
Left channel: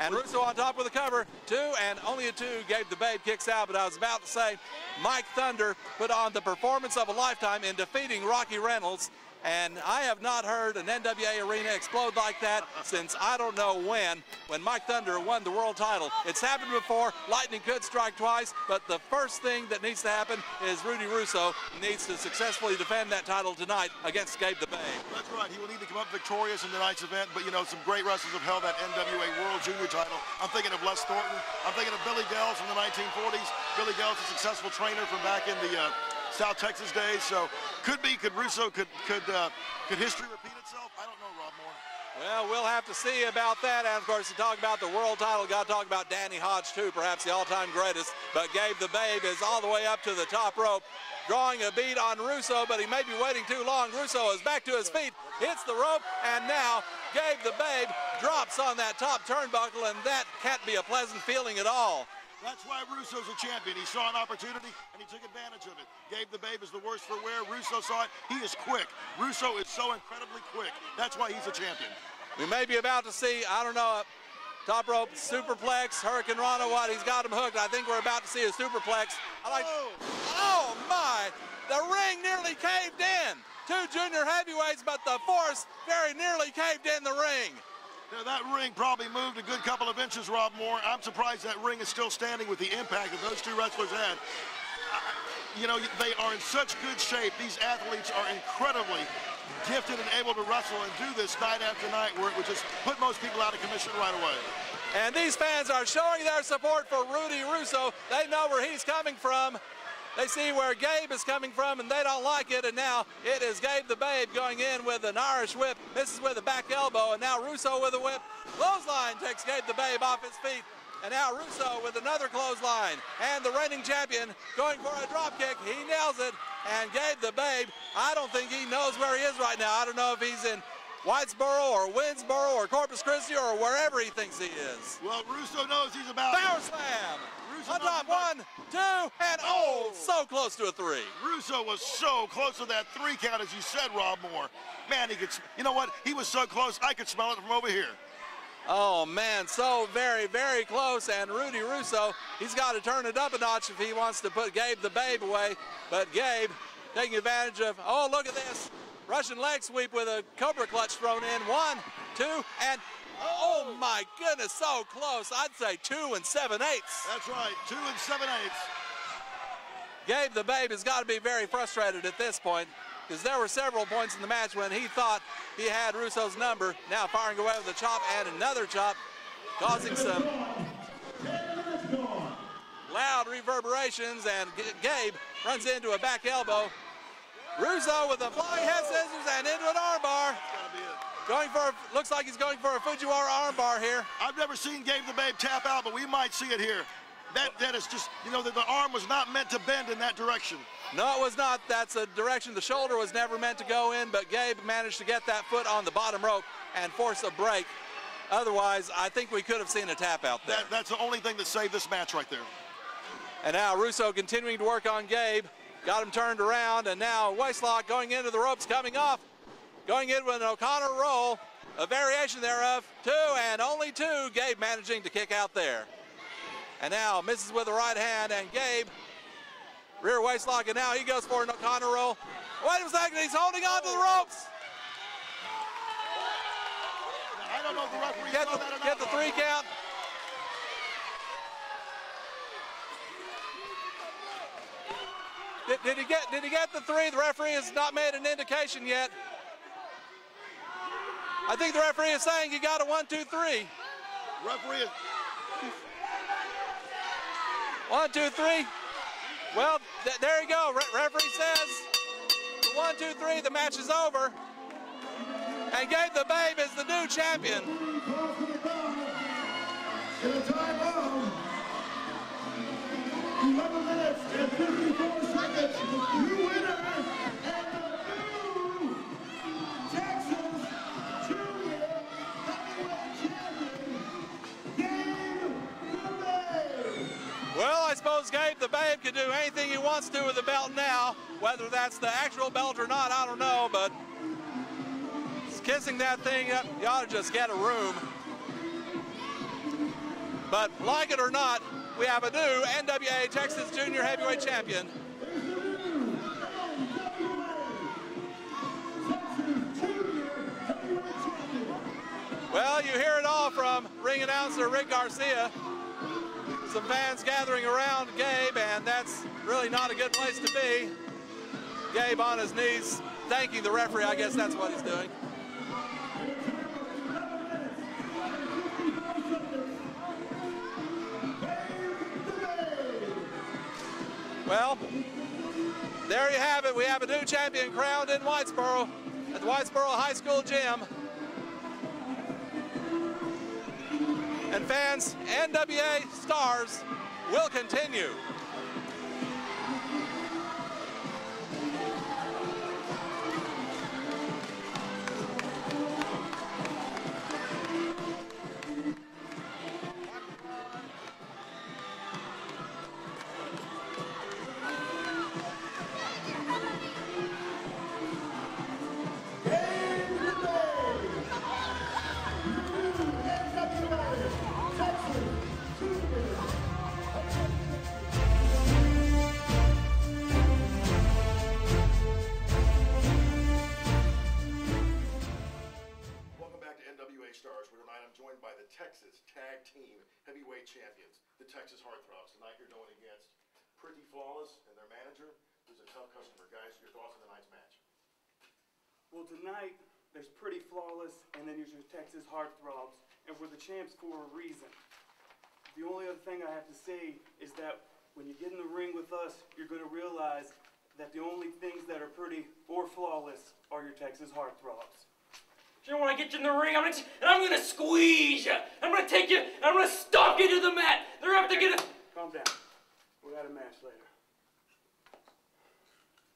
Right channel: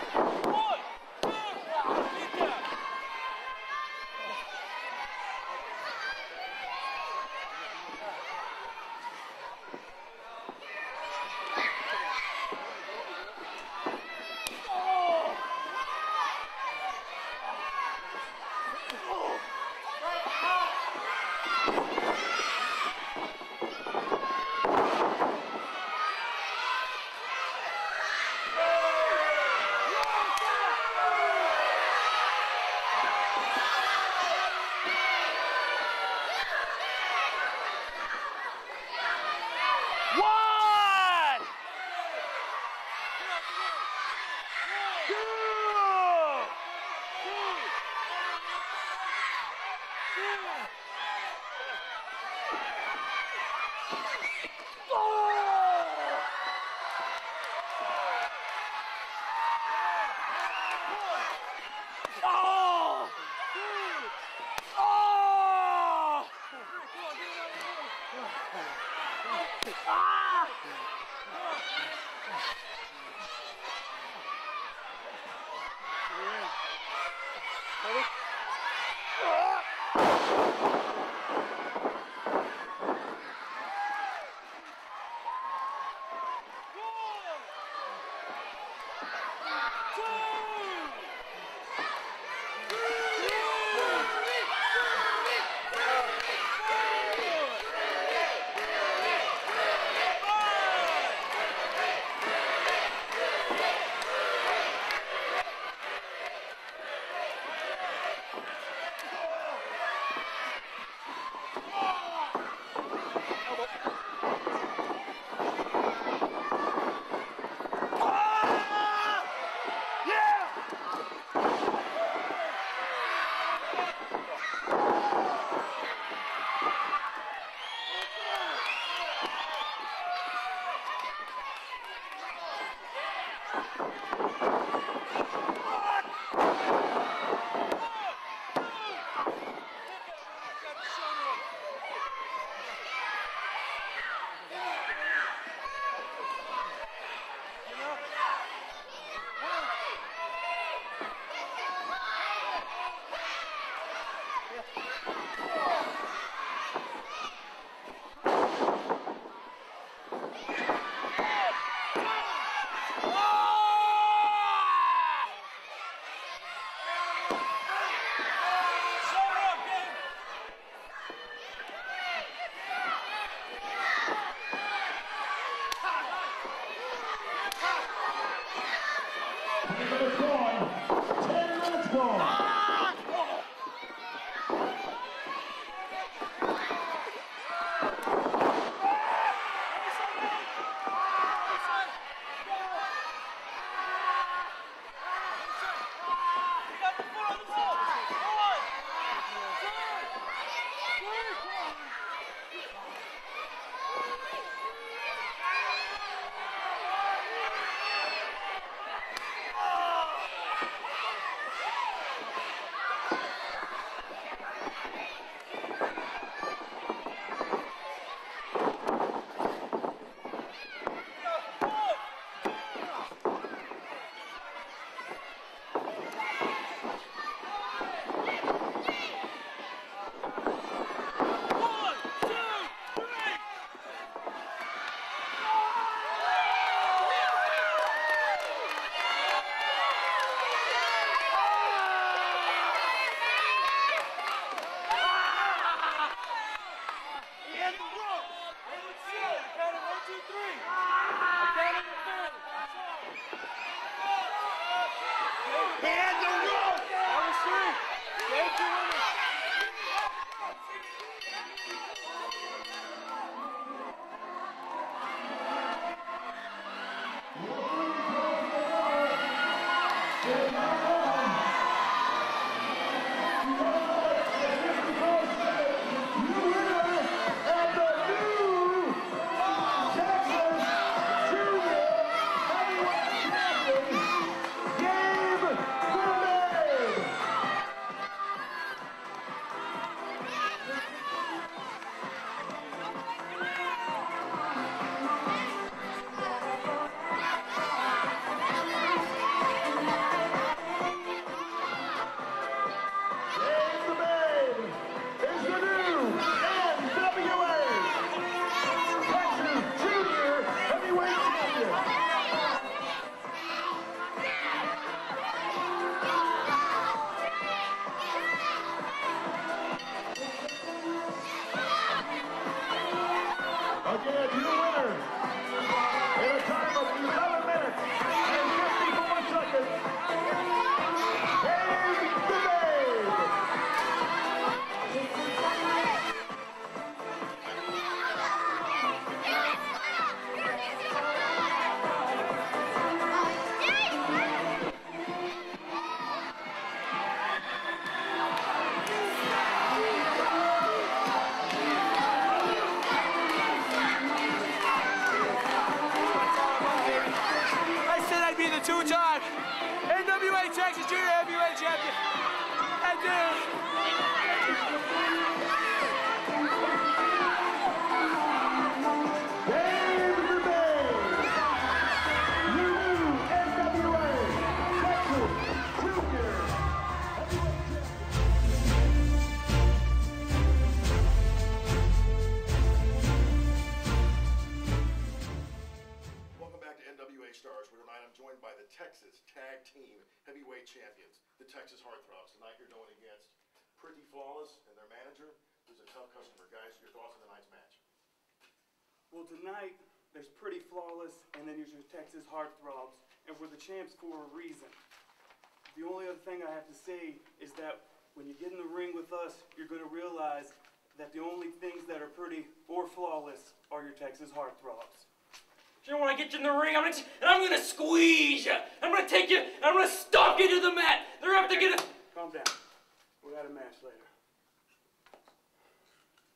And Russo on top of the cover, 2, and only a 2. Gabe the Babe kicks out, but I was about to say, Mike Thunder put on the performance of a lifetime in defeating Rocky Reynolds. And I have not heard an NWA arena explode like that since I don't know when Mike Thunder won the world title. It's happened before. Lightning could strike twice, but the first thing that needs to happen is Rudy Russo needs to successfully defend that title tonight against Gabe the Babe. That's right. He will need to come up victorious in tonight's event, but you know, some great wrestlers have held that NWA World Junior title. I'm thinking of Les Thornton. I'm thinking of Billy Bells from the 1940s. Billy Bells, a successful trainer from back in the South Texas days. So Could be. Could Russo could his Well, we'll have to see about that. And of course, to talk about the world title, got to talk about Danny Hodge too, perhaps the all-time greatest. But Gabe the Babe is all the way up to the top rope, drawing a bead on Russo, but he may be waiting too long. Russo is back to his feet, hits the rope, and now Gabe the Babe drops on that top turnbuckle, and that can't be a pleasant feeling at all. Russo's a champion. He saw an opportunity. He took advantage of it. Gabe the Babe is the worst for wear. Russo saw it. He is quick. Russo is so incredibly quick. That's why he's a champion. We may be about to see, I don't know, top rope superplex, Hurricane Rana, what? He's got him hooked. I think we're about to see a superplex. Oh my! The ring nearly caved in. Two junior heavyweights, but the force very nearly caved in the ring. Yeah, that ring probably moved a good couple of inches, Rob Moore. I'm surprised that ring is still standing with the impact that those two wrestlers had. You know, they are in such good shape. These athletes are incredibly gifted and able to wrestle and do this night after night, where it would just put most people out of commission right away. And these fans are showing their support for Rudy Russo. They know where he's coming from. They see where Gabe is coming from, and they don't like it. And now it is Gabe the Babe going in with an Irish whip. This is with a back elbow, and now Russo with a whip. Clothesline takes Gabe the Babe off his feet. And now Russo with another clothesline. And the reigning champion going for a drop kick. He nails it. And Gabe the Babe, I don't think he knows where he is right now. I don't know if he's in Whitesboro or Winsboro or Corpus Christi or wherever he thinks he is. Well, Russo knows he's about Power slam. On top, 1, 2, and oh, so close to a 3. Russo was so close to that 3 count, as you said, Rob Moore. Man, he could, you know what? He was so close, I could smell it from over here. Oh, man, so very, very close. And Rudy Russo, he's got to turn it up a notch if he wants to put Gabe the Babe away. But Gabe taking advantage of, oh, look at this. Russian leg sweep with a cobra clutch thrown in. 1, 2, and oh, my goodness, so close. I'd say 2 7/8. That's right, 2 7/8. Gabe the Babe has got to be very frustrated at this point, because there were several points in the match when he thought he had Russo's number. Now firing away with a chop and another chop, causing some loud reverberations, and Gabe runs into a back elbow. Russo with the flying head scissors and into an armbar. Going for, looks like he's going for a Fujiwara armbar here. I've never seen Gabe the Babe tap out, but we might see it here. That is just, you know, the arm was not meant to bend in that direction. No, it was not. That's a direction the shoulder was never meant to go in, but Gabe managed to get that foot on the bottom rope and force a break. Otherwise, I think we could have seen a tap out there. That's the only thing that saved this match right there. And now Russo continuing to work on Gabe. Got him turned around, and now waistlock going into the ropes, coming up. Going in with an O'Connor roll, a variation thereof. 2 and only 2. Gabe managing to kick out there. And now misses with the right hand, and Gabe, rear waistlock, and now he goes for an O'Connor roll. Wait a second, he's holding on to the ropes. Get the 3 count. Did he get the 3? The referee has not made an indication yet. I think the referee is saying he got a 1, 2, 3. Referee. 1, 2, 3. Well, there you go. Referee says 1, 2, 3. The match is over. And Gabe the Babe is the new champion. Could do anything he wants to with the belt now. Whether that's the actual belt or not, I don't know, but he's kissing that thing up. You ought to just get a room. But like it or not, we have a new NWA Texas Junior Heavyweight Champion. Is the new NWA Texas Junior Heavyweight Champion. Well, you hear it all from ring announcer Rick Garcia. Some fans gathering around Gabe, and that's really not a good place to be. Gabe on his knees, thanking the referee. I guess that's what he's doing. In a time of 11 minutes and 54 seconds, Gabe the Babe. Well, there you have it. We have a new champion. in Whitesboro High School gym. And fans, NWA Stars will continue. I said I'd be the two-time NWA Texas Junior Heavyweight Champion. I did. Stars, where tonight I'm joined by the Texas Tag Team Heavyweight Champions, the Texas Heartthrobs. Tonight you're going against Pretty Flawless and their manager, who's a tough customer. Guys, your thoughts on tonight's match? Well, tonight there's Pretty Flawless, and then there's your Texas Heartthrobs, and we're the champs for a reason. The only other thing I have to say is that when you get in the ring with us, you're going to realize that the only things that are pretty or flawless are your Texas Heartthrobs. You know, when I get you in the ring, I'm gonna squeeze you. I'm gonna take you, and I'm gonna stomp you to the mat. They're gonna have to get a... Calm down. We got a match later.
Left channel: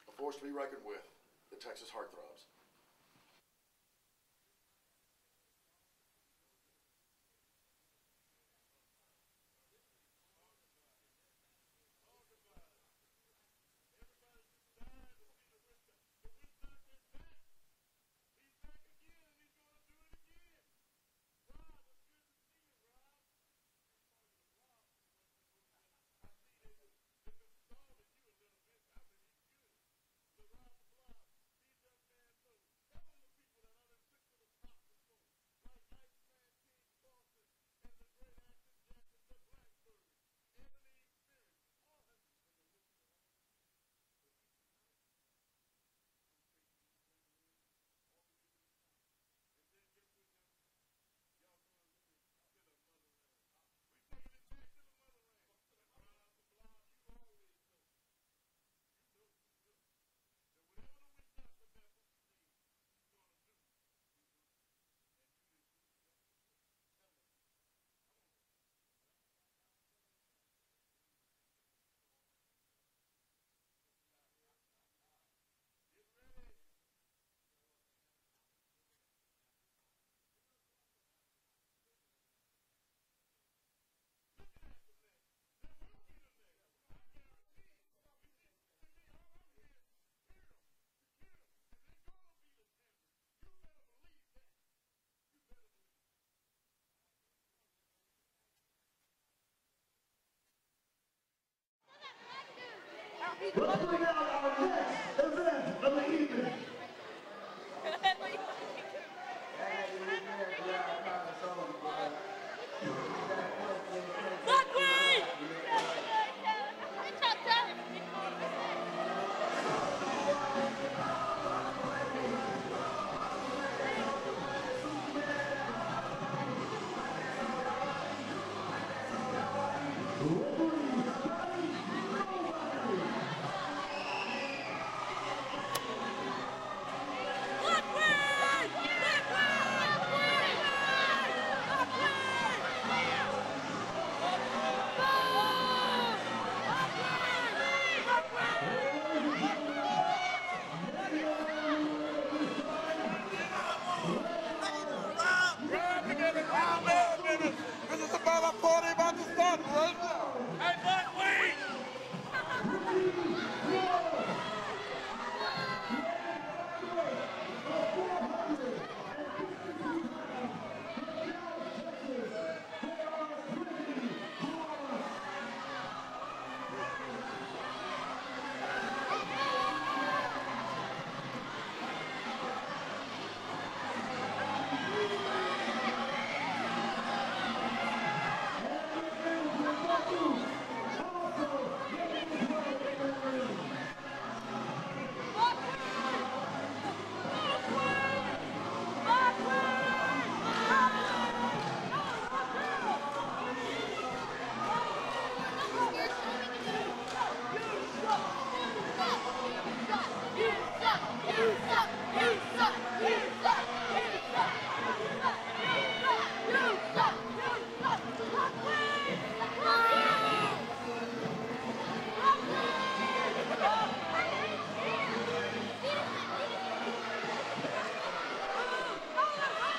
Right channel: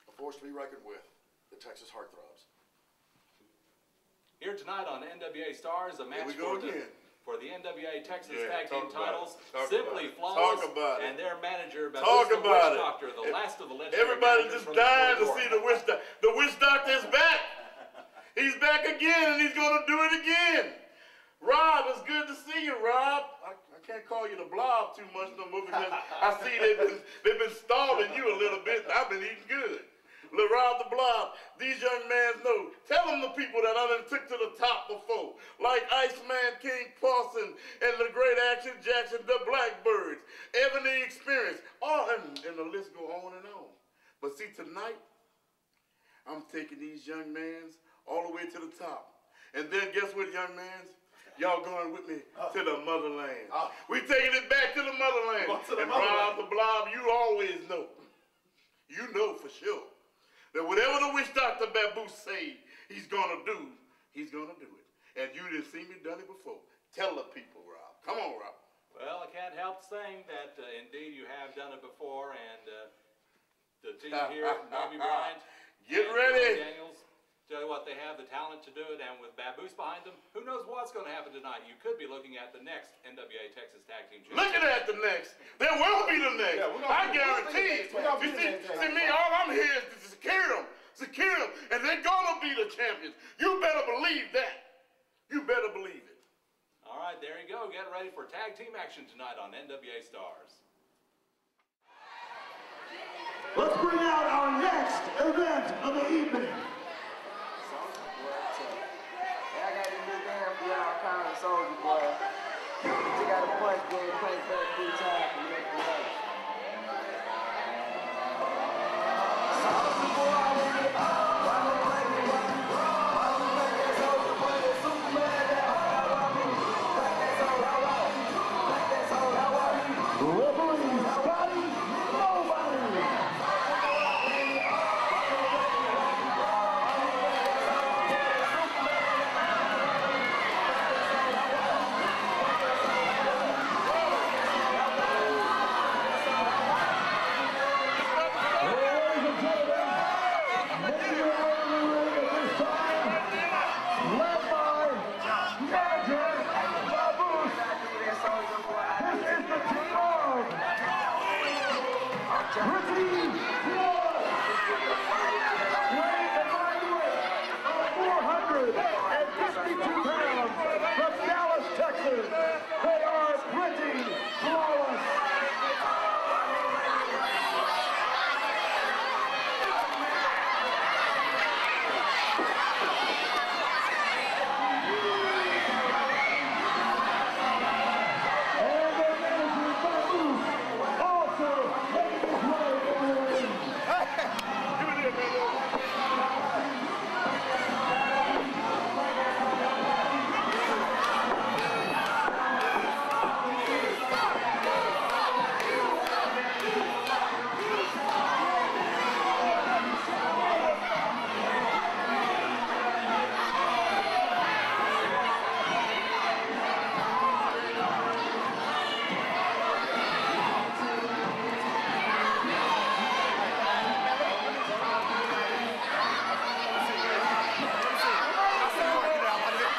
A force to be reckoned with, the Texas Heartthrobs. Here tonight on NWA Stars, a match for the NWA Texas Tag Team titles. Simply Flawless and their manager, the Witch Doctor, the last of the legendary. Everybody just dying to see the Witch Doctor. The Witch Doctor is back. He's back again, and he's going to do it again. Rob, it's good to see you, Rob. I can't call you the Blob too much no more because I see they've been stalling you a little bit, and I've been eating good. Little Rob the Blob, these young men know. Tell them the people that I done took to the top before, like Iceman King Parson and the great Action Jackson, the Blackbirds, Ebony Experience, and the list go on and on. But see, tonight, I'm taking these young men all the way to the top. And then guess what, young man? Y'all going with me to the motherland. We taking it back to the motherland. And Rob the Blob, you always know. You know for sure that whatever the Witch Doctor Babu say he's gonna do, he's gonna do it. And you didn't see me done it before. Tell the people, Rob. Come on, Rob. Well, I can't help saying that indeed you have done it before, and the team here, Naomi Bryant, get ready. Daniels, tell you what, they have the talent to do it, and with Baboose behind them, who knows what's going to happen tonight? You could be looking at the next NWA Texas Tag Team Championship. Looking at the next. There will be the next. Yeah, I guarantee it. See me, all I'm here is to secure them, and they're going to be the champions. You better believe that. You better believe it. All right, there you go. Get ready for tag team action tonight on NWA Stars. Let's bring out our next event of the evening. I got this new man for y'all, Common Soldier Boy. You got a point, good, play good, 3 times.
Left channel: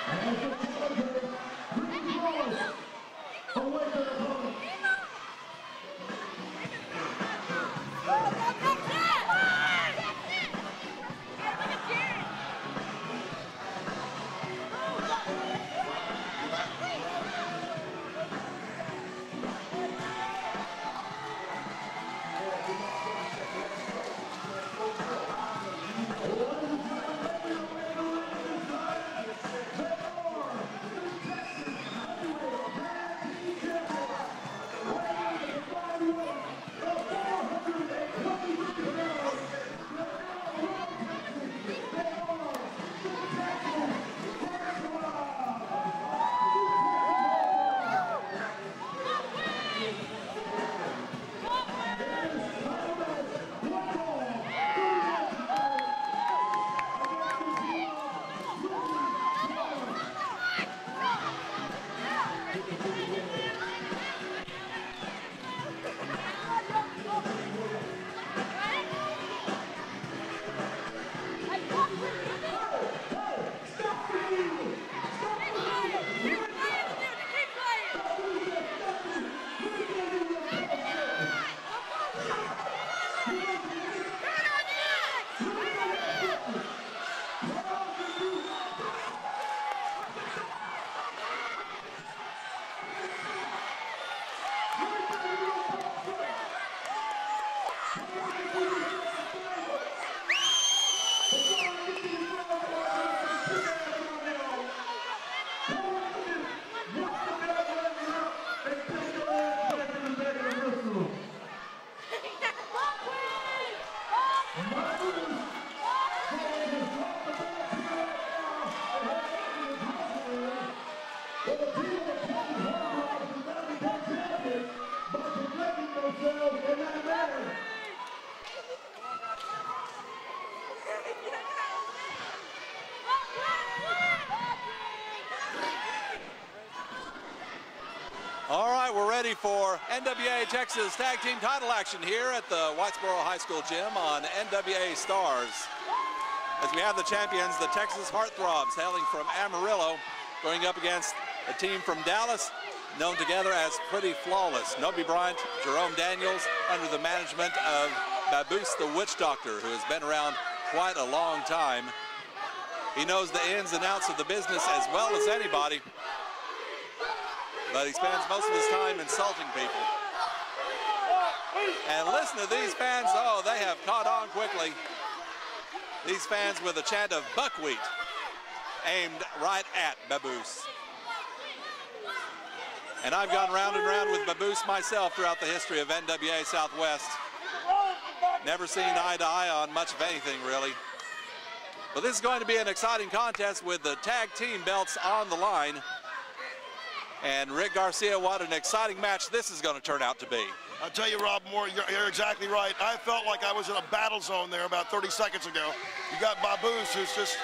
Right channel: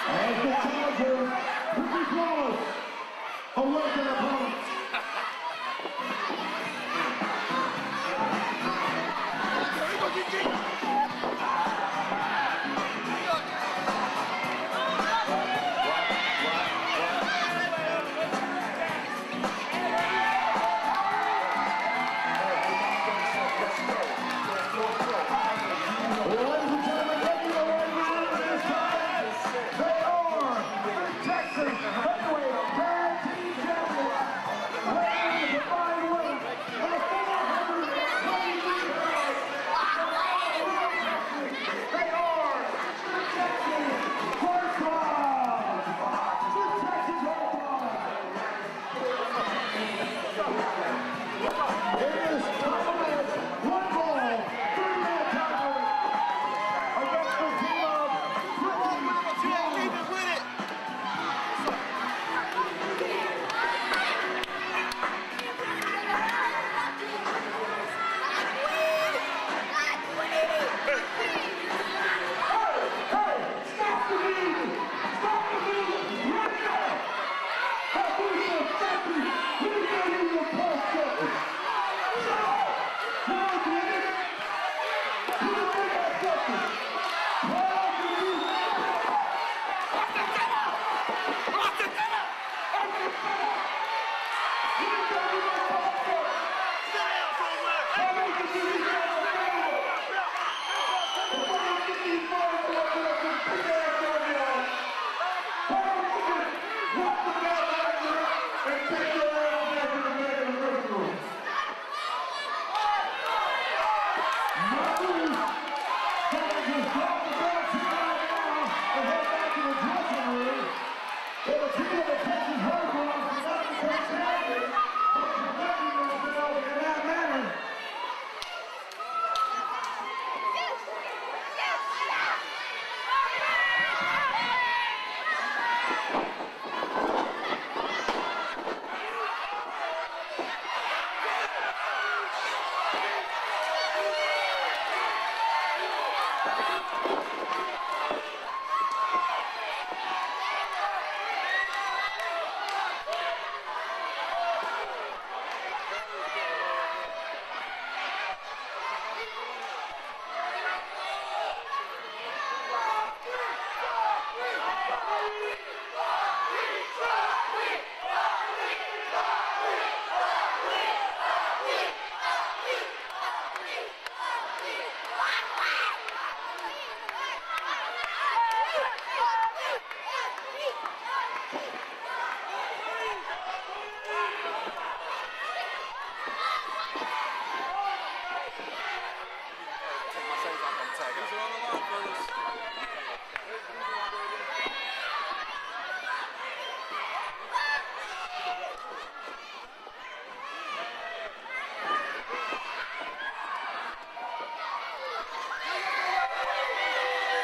And the challenger, Pretty Flawless, away from the opponent. Texas Tag Team title action here at the Wattsboro High School Gym on NWA Stars. As we have the champions, the Texas Heartthrobs, hailing from Amarillo, going up against a team from Dallas, known together as Pretty Flawless. Nobi Bryant, Jerome Daniels, under the management of Baboose the Witch Doctor, who has been around quite a long time. He knows the ins and outs of the business as well as anybody, but he spends most of his time insulting people. And listen to these fans, oh, they have caught on quickly. These fans with a chant of buckwheat aimed right at Baboose. And I've gone round and round with Baboose myself throughout the history of NWA Southwest. Never seen eye to eye on much of anything, really. But this is going to be an exciting contest with the tag team belts on the line. And Rick Garcia, what an exciting match this is going to turn out to be. I'll tell you, Rob Moore, you're exactly right. I felt like I was in a battle zone there about 30 seconds ago. You got Baboose, who's just,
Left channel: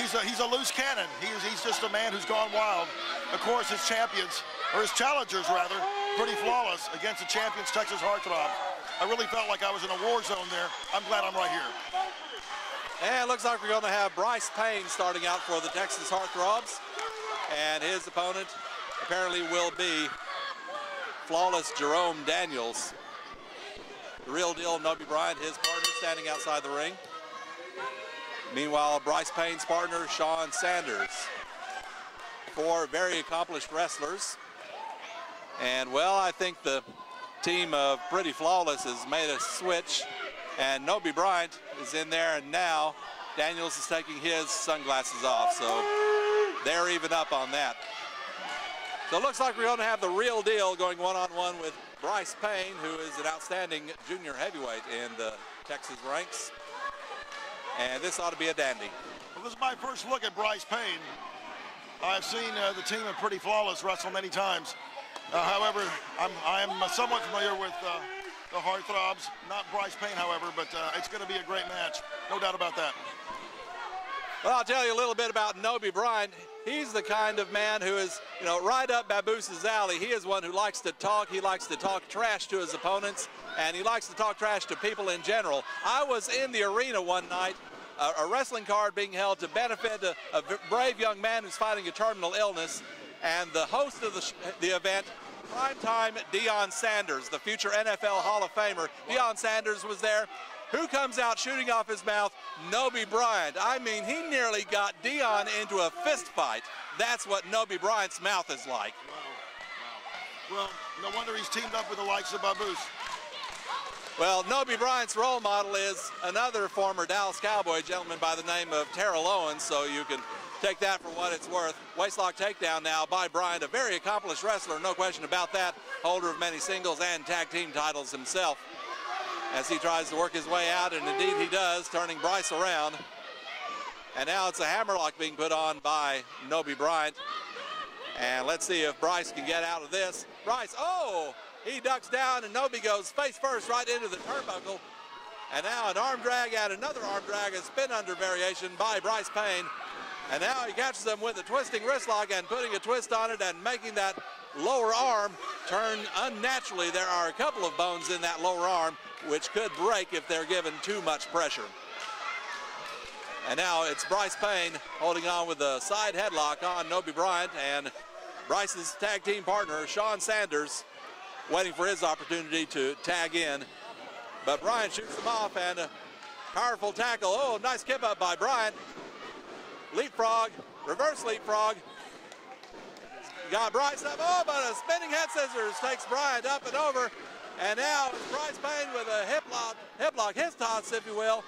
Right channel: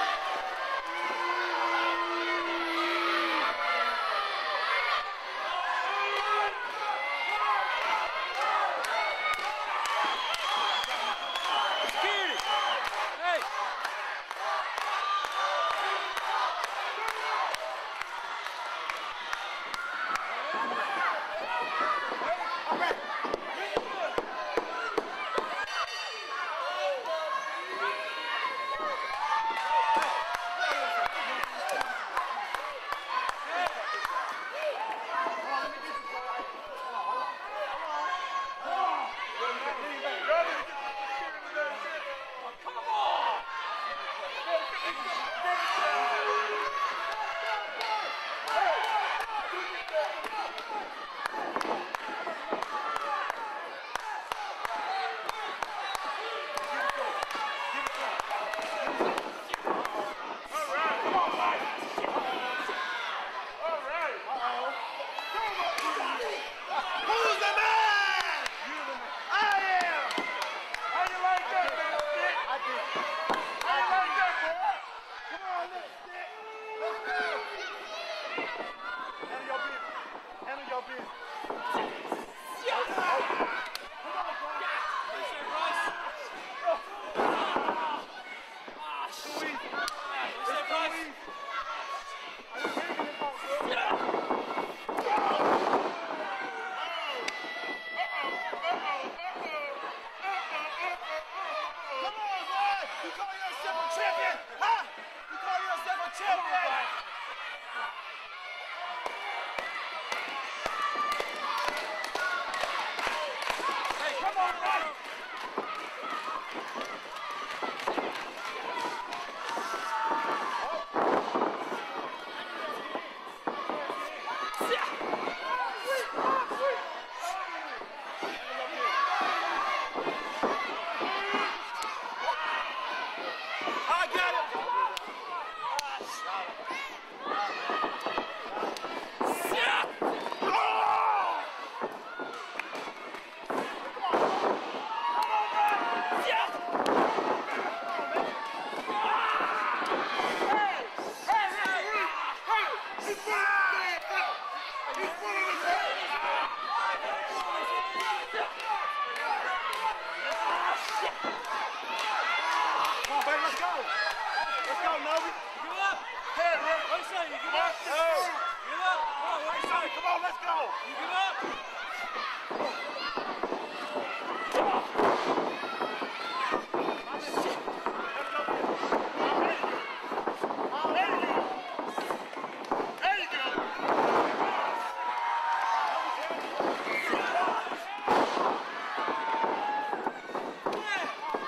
he's a loose cannon. He's just a man who's gone wild. Of course, his champions, or his challengers rather, Pretty Flawless against the champions, Texas Heartthrobs. I really felt like I was in a war zone there. I'm glad I'm right here. And it looks like we're going to have Bryce Payne starting out for the Texas Heartthrobs. And his opponent apparently will be Flawless Jerome Daniels. The real deal, Nobi Bryant, his partner, standing outside the ring. Meanwhile, Bryce Payne's partner, Sean Sanders. Four very accomplished wrestlers. And, well, I think the team of Pretty Flawless has made a switch. And Nobi Bryant is in there, and now Daniels is taking his sunglasses off. So they're even up on that. So it looks like we're going to have the real deal going one-on-one with Bryce Payne, who is an outstanding junior heavyweight in the Texas ranks. And this ought to be a dandy. This is my first look at Bryce Payne. I've seen the team of Pretty Flawless wrestle many times. However, I'm somewhat familiar with the Heartthrobs, not Bryce Payne, however, but it's going to be a great match. No doubt about that. Well, I'll tell you a little bit about Nobi Bryant. he's the kind of man who is, you know, right up Baboose's alley. He is one who likes to talk. He likes to talk trash to his opponents, and he likes to talk trash to people in general. I was in the arena one night, a wrestling card being held to benefit a brave young man who's fighting a terminal illness, and the host of the event, primetime Deion Sanders, the future NFL Hall of Famer. Deion Sanders was there. Who comes out shooting off his mouth? Nobi Bryant. I mean, he nearly got Deion into a fist fight. That's what Nobi Bryant's mouth is like. Well, no wonder he's teamed up with the likes of Baboose. Well, Nobi Bryant's role model is another former Dallas Cowboy gentleman by the name of Terrell Owens, so you can take that for what it's worth. Waistlock takedown now by Bryant, a very accomplished wrestler, no question about that. Holder of many singles and tag team titles himself, as he tries to work his way out, and indeed he does, turning Bryce around. And now it's a hammerlock being put on by Nobi Bryant. And let's see if Bryce can get out of this. Bryce, oh! He ducks down, and Nobi goes face first right into the turnbuckle. And now an arm drag and another arm drag, a spin under variation by Bryce Payne. And now he catches him with a twisting wrist lock and putting a twist on it and making that lower arm turn unnaturally. There are a couple of bones in that lower arm which could break if they're given too much pressure. And now it's Bryce Payne holding on with a side headlock on Nobi Bryant, and Bryce's tag team partner, Sean Sanders, waiting for his opportunity to tag in. But Bryant shoots him off, and a powerful tackle. Oh, nice kip up by Bryant. Leapfrog, reverse leapfrog. Got Bryce, oh, but a spinning head scissors takes Bryant up and over. And now Bryce Payne with a hip lock, his toss, if you will,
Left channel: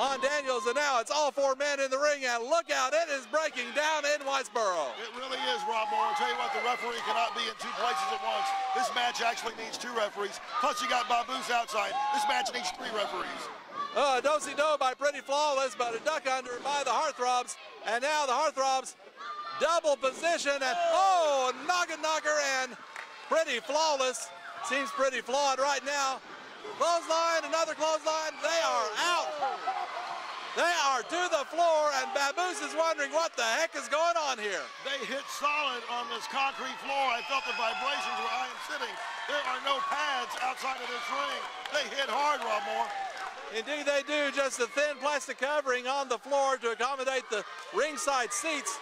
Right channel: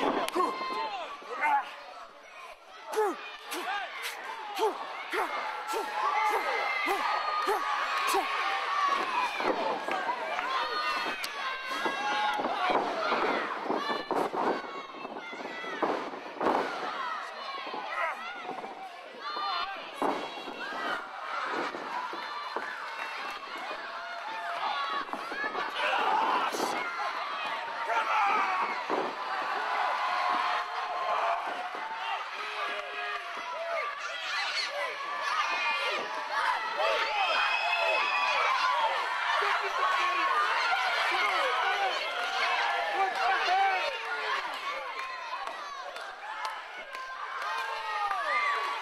on Daniels. And now it's all four men in the ring, and look out, it is breaking down in Whitesboro. It really is, Rob Moore. I'll tell you what, the referee cannot be in two places at once. This match actually needs two referees. Plus you got Baboose outside. This match needs three referees. A do-si-do by Pretty Flawless, but a duck under by the Heartthrobs. And now the Heartthrobs double position, and oh, knocker, and Pretty Flawless seems pretty flawed right now. Clothesline, another clothesline. They are out. They are to the floor, and Baboose is wondering what the heck is going on here. They hit solid on this concrete floor. I thought the vibrations were unfitting. There are no pads outside of this room. They hit hard, Rob Moore. Indeed they do, just a thin plastic covering on the floor to accommodate the ringside seats.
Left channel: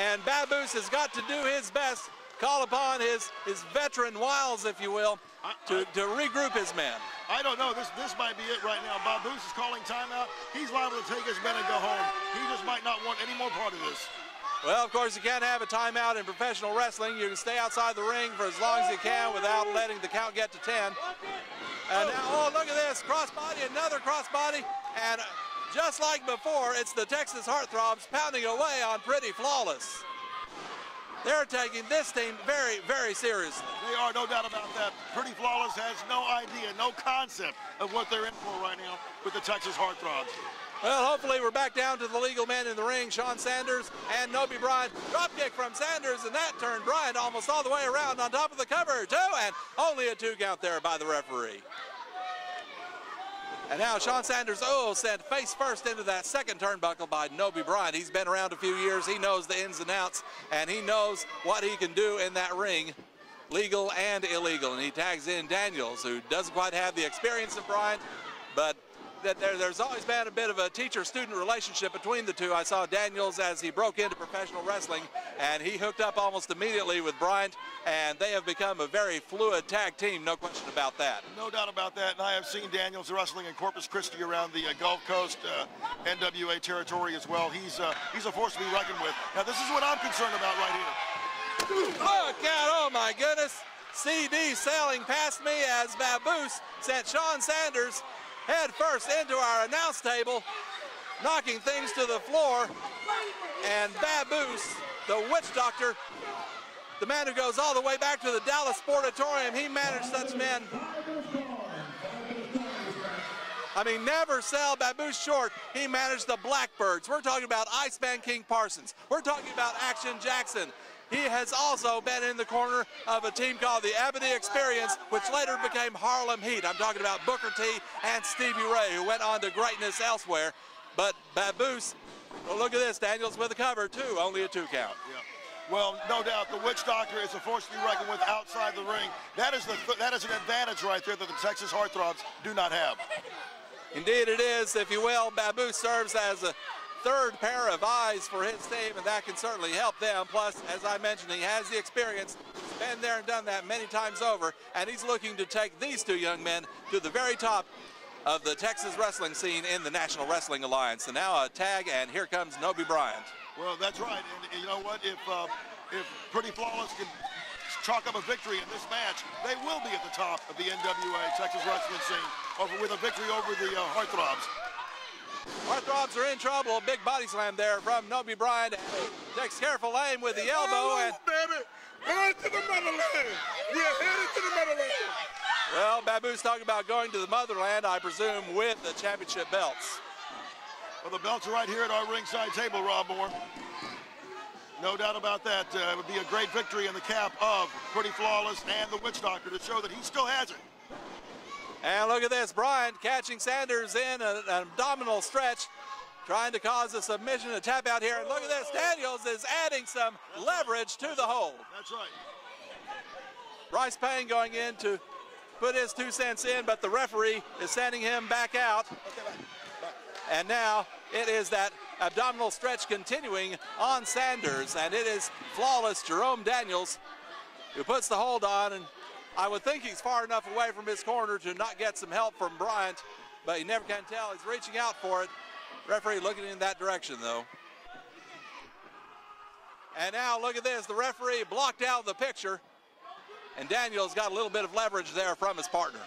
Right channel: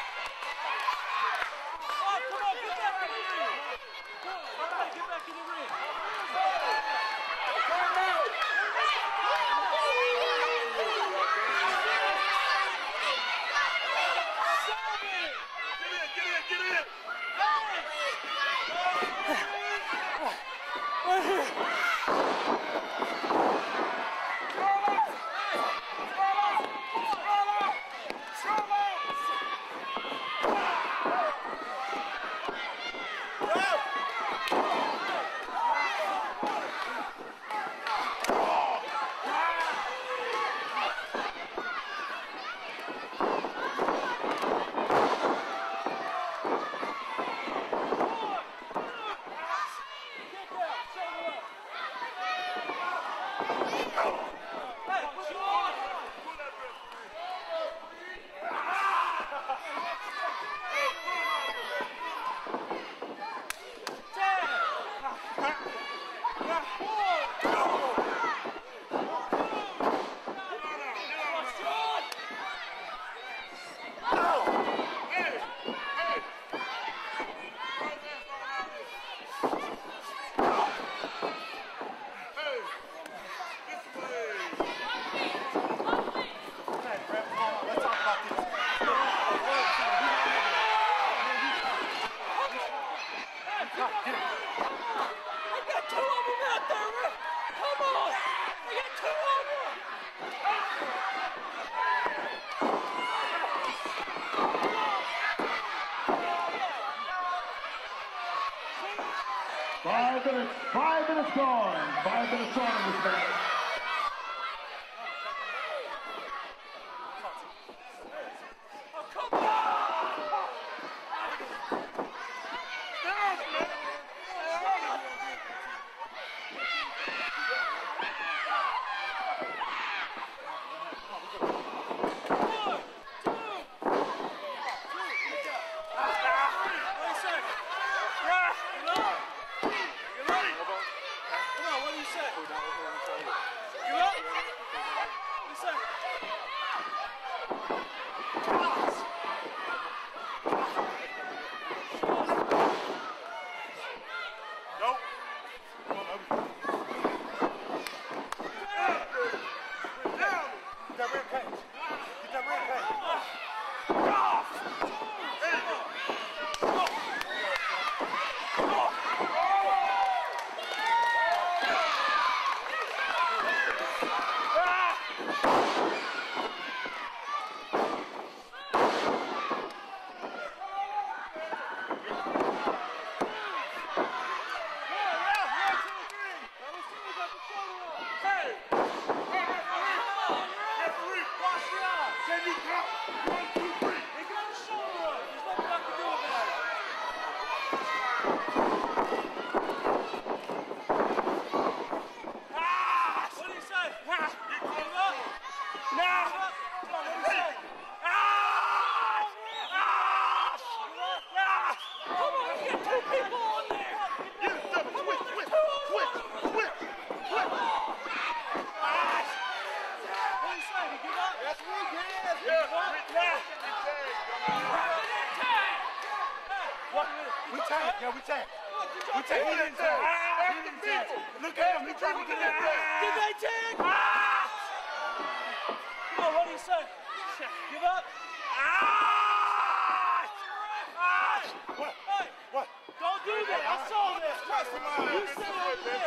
And Baboose has got to do his best, call upon his veteran wiles, if you will, to regroup his men. I don't know, this might be it right now. Baboose is calling time out. He's ready to take his men and go home. He just might not want any more part of this. Well, of course, you can't have a timeout in professional wrestling. You can stay outside the ring for as long as you can without letting the count get to 10. And oh, look at this, crossbody, another crossbody, and just like before, it's the Texas Heartthrobs pounding away on Pretty Flawless. They're taking this team very, very seriously. We are, no doubt about that. Pretty Flawless has no idea, no concept of what they're in for right now with the Texas Heartthrobs. Well, hopefully we're back down to the legal men in the ring, Sean Sanders and Nobi Bryant. Drop kick from Sanders, and that turned Bryant almost all the way around on top of the cover, too, and only a 2 count there by the referee. And now Sean Sanders, sent face first into that second turnbuckle by Nobi Bryant. He's been around a few years. He knows the ins and outs, and he knows what he can do in that ring, legal and illegal. And he tags in Daniels, who doesn't quite have the experience of Bryant, but there's always been a bit of a teacher-student relationship between the two. I saw Daniels as he broke into professional wrestling, and he hooked up almost immediately with Bryant, and they have become a very fluid tag team, no question about that. No doubt about that, and I have seen Daniels wrestling in Corpus Christi around the Gulf Coast, NWA territory as well. He's a force to be reckoned with. Now this is what I'm concerned about right here. Look out, oh my goodness. CD sailing past me as Baboose sent Sean Sanders head first into our announce table, knocking things to the floor. And Baboose, the witch doctor, the man who goes all the way back to the Dallas Sportatorium, he managed such men. 5 minutes gone. 5 minutes gone in this match. I mean, never sell Baboose short. He managed the Blackbirds. We're talking about Iceman King Parsons. We're talking about Action Jackson. He has also been in the corner of a team called the Ebony Experience, which later became Harlem Heat. I'm talking about Booker T and Stevie Ray, who went on to greatness elsewhere. But Baboose, look at this, Daniels with a cover, too, only a 2 count. Well, no doubt, the witch doctor is a force to be reckoned with outside the ring. That is an advantage right there that the Texas Heartthrobs do not have. Indeed it is, if you will. Babu serves as a third pair of eyes for his team, and that can certainly help them. Plus, as I mentioned, he has the experience, been there and done that many times over, and he's looking to take these 2 young men to the very top of the Texas wrestling scene in the National Wrestling Alliance. And now a tag, and here comes Nobi Bryant. Well, that's right. You know what? If Pretty Flawless can chalk up a victory in this match, they will be at the top of the NWA Texas wrestling scene with a victory over the Heartthrobs. Heartthrobs are in trouble. Big body slam there from Nobi Bryant. Takes careful aim with the elbow. And well, Babu's talking about going to the motherland, I presume, with the championship belts. Well, the belts are right here at our ringside table, Rob Moore. No doubt about that. It would be a great victory in the cap of Pretty Flawless and the Witch Doctor to show that he still has it. And look at this, Bryant catching Sanders in an abdominal stretch, trying to cause a submission, a tap out here. And look at this, Daniels is adding some leverage to the hold. That's right. Bryce Payne going in to put his 2 cents in, but the referee is sending him back out. And now it is that abdominal stretch continuing on Sanders, and it is Flawless Jerome Daniels who puts the hold on, and I would think he's far enough away from this corner to not get some help from Bryant, but you never can tell. He's reaching out for it. Referee looking in that direction, though. And now look at this, the referee blocked out the picture, and Daniels got a little bit of leverage there from his partner.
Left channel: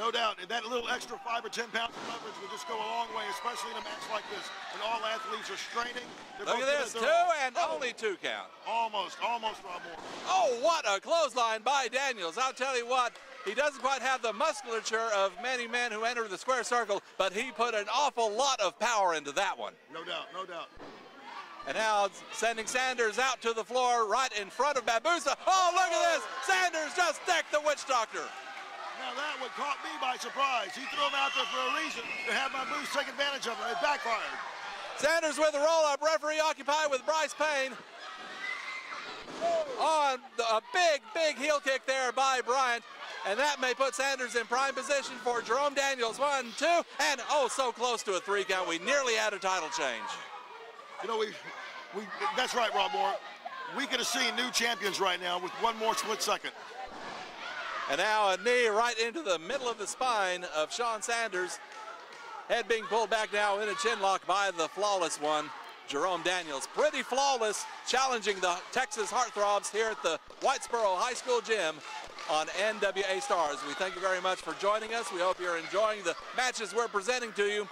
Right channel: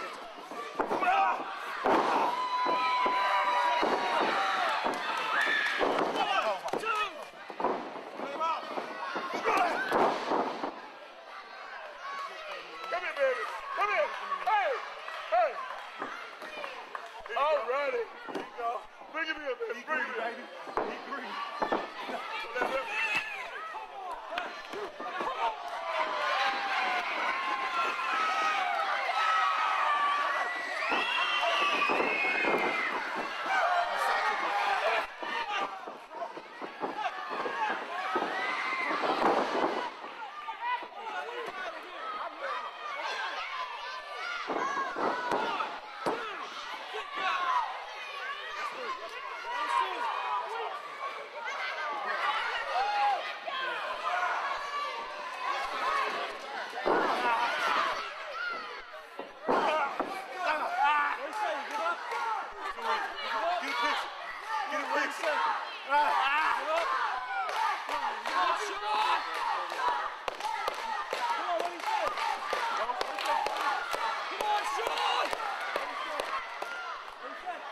No doubt, that little extra 5 or 10 pounds will just go a long way, especially in a match like this. And all athletes are straight. Look at this, 2 and only 2 count. Almost. Oh, what a clothesline by Daniels. I'll tell you what, he doesn't quite have the musculature of many men who enter the square circle, but he put an awful lot of power into that one. No doubt. And now sending Sanders out to the floor right in front of Babusa. Oh, look at this. Sanders just decked the Witch Doctor. Caught me by surprise. He threw him out there for a reason. They have to take advantage of it. Backfire. Sanders with the roll-up. Referee occupied with Bryce Payne. On a big heel kick there by Bryant. And that may put Sanders in prime position for Jerome Daniels. 1, 2, and oh, so close to a 3 count. We nearly had a title change. You know, that's right, Rob Moore. We could have seen new champions right now with 1 more split second. And now a knee right into the middle of the spine of Sean Sanders. Head being pulled back now in a chin lock by the flawless one, Jerome Daniels. Pretty Flawless challenging the Texas Heartthrobs here at the Whitesboro High School Gym on NWA Stars. We thank you very much for joining us. We hope you're enjoying the matches we're presenting to you.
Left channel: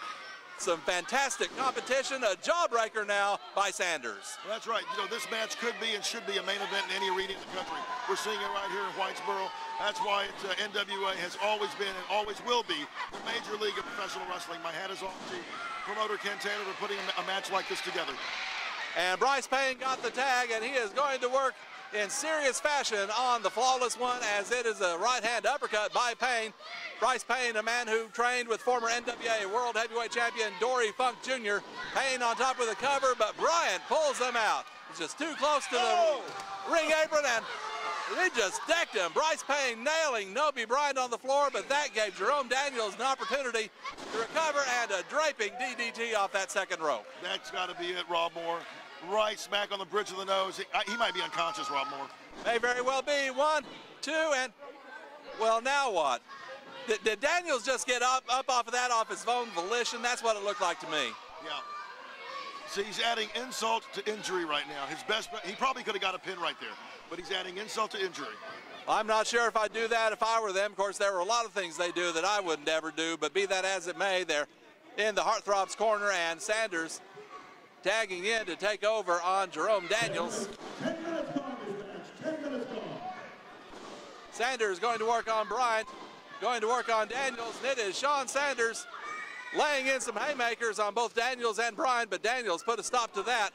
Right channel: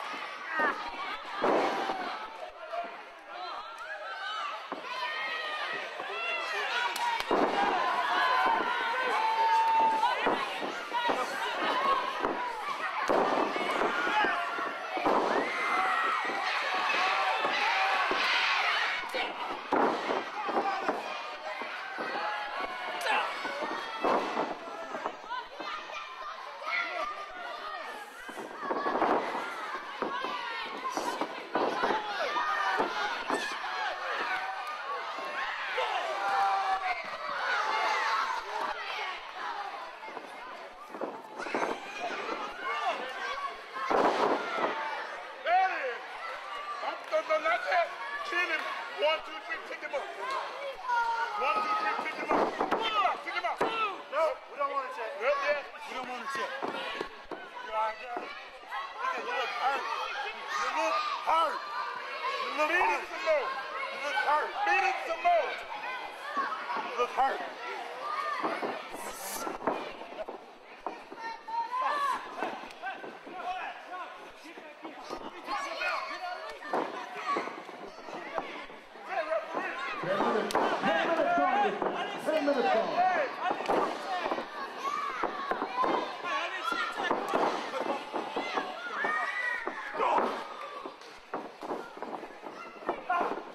Some fantastic competition, a jawbreaker now by Sanders. That's right. You know, this match could be and should be a main event in any arena. We're seeing it right here in Whitesboro. That's why NWA has always been and always will be a major league in professional wrestling. My hat is off to promoter Ken Taylor for putting a match like this together. And Bryce Payne got the tag, and he is going to work in serious fashion on the flawless one, as it is a right-hand uppercut by Payne. Bryce Payne, a man who trained with former NWA World Heavyweight Champion Dory Funk Jr. Payne on top of the cover, but Bryant pulls him out. It's just too close to the ring apron, and he just decked him. Bryce Payne nailing Nobi Bryant on the floor, but that gave Jerome Daniels an opportunity to recover and a draping DDT off that second rope. That's got to be it, Rob Moore. Right smack on the bridge of the nose. He might be unconscious, Rob Moore. May very well be. 1, 2, and well, now what? Did Daniels just get up off of that off his own volition? That's what it looked like to me. So he's adding insult to injury right now. His best, he probably could have got a pin right there, but he's adding insult to injury. I'm not sure if I'd do that if I were them. Of course, there were a lot of things they do that I would never do, but be that as it may, they're in the Heartthrobs corner, and Sanders tagging in to take over on Jerome Daniels. Sanders going to work on Bryant, going to work on Daniels. It is Sean Sanders laying in some haymakers on both Daniels and Bryant, but Daniels put a stop to that.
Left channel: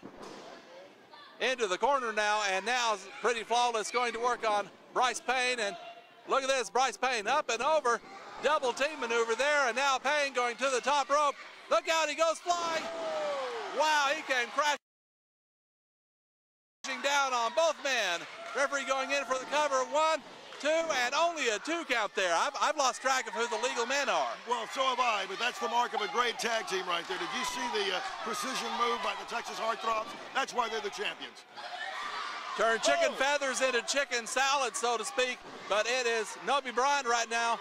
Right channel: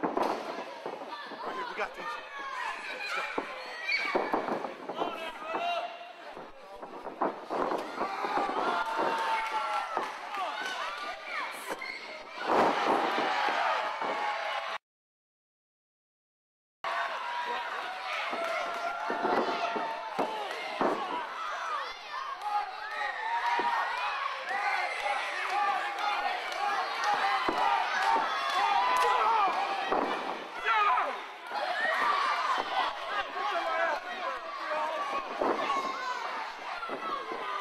Into the corner now, and now Pretty Flawless going to work on Bryce Payne, and look at this, Bryce Payne up and over, double team maneuver there, and now Payne going to the top rope. Look out, he goes flying. Wow, he came crashing down on both men. Referee going in for the cover. 1, 2, and only a 2 count there. I've lost track of who the legal men are. Well, so have I, but that's the mark of a great tag team right there. Did you see the precision move by the Texas Heartthrobs? That's why they're the champions. Turn chicken feathers into chicken salad, so to speak, but it is Nobi Bryant right now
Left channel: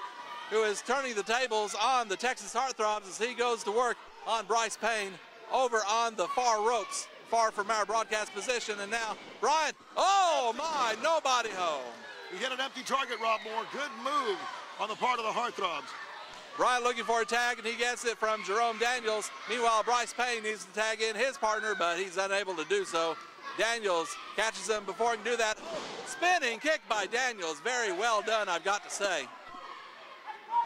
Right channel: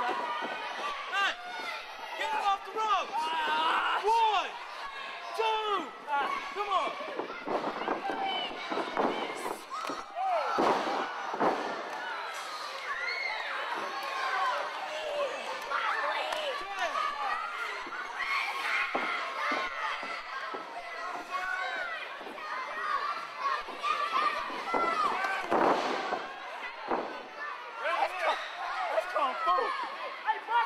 who is turning the tables on the Texas Heartthrobs as he goes to work on Bryce Payne over on the far ropes, far from our broadcast position. And now Bryant, oh my, nobody home. We hit an empty target, Rob Moore. Good move on the part of the Heartthrobs. Bryant looking for a tag, and he gets it from Jerome Daniels. Meanwhile, Bryce Payne needs to tag in his partner, but he's unable to do so. Daniels catches him before he can do that. Spinning kick by Daniels. Very well done, I've got to say.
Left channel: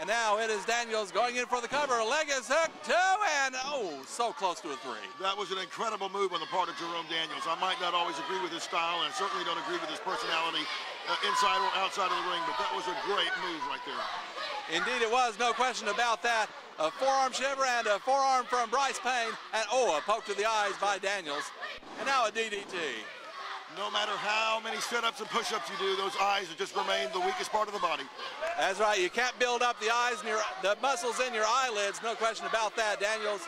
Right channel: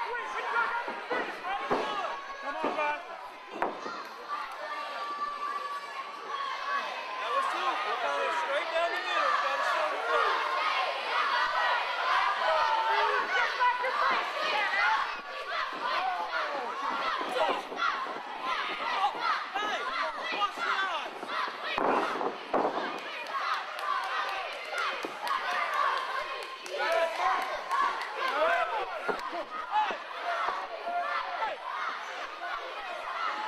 And now it is Daniels going in for the cover. A leg is hooked, 2, and oh, so close to a 3. That was an incredible move on the part of Jerome Daniels. I might not always agree with his style, and certainly don't agree with his personality inside or outside of the ring, but that was a great move right there. Indeed it was, no question about that. A forearm shiver and a forearm from Bryce Payne, and oh, a poke to the eyes by Daniels. Now a DDT. No matter how many sit-ups and push-ups you do, those eyes are just remain the weakest part of the body. That's right, you can't build up the eyes and the muscles in your eyelids, no question about that. Daniels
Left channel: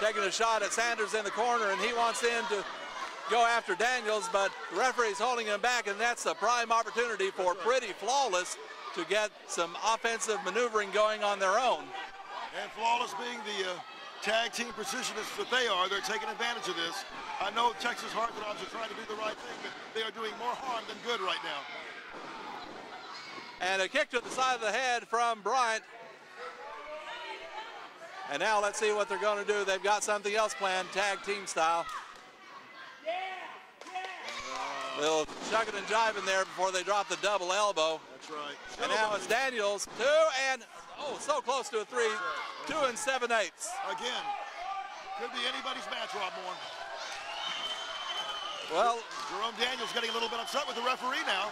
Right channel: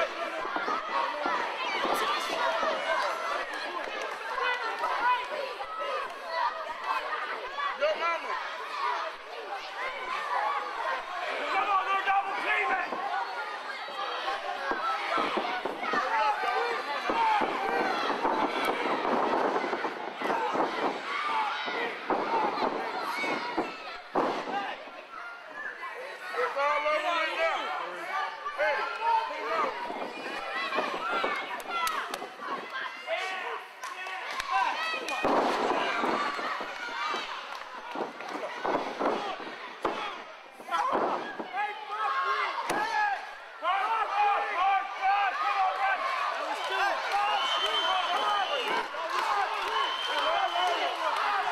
taking a shot at Sanders in the corner, and he wants him to go after Daniels, but the referee's holding him back, and that's a prime opportunity for Pretty Flawless to get some offensive maneuvering going on their own. And Flawless being the tag team precisionist that they are, they're taking advantage of this. I know Texas Heartthrobs, they are doing more harm than good right now. And a kick to the side of the head from Bryant. And now let's see what they're going to do. They've got something else planned, tag team style. Little shucking and jiving there before they drop the double elbow. And now it's Daniels, 2, and oh, so close to a 3, 2 7/8. Again, could be anybody's match right now. Well, Jerome Daniels getting a little bit upset with the referee now.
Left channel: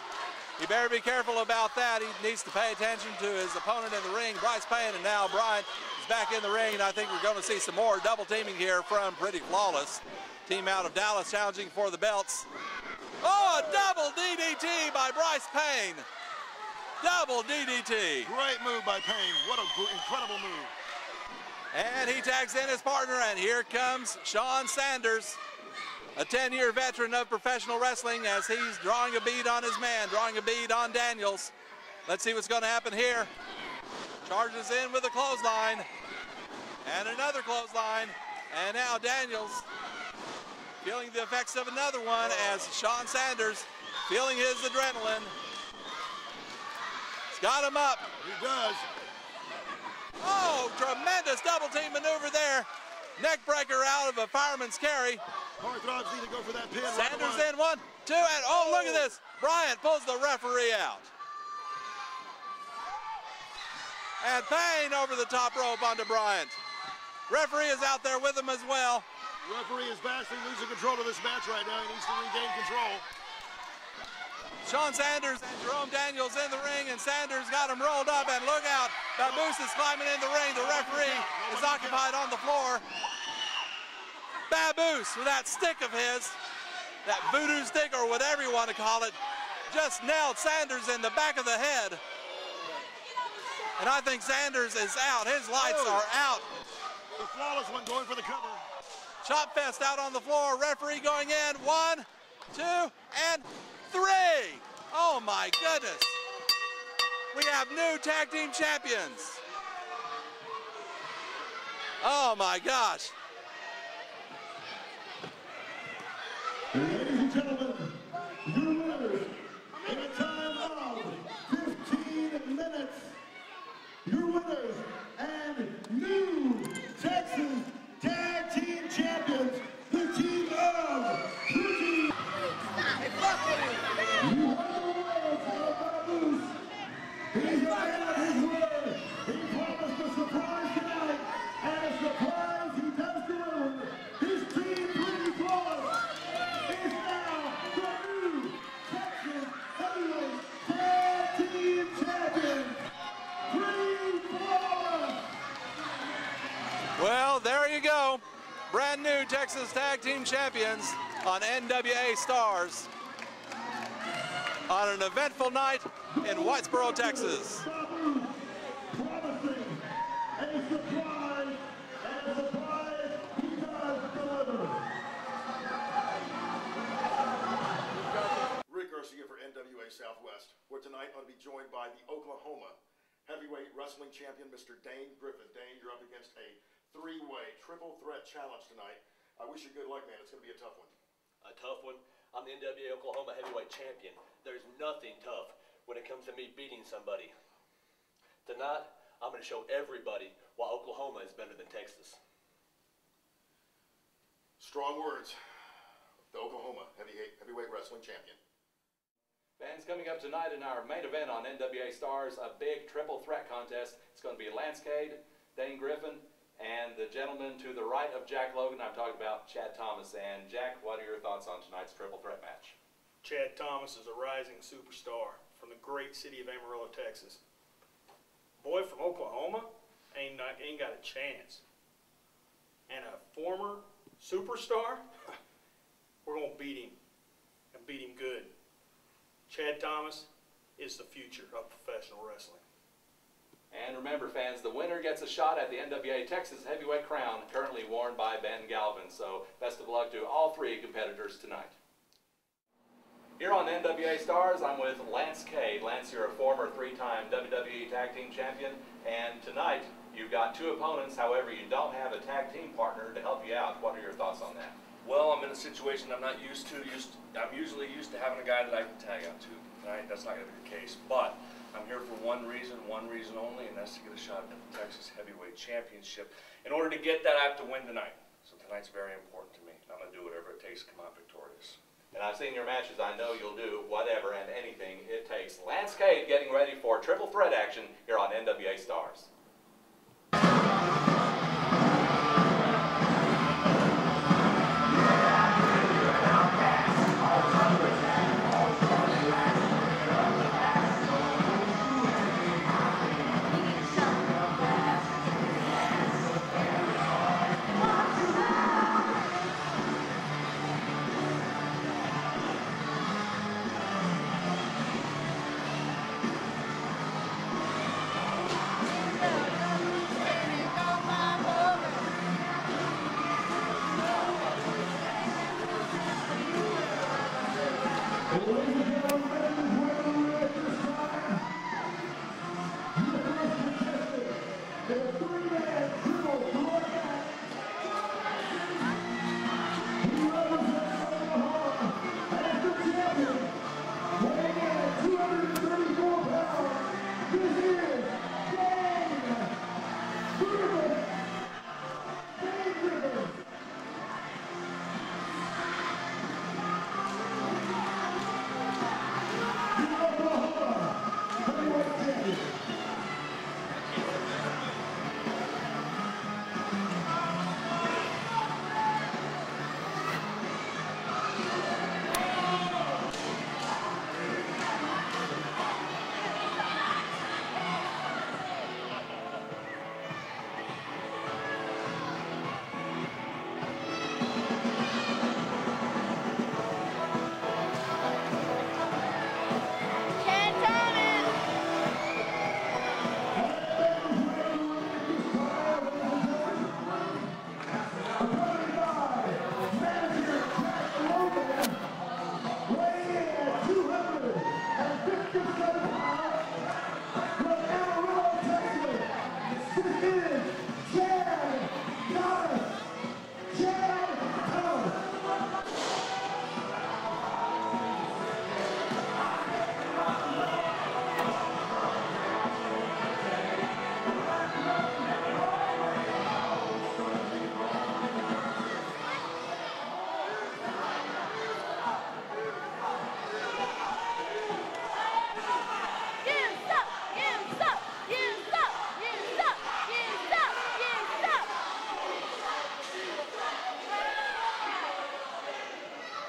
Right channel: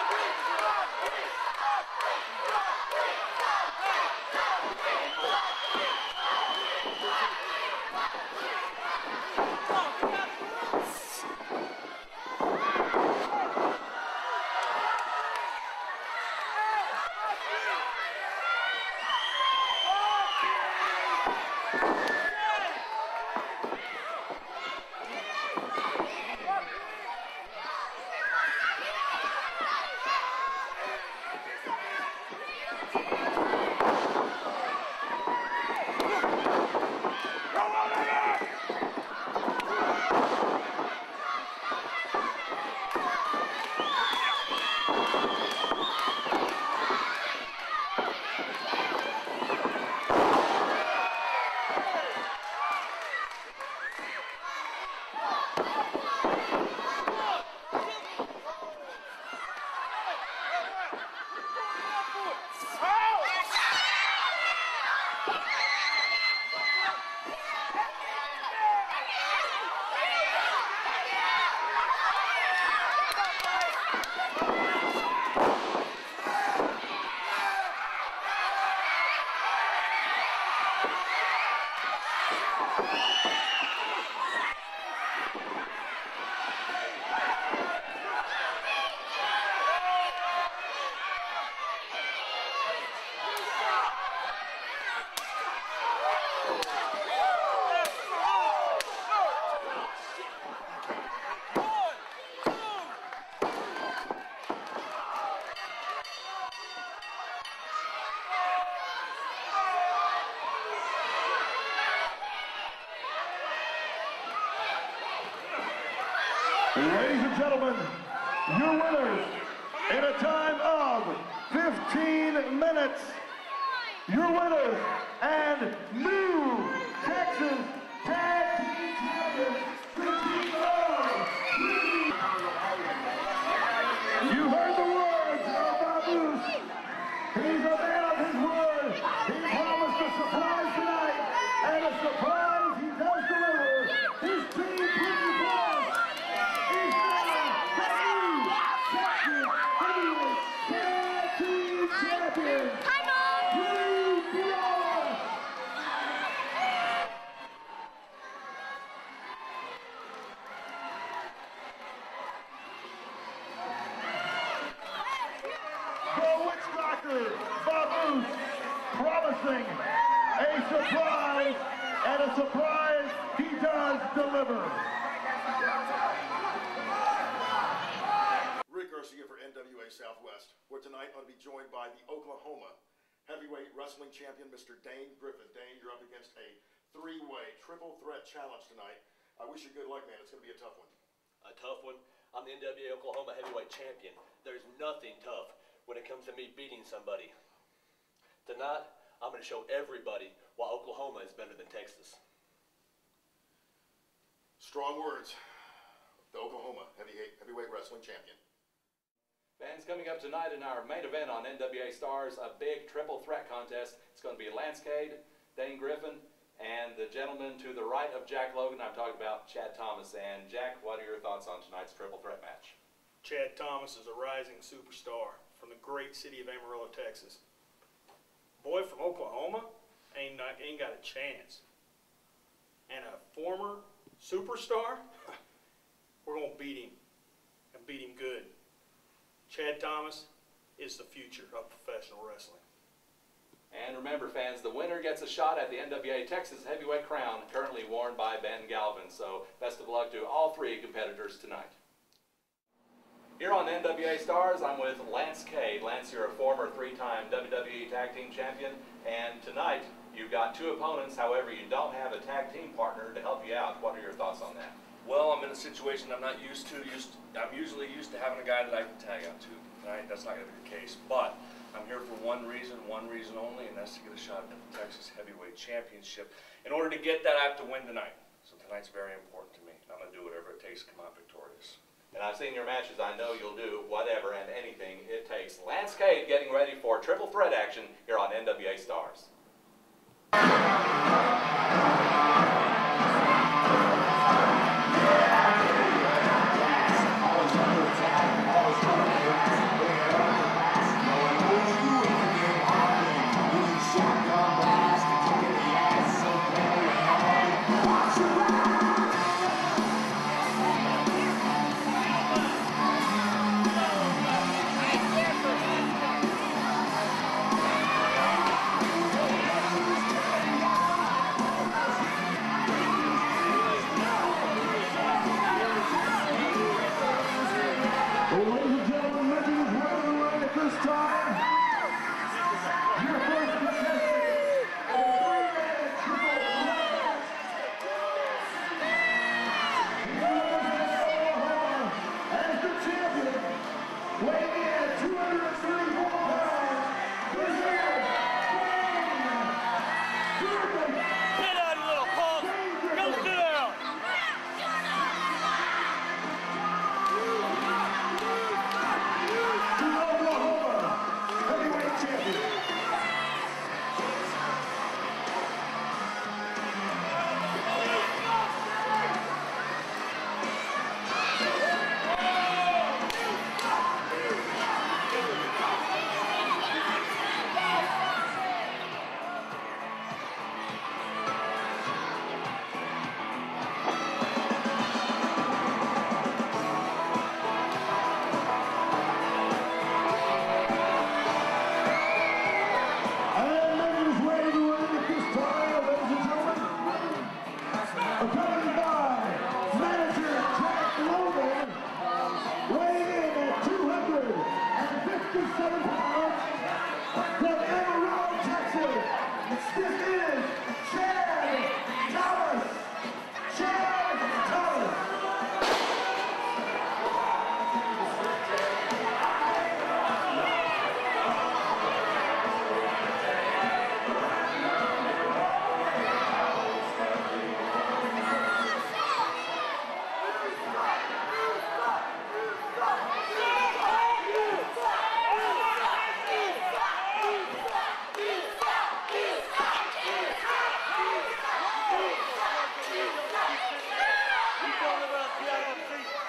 You better be careful about that. He needs to pay attention to his opponent in the ring, Bryce Payne. And now Bryant is back in the ring. I think we're going to see some more double teaming here from Pretty Flawless. Team out of Dallas challenging for the belts. Oh, a double DDT by Bryce Payne. Double DDT. Great move by Payne. What an incredible move. And he tags in his partner, and here comes Sean Sanders, a 10-year veteran of professional wrestling, as he's drawing a bead on his man, drawing a bead on Daniels. Let's see what's going to happen here. Charges in with a clothesline, and another clothesline, and now Daniels feeling the effects of another one as Sean Sanders feeling his adrenaline. He's got him up. He does. Oh, tremendous double team maneuver there. Neck breaker out of a fireman's carry. Sanders in, 1, 2, and oh, look at this. Bryant pulls the referee out. And Payne over the top rope onto Bryant. Referee is out there with him as well. The referee is vastly losing control of this match right now. He needs to regain control. Sean Sanders, Jerome Daniels in the ring, and Sanders got him rolled up, and look out. Caboose is climbing in the ring. The referee is occupied on the floor. Baboose, with that stick of his, that voodoo stick or whatever you want to call it, just nailed Sanders in the back of the head. And I think Sanders is out. His lights are out. Chop fest out on the floor. Referee going in. 1, 2, and 3. Oh my goodness. We have new tag team champions. Oh my gosh. Ladies and gentlemen, your winners in a time of 15 minutes. Your winners and new Texas Tag Team Champions, the team of Rudy. You heard the words of Baboose. He's the man of his word. He promised a surprise tonight, and a surprise he does deliver. His team, Pretty Flawless, is now the new Texas Heavyweight Tag Team Champions. Tag Team Champions on NWA Stars on an eventful night in Whitesboro, Texas. Babu promising a surprise, and a surprise he does deliver. Rick Garcia for NWA Southwest. We're tonight going to be joined by the Oklahoma heavyweight wrestling champion, Mr. Dane Griffin. Dane, you're up against a three-way triple threat challenge tonight. I wish you good luck, man. It's going to be a tough one. A tough one? I'm the NWA Oklahoma heavyweight champion. There's nothing tough when it comes to me beating somebody. Tonight, I'm going to show everybody why Oklahoma is better than Texas. Strong words. The Oklahoma heavyweight wrestling champion. Fans, coming up tonight in our main event on NWA Stars, a big triple threat contest. It's going to be Cade, Dane Griffin, and the gentleman to the right of Jack Logan. I'm talking about Chad Thomas. And Jack, what are your thoughts on tonight's triple threat match? Chad Thomas is a rising superstar from the great city of Amarillo, Texas. Boy from Oklahoma ain't got a chance. And a former superstar, we're going to beat him, and beat him good. Chad Thomas is the future of professional wrestling. And remember, fans, the winner gets a shot at the NWA Texas Heavyweight Crown, currently worn by Ben Galvin. So best of luck to all three competitors tonight. Here on NWA Stars, I'm with Cade. Lance, you're a former three-time WWE Tag Team Champion, and tonight you've got two opponents. However, you don't have a tag team partner to help you out. What are your thoughts on that? Well, I'm in a situation I'm not used to. I'm usually used to having a guy that I can tag out to. Tonight, that's not going to be the case. But I'm here for one reason only, and that's to get a shot at the Texas Heavyweight Championship. In order to get that, I have to win tonight. So tonight's very important to me. I'm going to do whatever it takes to come out victorious. And I've seen your matches. I know you'll do whatever and anything it takes. Cade getting ready for triple threat action here on NWA Stars.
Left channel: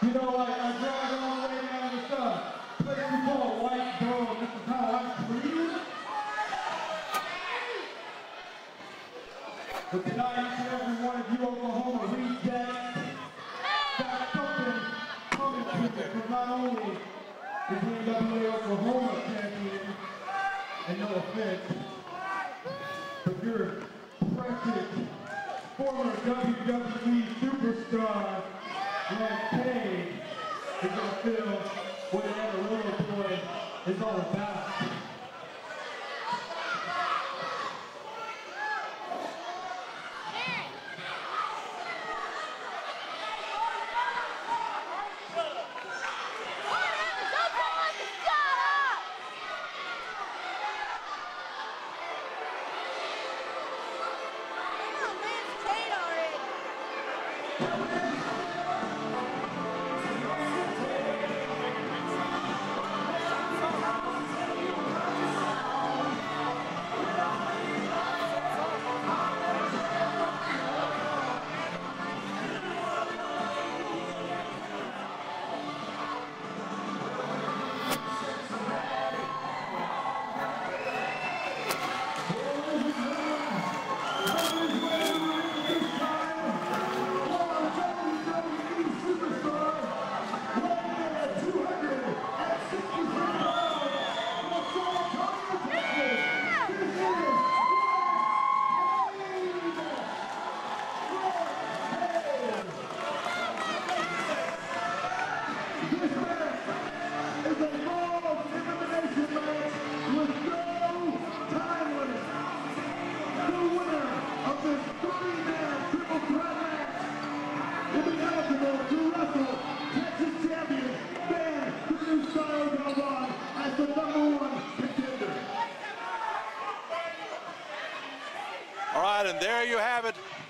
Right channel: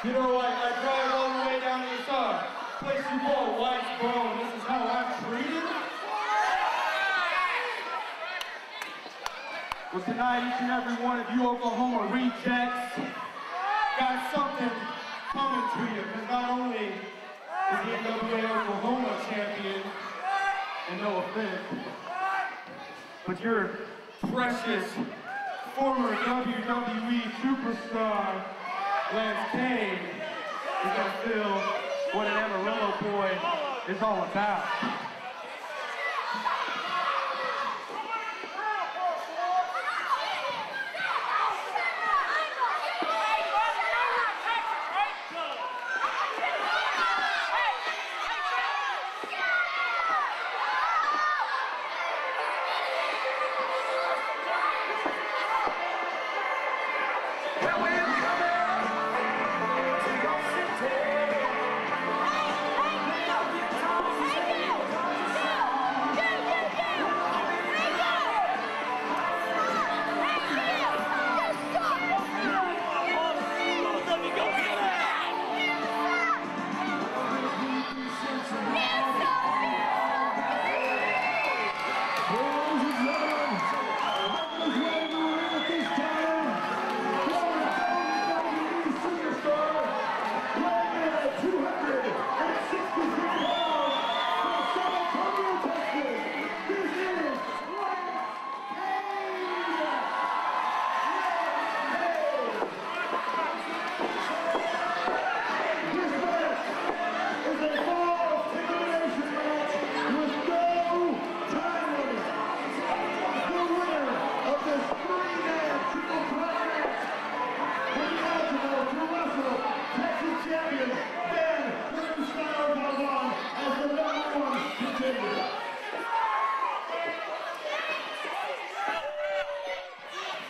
You know, I drive all the way down to this place we call Whitesboro, and this is how I'm treated. But tonight, each and every one of you Oklahoma rejects former WWE superstar Cade is going to feel what an Amarillo boy is all about.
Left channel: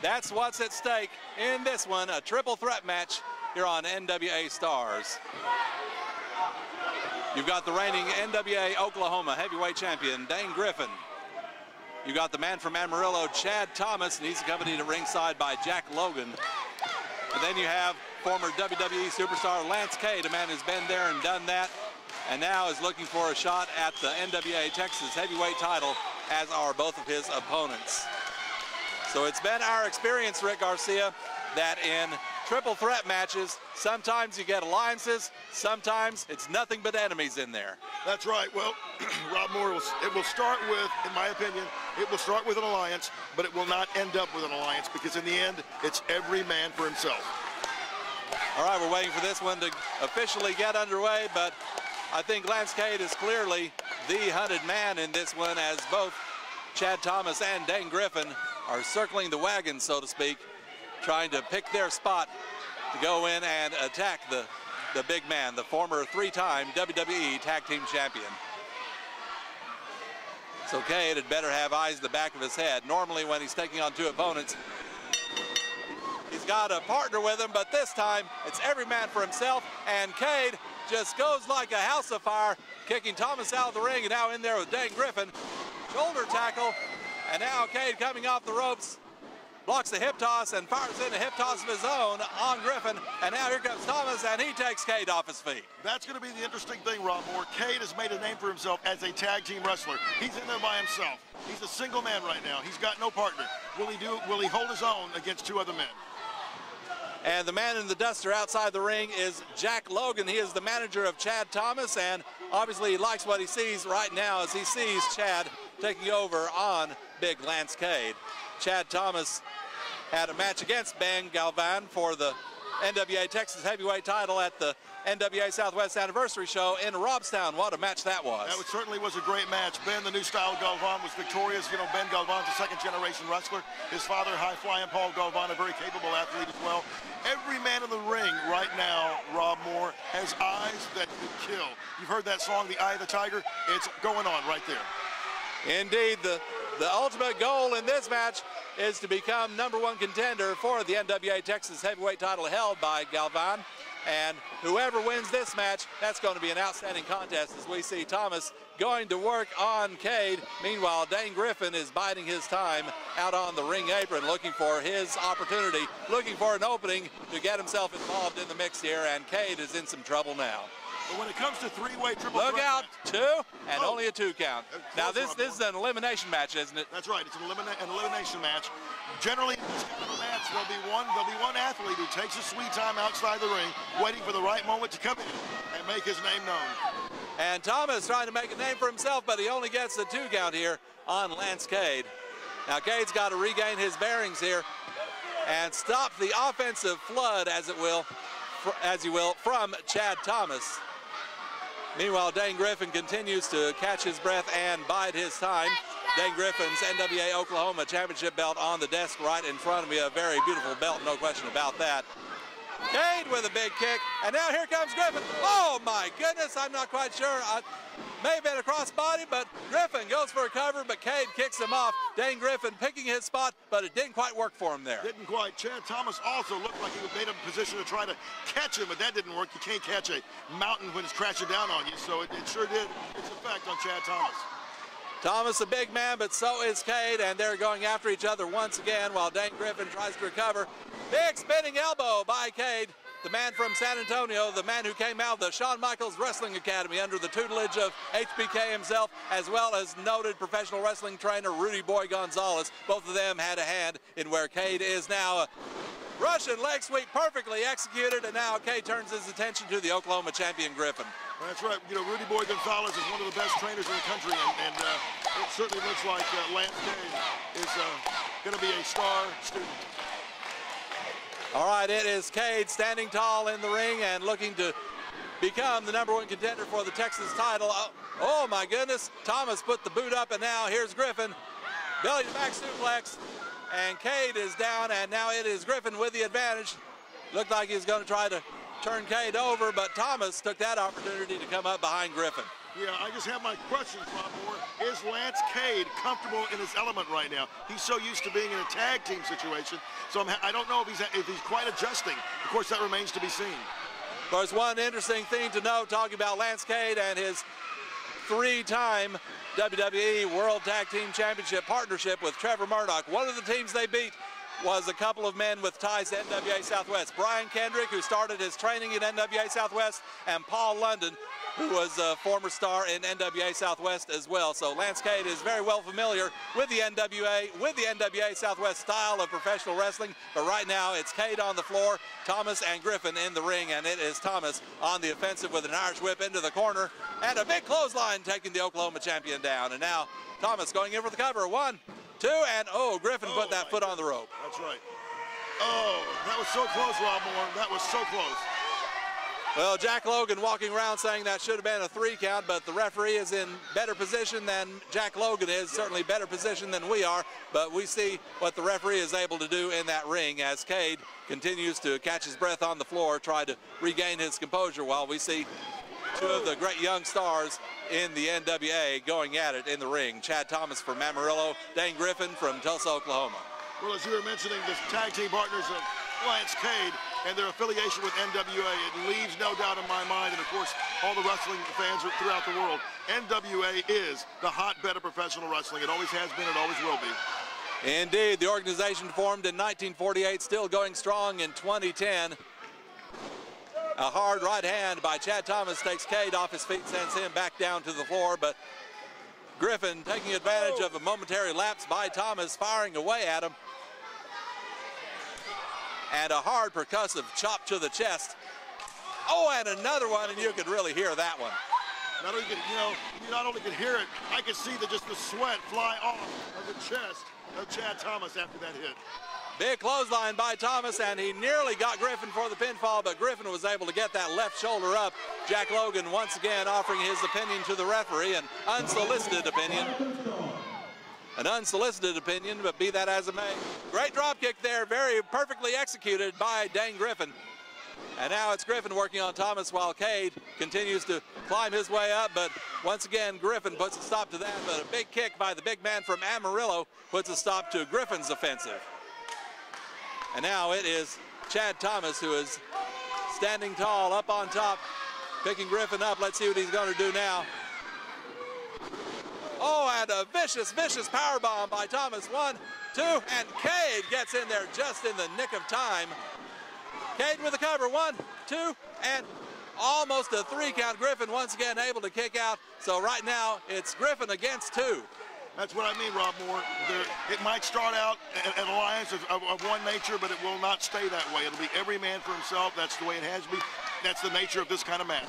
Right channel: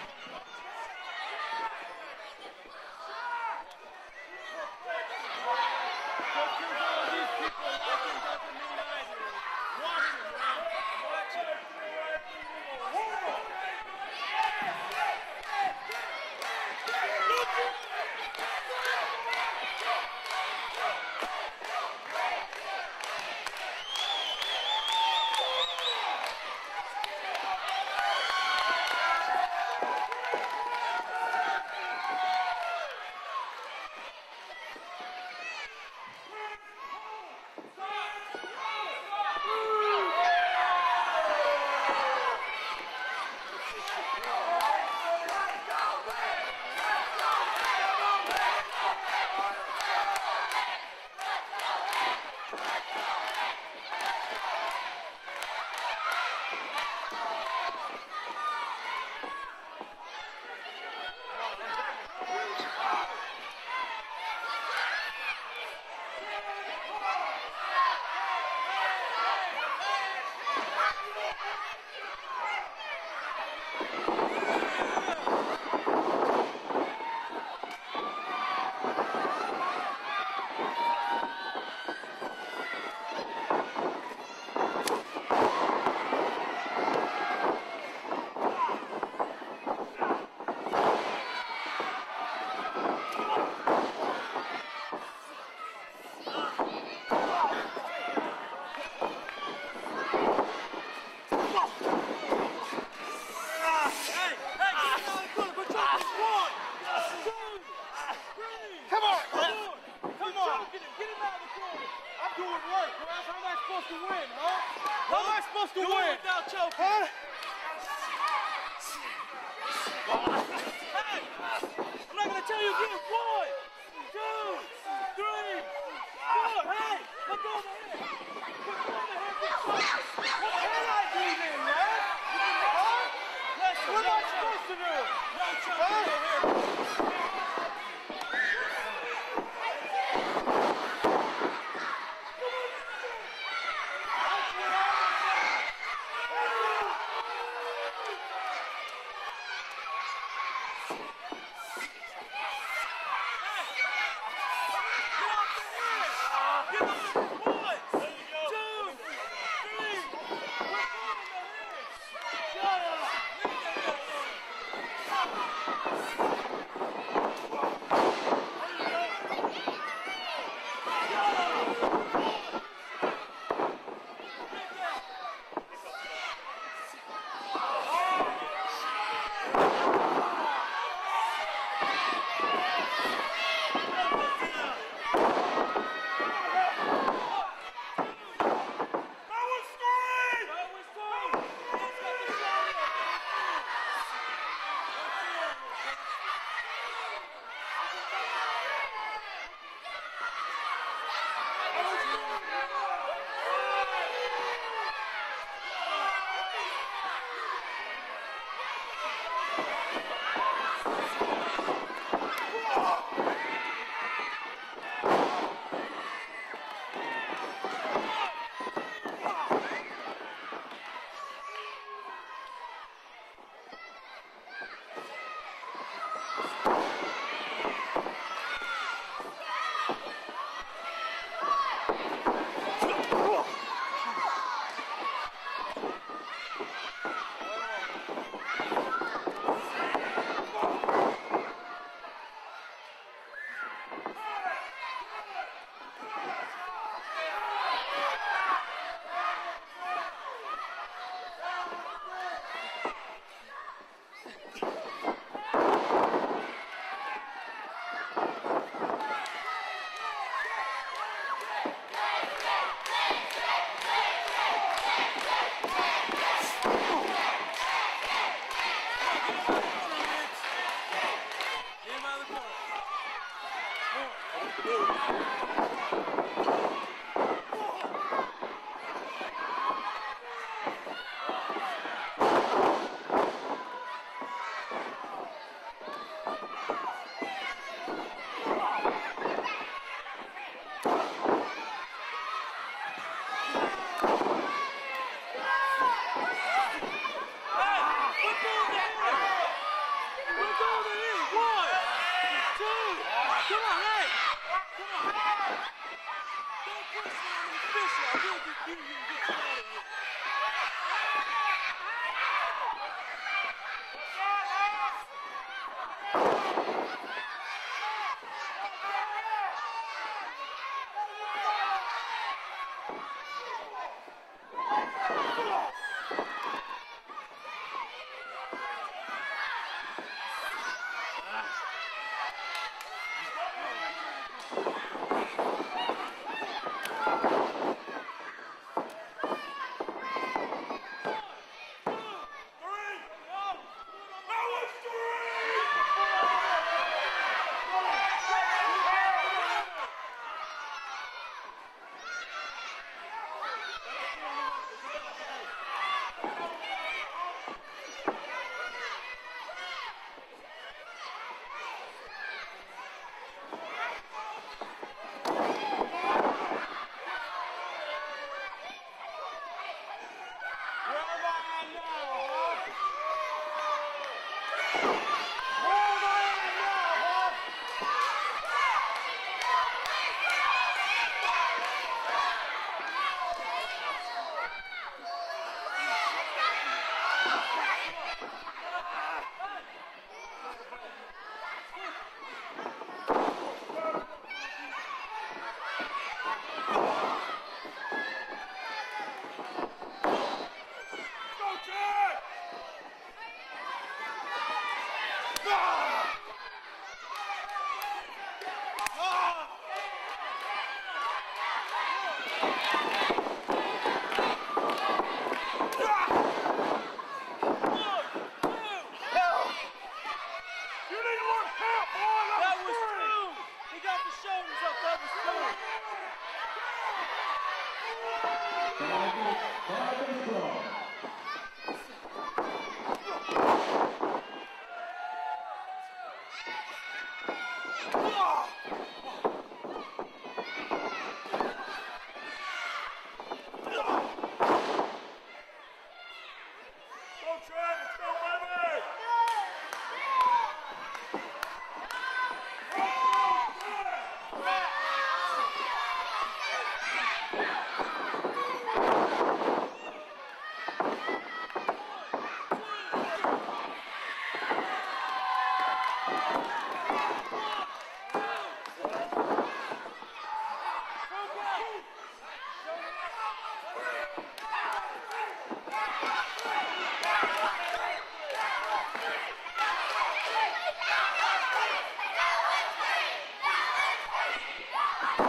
That's what's at stake in this one, a triple threat match here on NWA Stars. You've got the reigning NWA Oklahoma heavyweight champion, Dane Griffin. You got the man from Amarillo, Chad Thomas, and he's accompanied at ringside by Jack Logan. And then you have former WWE superstar Lance Cade, a man who's been there and done that, and now is looking for a shot at the NWA Texas heavyweight title, as are both of his opponents. So it's been our experience, Rick Garcia, that in triple threat matches, sometimes you get alliances, sometimes it's nothing but enemies in there. That's right. Well, Rob Moore, it will start with, in my opinion, it will start with an alliance, but it will not end up with an alliance, because in the end, it's every man for himself. All right, we're waiting for this one to officially get underway, but I think Lance Cade is clearly the hunted man in this one, as both Chad Thomas and Dane Griffin are circling the wagon, so to speak, trying to pick their spot to go in and attack the big man, the former three-time WWE Tag Team Champion. So Cade had better have eyes in the back of his head. Normally when he's taking on two opponents, he's got a partner with him, but this time it's every man for himself, and Cade just goes like a house of fire, kicking Thomas out of the ring, and now in there with Dane Griffin. Shoulder tackle, and now Cade coming off the ropes, blocks the hip toss and fires in a hip toss of his own on Griffin, and now here comes Thomas, and he takes Cade off his feet. That's going to be the interesting thing, Rob. Cade has made a name for himself as a tag team wrestler. He's in there by himself. He's a single man right now. He's got no partner. Will he hold his own against two other men? And the man in the duster outside the ring is Jack Logan. He is the manager of Chad Thomas, and obviously he likes what he sees right now as he sees Chad taking over on big Lance Cade. Chad Thomas had a match against Ben Galvan for the NWA Texas heavyweight title at the NWA Southwest Anniversary Show in Robstown. What a match that was. That certainly was a great match. Ben, the new style Galvan, was victorious. You know, Ben Galvan, the second-generation wrestler. His father, high-flying Paul Galvan, a very capable athlete as well. Every man in the ring right now, Rob Moore, has eyes that will kill. You've heard that song, The Eye of the Tiger? It's going on right there. Indeed, the ultimate goal in this match is to become #1 contender for the NWA Texas heavyweight title held by Galvan. And whoever wins this match, that's going to be an outstanding contest as we see Thomas going to work on Cade. Meanwhile, Dane Griffin is biding his time out on the ring apron, looking for his opportunity, looking for an opening to get himself involved in the mix here, and Cade is in some trouble now. When it comes to three-way triple look out, two, and only a 2 count. Now this is an elimination match, isn't it? That's right, it's an elimination match. Generally, there'll be one athlete who takes his sweet time outside the ring, waiting for the right moment to come in and make his name known. And Thomas trying to make a name for himself, but he only gets the 2 count here on Lance Cade. Now Cade's got to regain his bearings here. and stop the offensive flood, as you will, from Chad Thomas. Meanwhile, Dane Griffin continues to catch his breath and bide his time. Dane Griffin's NWA Oklahoma Championship belt on the desk right in front of me. A very beautiful belt, no question about that. Cade with a big kick, and now here comes Griffin. Oh my goodness, I'm not quite sure. May have been a crossbody, but Griffin goes for a cover, but Cade kicks him off. Dane Griffin picking his spot, but it didn't quite work for him there. Didn't quite. Chad Thomas also looked like he was made in a position to try to catch him, but that didn't work. You can't catch a mountain when it's crashing down on you, so it sure did effect on Chad Thomas. Thomas a big man, but so is Cade, and they're going after each other once again while Dane Griffin tries to recover. Big spinning elbow by Cade, the man from San Antonio, the man who came out of the Shawn Michaels Wrestling Academy under the tutelage of HBK himself, as well as noted professional wrestling trainer Rudy Boy Gonzalez. Both of them had a hand in where Cade is now. Russian leg sweep perfectly executed, and now Cade turns his attention to the Oklahoma champion Griffin. That's right. You know, Rudy Boy Gonzalez is one of the best trainers in the country, and it certainly looks like Lance is going to be a star. All right, it is Cade standing tall in the ring and looking to become the #1 contender for the Texas title. Oh my goodness, Thomas put the boot up, and now here's Griffin. Belly back suplex, and Cade is down, and now it is Griffin with the advantage. Looked like he's going to try to turn Cade over, but Thomas took that opportunity to come up behind Griffin. Yeah, I just have my question. Is Lance Cade comfortable in his element right now? He's so used to being in a tag team situation, so I don't know if he's quite adjusting. Of course, that remains to be seen. Of course, one interesting thing to note, talking about Lance Cade and his 3-time WWE World Tag Team Championship partnership with Trevor Murdoch. One of the teams they beat was a couple of men with ties to NWA Southwest. Brian Kendrick, who started his training in NWA Southwest, and Paul London, who was a former star in NWA Southwest as well. So Lance Cade is very well familiar with the NWA Southwest style of professional wrestling. But right now, it's Cade on the floor, Thomas and Griffin in the ring, and it is Thomas on the offensive with an Irish whip into the corner, and a big clothesline taking the Oklahoma champion down. And now Thomas going in for the cover. 1, 2, and oh, Griffin put that foot on the rope. That's right. Oh, that was so close, Rob Moore. That was so close. Well, Jack Logan walking around saying that should have been a 3 count, but the referee is in better position than Jack Logan is, certainly better position than we are, but we see what the referee is able to do in that ring as Cade continues to catch his breath on the floor, try to regain his composure while we see 2 of the great young stars in the NWA going at it in the ring. Chad Thomas from Amarillo, Dane Griffin from Tulsa, Oklahoma. Well, as you were mentioning, the tag team partners of Lance Cade and their affiliation with NWA, it leaves no doubt in my mind, and of course, all the wrestling fans throughout the world, NWA is the hotbed of professional wrestling. It always has been, it always will be. Indeed, the organization formed in 1948, still going strong in 2010. A hard right hand by Chad Thomas takes Cade off his feet, sends him back down to the floor, but Griffin taking advantage of a momentary lapse by Thomas, firing away at him. And a hard percussive chop to the chest. Oh, and another one, and you could really hear that one. Not only could hear it, I could see just the sweat fly off the chest of Chad Thomas after that hit. Big clothesline by Thomas, and he nearly got Griffin for the pinfall, but Griffin was able to get that left shoulder up. Jack Logan once again offering his opinion to the referee, an unsolicited opinion. An unsolicited opinion, but be that as it may. Great drop kick there, very perfectly executed by Dane Griffin. And now it's Griffin working on Thomas while Cade continues to climb his way up, but once again, Griffin puts a stop to that, but a big kick by the big man from Amarillo puts a stop to Griffin's offensive. And now it is Chad Thomas who is standing tall up on top, picking Griffin up. Let's see what he's going to do now. Oh, and a vicious, vicious powerbomb by Thomas. 1, 2, and Cade gets in there just in the nick of time. Cade with the cover. 1, 2, and almost a 3 count. Griffin once again able to kick out. So right now it's Griffin against 2. That's what I mean, Rob Moore. It might start out an alliance of one nature, but it will not stay that way. It'll be every man for himself. That's the way it has to be. That's the nature of this kind of match.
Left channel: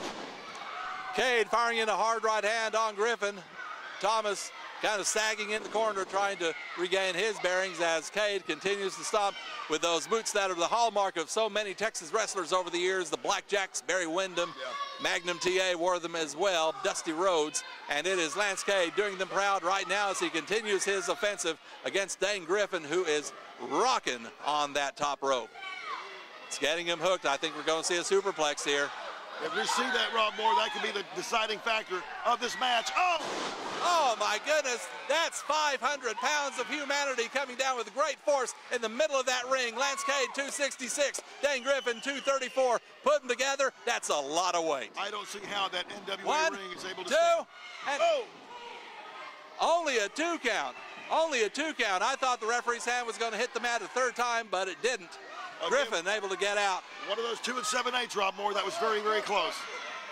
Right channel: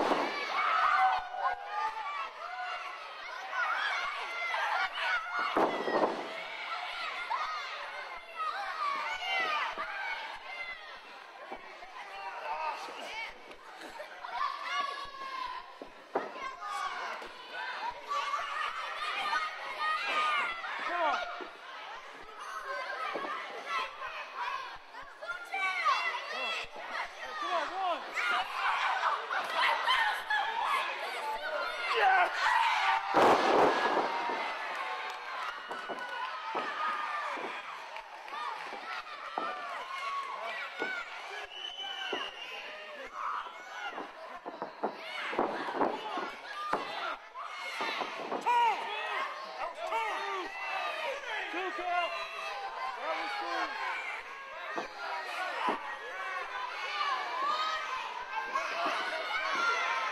Cade firing in a hard right hand on Griffin. Thomas kind of sagging in the corner, trying to regain his bearings as Cade continues to stomp with those boots that are the hallmark of so many Texas wrestlers over the years. The Blackjacks, Barry Windham, Magnum TA wore them as well, Dusty Rhodes, and it is Lance Cade doing them proud right now as he continues his offensive against Dane Griffin, who is rocking on that top rope. It's getting him hooked. I think we're going to see a superplex here. If we see that, Rob Moore, that could be the deciding factor of this match. Oh, my goodness. That's 500 pounds of humanity coming down with great force in the middle of that ring. Lance Cade, 266. Dane Griffin, 234. Put them together, that's a lot of weight. I don't see how that NWA ring is able to Only a 2 count. Only a 2 count. I thought the referee's hand was going to hit the mat a 3rd time, but it didn't. Griffin able to get out. One of those 2 7/8, Rob Moore. That was very, very close.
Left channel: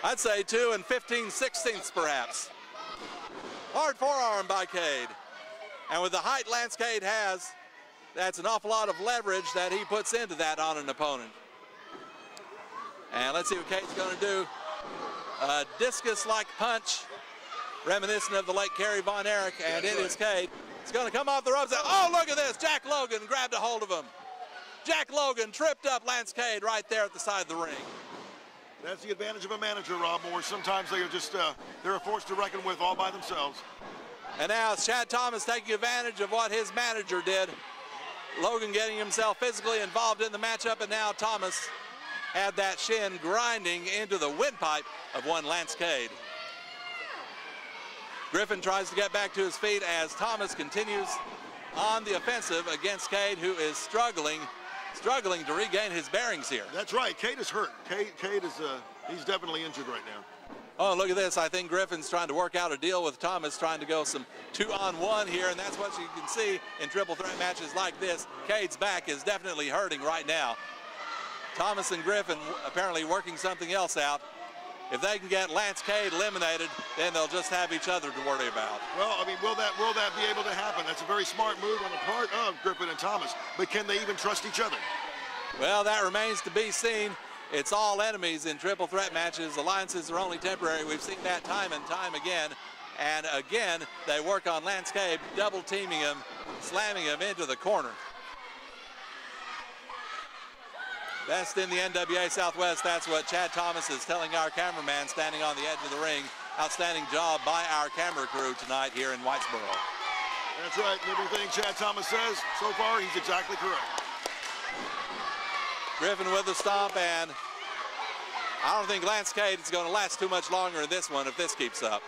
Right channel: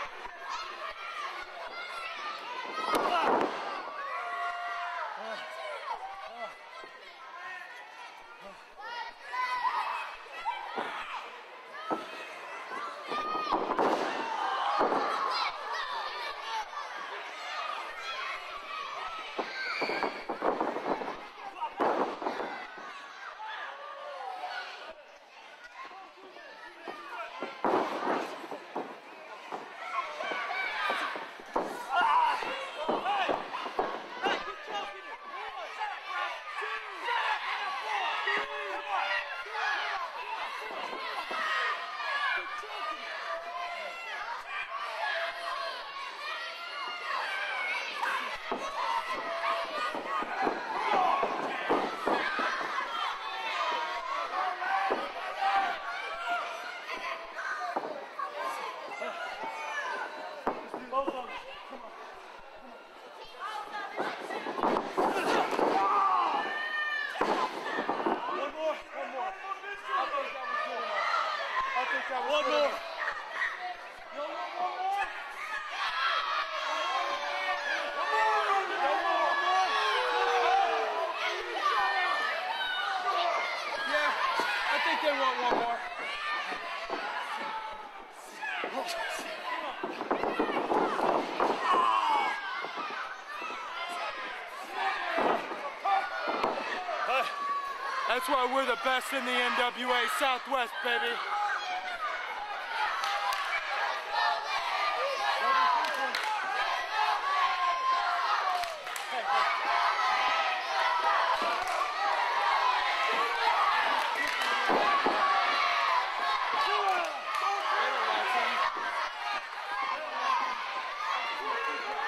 I'd say 2 15/16 perhaps. Hard forearm by Cade. And with the height Lance Cade has, that's an awful lot of leverage that he puts into that on an opponent. And let's see what Cade's going to do. A discus-like punch, reminiscent of the late Kerry Von Erich, and it is Cade. He's going to come off the ropes. Oh, look at this. Jack Logan grabbed a hold of him. Jack Logan tripped up Lance Cade right there at the side of the ring. That's the advantage of a manager, Rob Moore. Sometimes they are just, they're a force to reckon with all by themselves. And now it's Chad Thomas taking advantage of what his manager did. Logan getting himself physically involved in the matchup, and now Thomas had that shin grinding into the windpipe of one Lance Cade. Griffin tries to get back to his feet as Thomas continues on the offensive against Cade, who is struggling to regain his bearings here. That's right. Cade is hurt. Cade is he's definitely injured right now. Oh, look at this. I think Griffin's trying to work out a deal with Thomas, trying to go some 2-on-1 here, and that's what you can see in triple threat matches like this. Cade's back is definitely hurting right now. Thomas and Griffin apparently working something else out. If they can get Lance Cade eliminated, then they'll just have each other to worry about. Well, I mean, will that be able to happen? That's a very smart move on the part of Griffin and Thomas. But can they even trust each other? Well, that remains to be seen. It's all enemies in triple threat matches. Alliances are only temporary. We've seen that time and time again. And again, they work on Lance Cade, double teaming him, slamming him into the corner. That's why we're the best in the NWA Southwest, baby. Best in the NWA Southwest. That's what Chad Thomas is telling our cameraman standing on the edge of the ring. Outstanding job by our camera crew tonight here in Whitesboro. That's right. Everything Chad Thomas says so far, he's exactly correct. Griffin with the stomp, and I don't think Lance Cade is going to last too much longer in this one if this keeps up.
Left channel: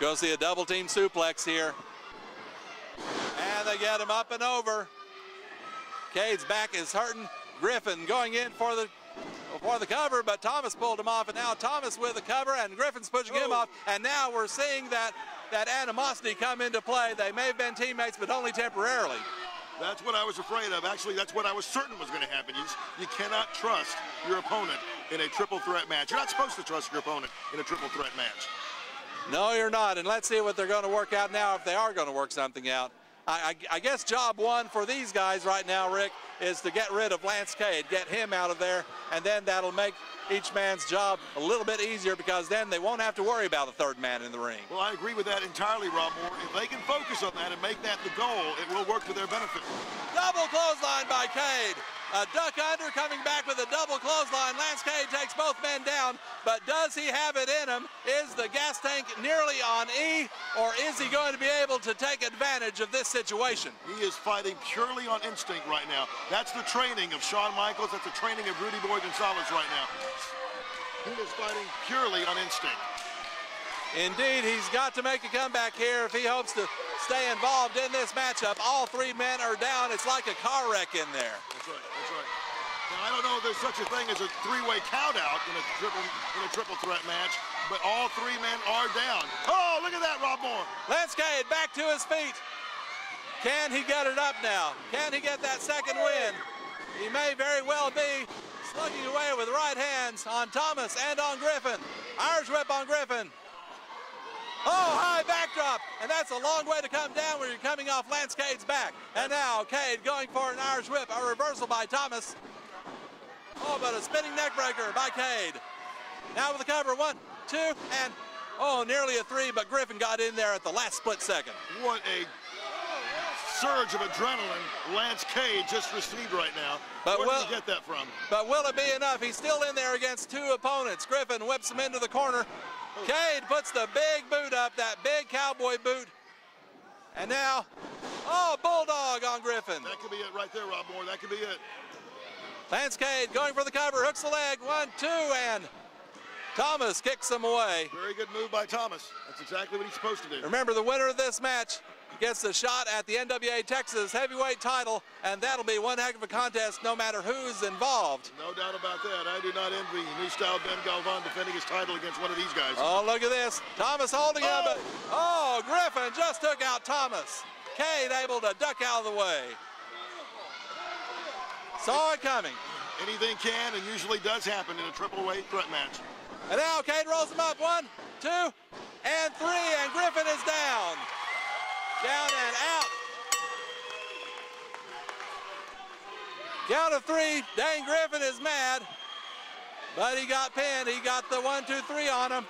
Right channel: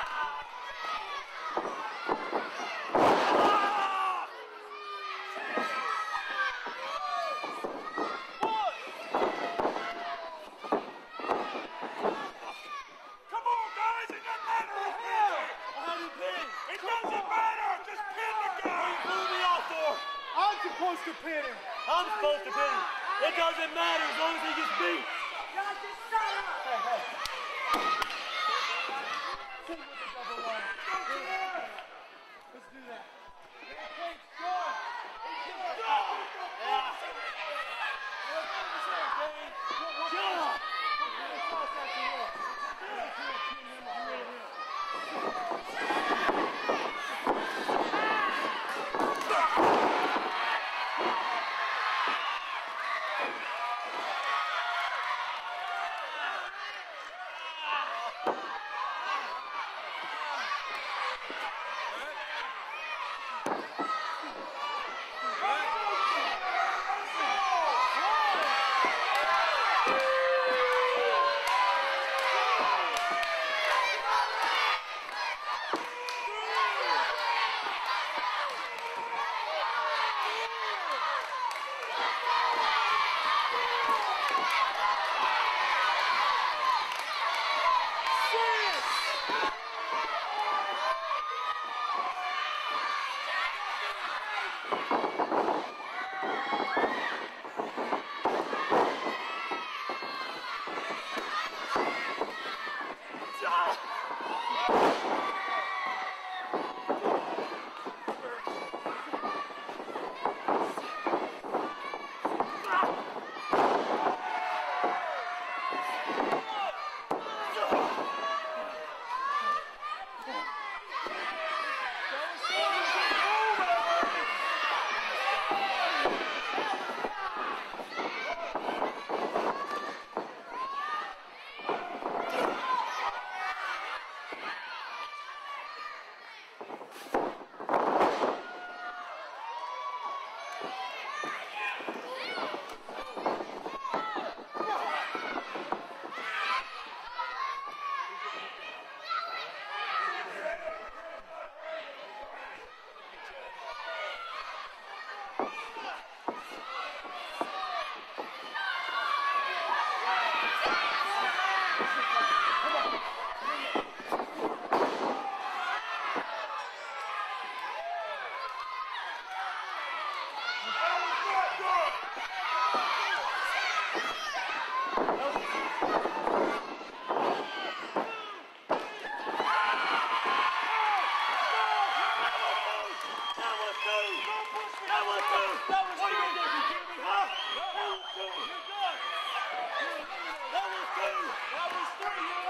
Go see a double team suplex here. And they get him up and over. Cade's back is hurting. Griffin going in for the cover, but Thomas pulled him off, and now Thomas with the cover, and Griffin's pushing him off, and now we're seeing that animosity come into play. They may have been teammates, but only temporarily. That's what I was afraid of. Actually, that's what I was certain was going to happen. You cannot trust your opponent in a triple threat match. You're not supposed to trust your opponent in a triple threat match. No, you're not, and let's see what they're going to work out now, if they are going to work something out. I guess job one for these guys right now, Rick, is to get rid of Lance Cade, get him out of there, and then that'll make each man's job a little bit easier, because then they won't have to worry about a third man in the ring. Well, I agree with that entirely, Rob. If they can focus on that and make that the goal, it will work for their benefit. Double clothesline by Cade. A duck under, coming back with a double clothesline. Lance Cade takes both men down, but does he have it in him? Is the gas tank nearly on E, or is he going to be able to take advantage of this situation? He is fighting purely on instinct right now. That's the training of Shawn Michaels. That's the training of Rudy Boy Gonzalez right now. He is fighting purely on instinct. Indeed, he's got to make a comeback here if he hopes to stay involved in this matchup. All 3 men are down. It's like a car wreck in there. I don't know if there's such a thing as a 3-way countout in a triple threat match, but all 3 men are down. Oh, look at that, Rob Moore. Lance Cade back to his feet. Can he get it up now? Can he get that second win? He may very well be slugging away with right hands on Thomas and on Griffin. Irish whip on Griffin. Oh, high backdrop. And that's a long way to come down when you're coming off Lance Cade's back. And now Cade going for an Irish whip. A reversal by Thomas. Oh, but a spinning neck breaker by Cade. Now with the cover, 1, Griffin got in there at the last split second. What a surge of adrenaline Lance Cade just received right now. But where did he get that from? But will it be enough? He's still in there against two opponents. Griffin whips him into the corner. Cade puts the big boot up, that big cowboy boot. And now, oh, bulldog on Griffin. That could be it right there, Rob Moore. That could be it. Lance Cade going for the cover, hooks the leg, 1, 2, and Thomas kicks him away. Very good move by Thomas. That's exactly what he's supposed to do. Remember, the winner of this match gets a shot at the NWA Texas heavyweight title, and that'll be one heck of a contest no matter who's involved. No doubt about that. I do not envy New Style Ben Galvan defending his title against one of these guys. Oh, look at this. Thomas holding up. Oh, Griffin just took out Thomas. Cade able to duck out of the way. Saw it coming. Anything can and usually does happen in a AAA threat match. And now Cade rolls him up, 1, 2, and 3, and Griffin is down. Down and out. Count of 3, Dane Griffin is mad, but he got pinned. He got the 1, 2, 3 on him.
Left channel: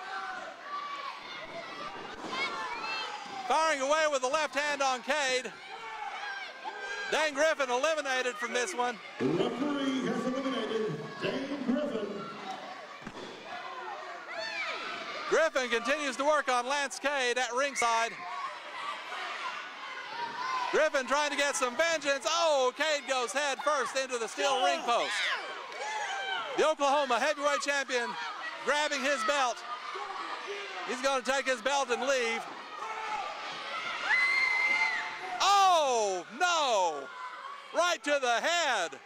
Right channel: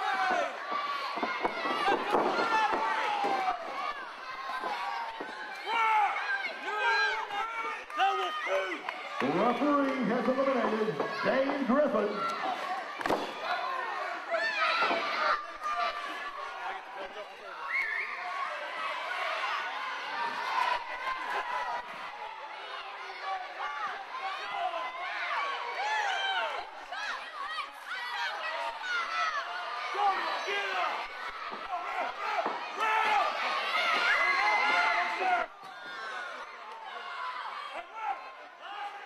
Firing away with the left hand on Cade. Dane Griffin eliminated from this one. The referee has eliminated Dane Griffin. Griffin continues to work on Lance Cade at ringside. Griffin trying to get some vengeance. Oh, Cade goes head first into the steel ring post. The Oklahoma heavyweight champion grabbing his belt. He's going to take his belt and leave. Oh, no! Right to the head.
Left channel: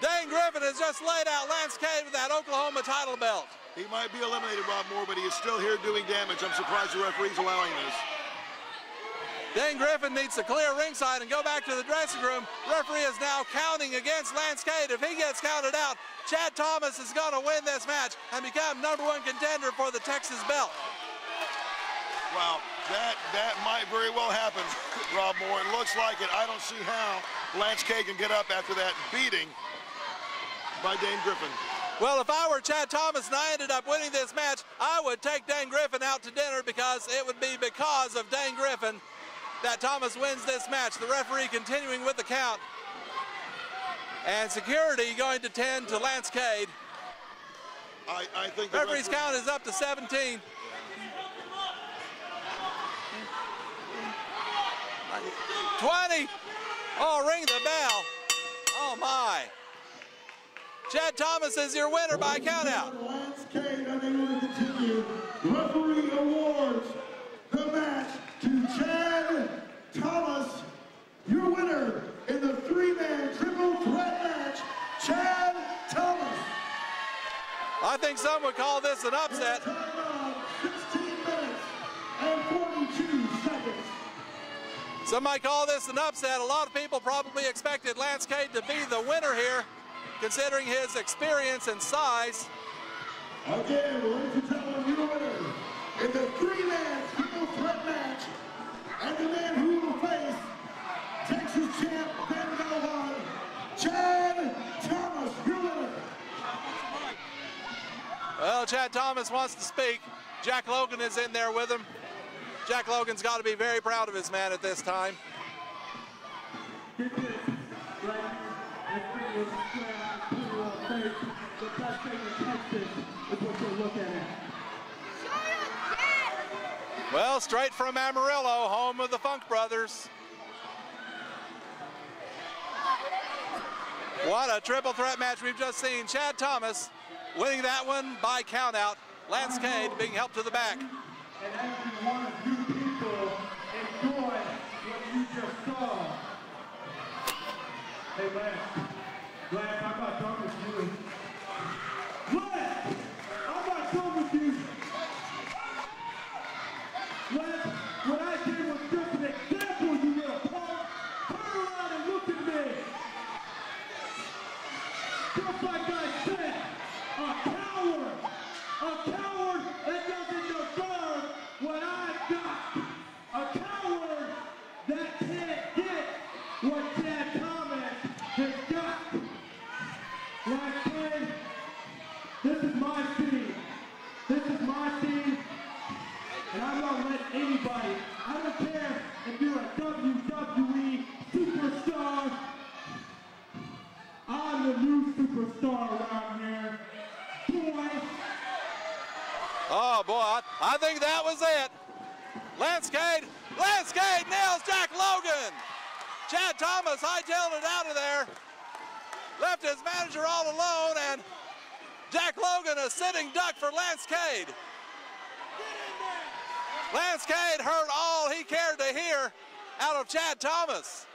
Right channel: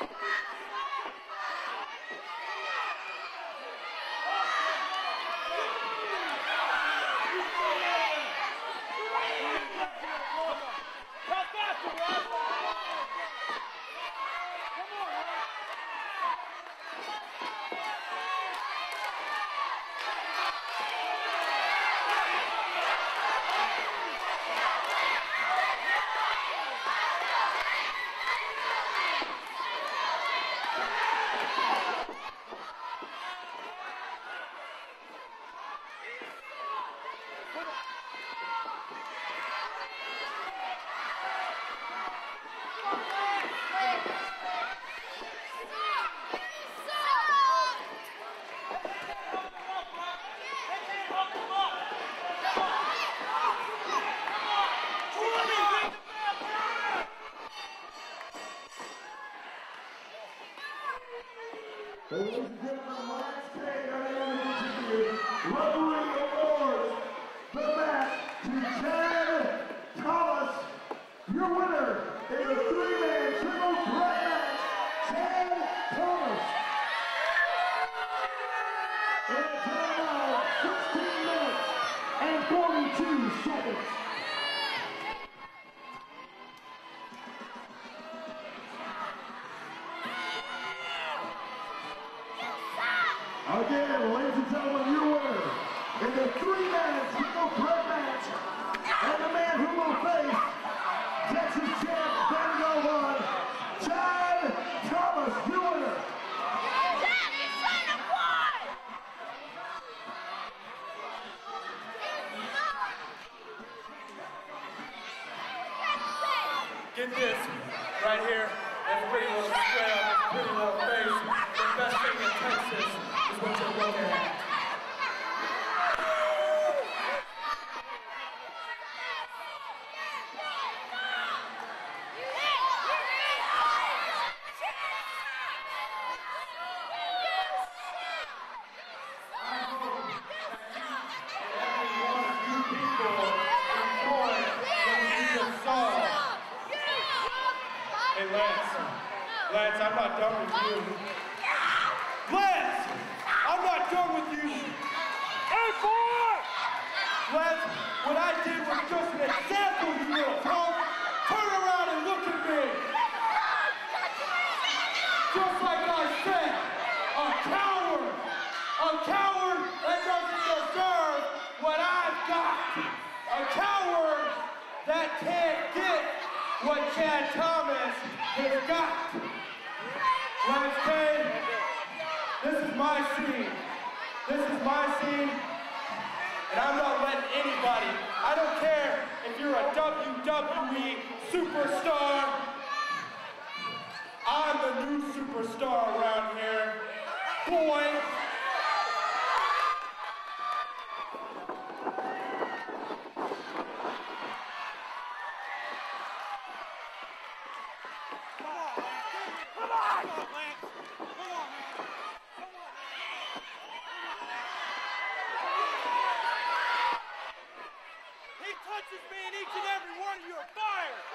Dane Griffin has just laid out Lance Cade with that Oklahoma title belt. He might be eliminated, Bob Moore, but he is still here doing damage. I'm surprised the referee's allowing this. Dane Griffin needs to clear ringside and go back to the dressing room. Referee is now counting against Lance Cade. If he gets counted out, Chad Thomas is going to win this match and become #1 contender for the Texas belt. Well, that might very well happen, Rob Moore. It looks like it. I don't see how Lance Cade can get up after that beating by Dane Griffin. Well, if I were Chad Thomas and I ended up winning this match, I would take Dane Griffin out to dinner because it would be because of Dane Griffin that Thomas wins this match. The referee continuing with the count. And security going to tend to Lance Cade. I think referee's count is up to 17. 20. Oh, ring the bell. Oh, my. Chad Thomas is your winner by countout. Lance Cade, going to continue. Referee awards the match to Chad Thomas, your winner in the 3-man triple threat match, Chad Thomas. I think some would call this an upset. 16 minutes and 42 seconds. Some might call this an upset. A lot of people probably expected Lance Cade to be the winner here, considering his experience and size. Again, ladies and gentlemen, your winner in the 3-man triple threat match, and the man who will face Texas champ Ben Galvan, Chad Thomas, your winner. Well, Chad Thomas wants to speak. Jack Logan is in there with him. Jack Logan's got to be very proud of his man at this time. Get this, right here. That's pretty little square, pretty little face. The best thing in Texas is what you're looking at. Well, straight from Amarillo, home of the Funk Brothers. What a triple threat match we've just seen. Chad Thomas winning that one by countout. Lance Cade being helped to the back. And every one of you people enjoy what you just saw. Hey, Lance, I'm not done with you. Lance, I'm not done with you. Hey, boy! Lance, what I did was just an example, you little punk. Turn around and look at me. Just like I said, a coward that doesn't deserve what I've got. A coward that can't get what Chad Thomas has got. Lance Cade, this is my scene. This is my scene. And I'm not letting anybody, I don't care if you're a WWE superstar, I'm the new superstar around here. Boy. Oh, boy, I think that was it. Lance Cade nails Jack Logan. Chad Thomas hightailed it out of there. Left his manager all alone, and Jack Logan a sitting duck for Lance Cade. Lance Cade heard all he cared to hear out of Chad Thomas.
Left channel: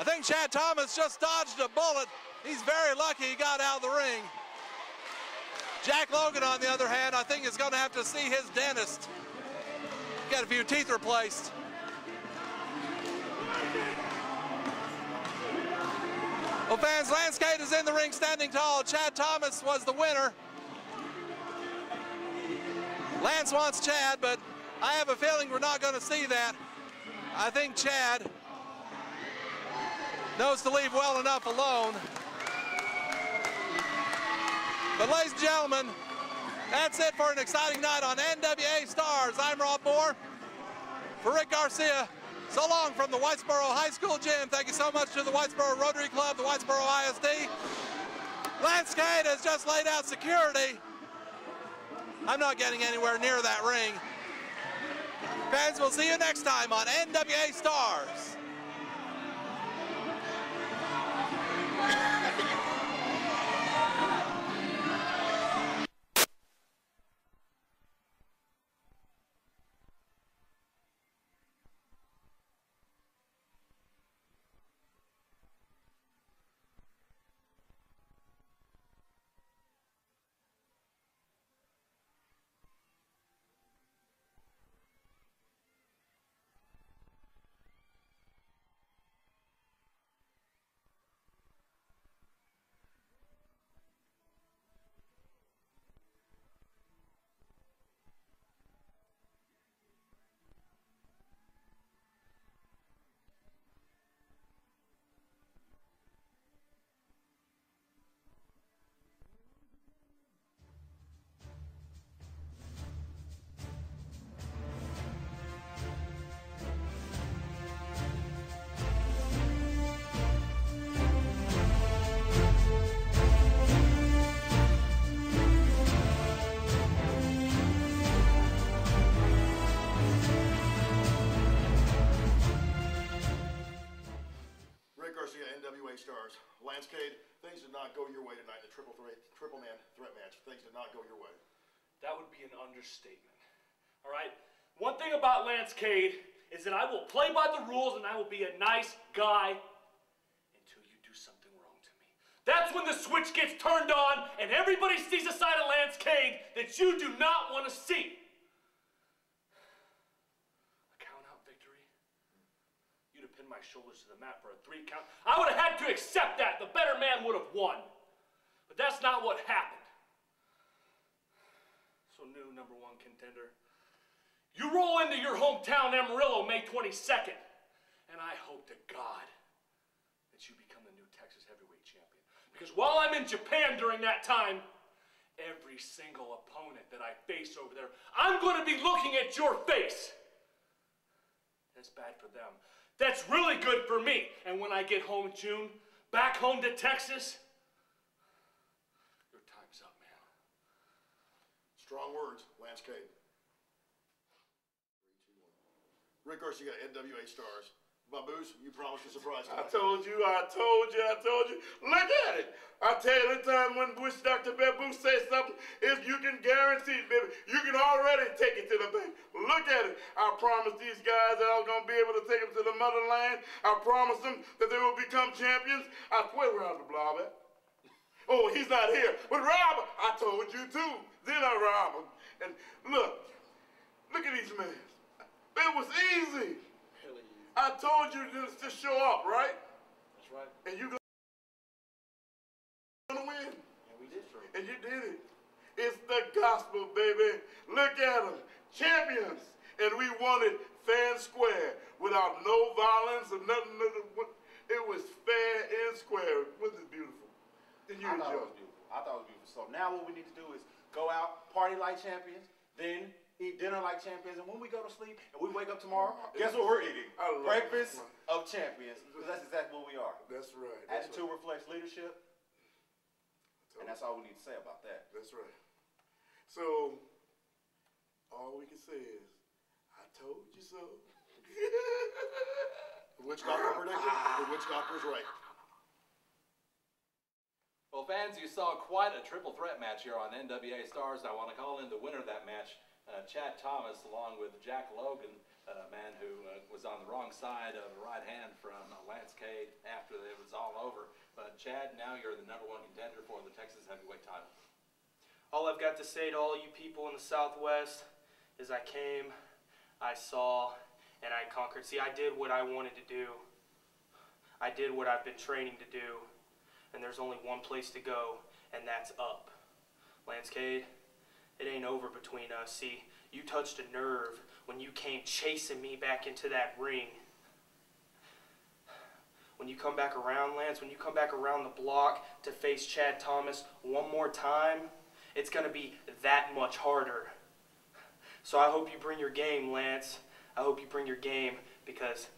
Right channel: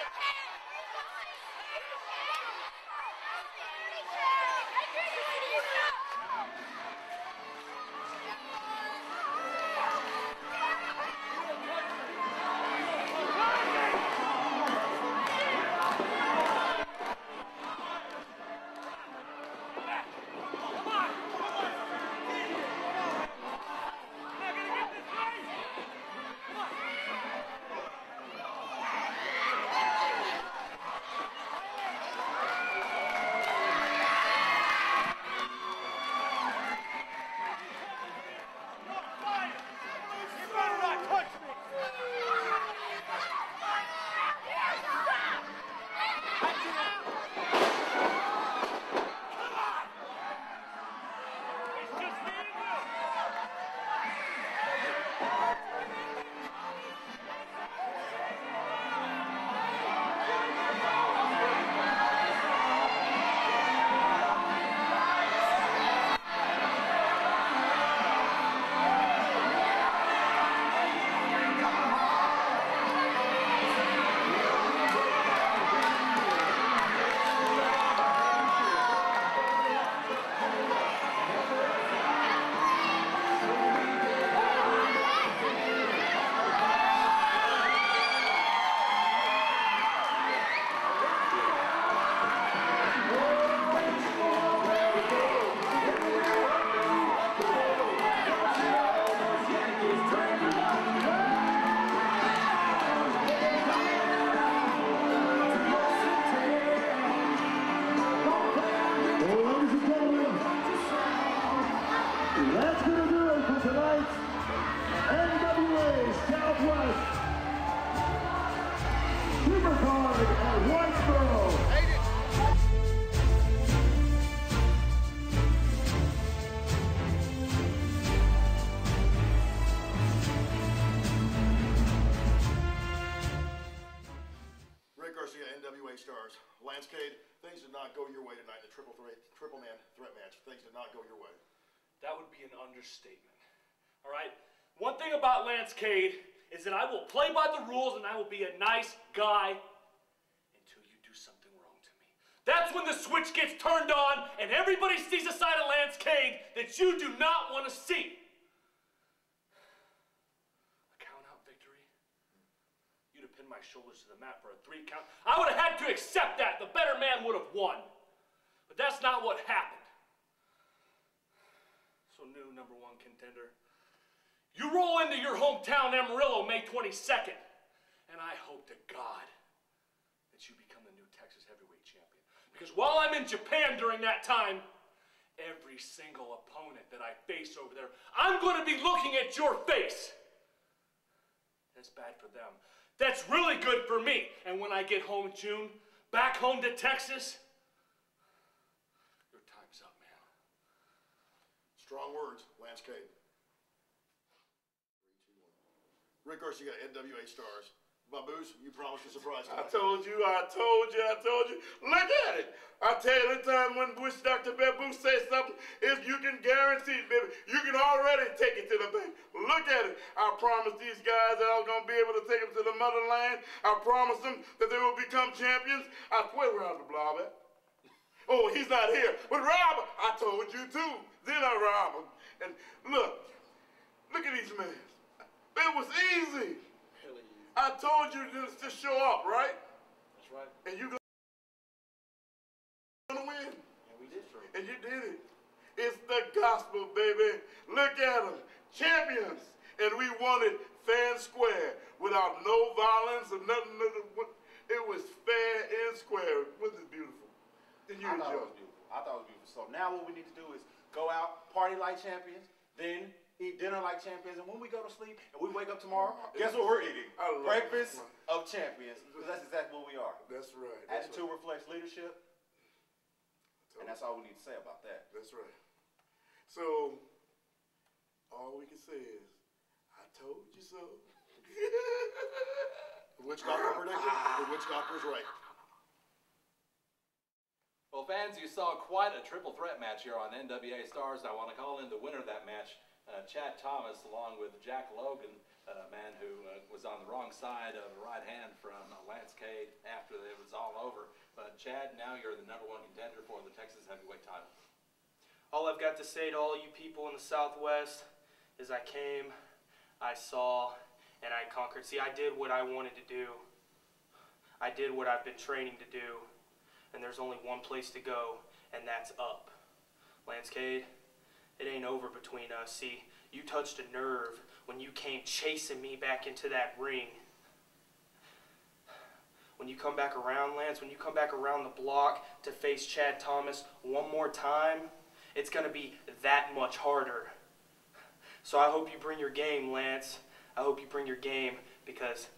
I think Chad Thomas just dodged a bullet. He's very lucky he got out of the ring. Jack Logan, on the other hand, I think is going to have to see his dentist. Get a few teeth replaced. Well, fans, Lance Cade is in the ring standing tall. Chad Thomas was the winner. Lance wants Chad, but I have a feeling we're not going to see that. I think Chad knows to leave well enough alone. But ladies and gentlemen, that's it for an exciting night on NWA Stars. I'm Rob Moore. For Rick Garcia, so long from the Whitesboro High School Gym. Thank you so much to the Whitesboro Rotary Club, the Whitesboro ISD. Lance Cade has just laid out security. I'm not getting anywhere near that ring. Fans, we'll see you next time on NWA Stars. That's going to do it for tonight's NWA Southwest Supercard at Whitesboro. Rick Garcia, NWA Stars. Lance Cade, things did not go your way tonight in the triple man threat match. Things did not go your way. That would be an understatement. All right? One thing about Lance Cade is that I will play by the rules and I will be a nice guy until you do something wrong to me. That's when the switch gets turned on and everybody sees a side of Lance Cade that you do not want to see. A count-out victory? You'd have pinned my shoulders to the mat for a 3 count. I would have had to accept that. The better man would have won. But that's not what happened. So new #1 contender. You roll into your hometown Amarillo May 22nd, and I hope to God that you become the new Texas heavyweight champion. Because while I'm in Japan during that time, every single opponent that I face over there, I'm going to be looking at your face. That's bad for them. That's really good for me. And when I get home in June, back home to Texas, your time's up, man. Strong words, Lance Cade. 3, 2, 1. Rick Garcia, NWA Stars. Baboos, you promised a surprise tonight. I told you. Look at it. I tell you, every time when Bush Dr. Babu says something, if you can guarantee, baby, you can already take it to the bank. Look at it. I promised these guys that I was going to be able to take them to the motherland. I promised them that they will become champions. I swear Rob the Blob at. Oh, he's not here. But Rob, I told you too. Then I robbed him. And look at these men. It was easy. Really easy. I told you to show up, right? That's right. And you gonna win. And we did. And you did it. It's the gospel, baby. Look at them. Champions. And we won it fair and square without no violence or nothing. It was fair and square. Wasn't it beautiful? Then I thought it was beautiful. So now what we need to do is go out, party like champions, then eat dinner like champions, and when we go to sleep and we wake up tomorrow, guess what we're eating? Breakfast of champions, because that's exactly what we are. That's right. Attitude reflects leadership, and that's all we need to say about that. That's right. So, all we can say is, I told you so. The witch doctor predicted, the witch doctor's right. Well, fans, you saw quite a triple threat match here on NWA Stars. I want to call in the winner of that match, Chad Thomas, along with Jack Logan, a man who was on the wrong side of a right hand from Lance Cade after it was all over. But Chad, now you're the #1 contender for the Texas heavyweight title. All I've got to say to all you people in the Southwest is I came, I saw, and I conquered. See, I did what I wanted to do. I did what I've been training to do. And there's only one place to go, and that's up. Lance Cade, it ain't over between us. See, you touched a nerve when you came chasing me back into that ring. When you come back around, Lance, when you come back around the block to face Chad Thomas one more time, it's going to be that much harder. So I hope you bring your game, Lance. I hope you bring your game, because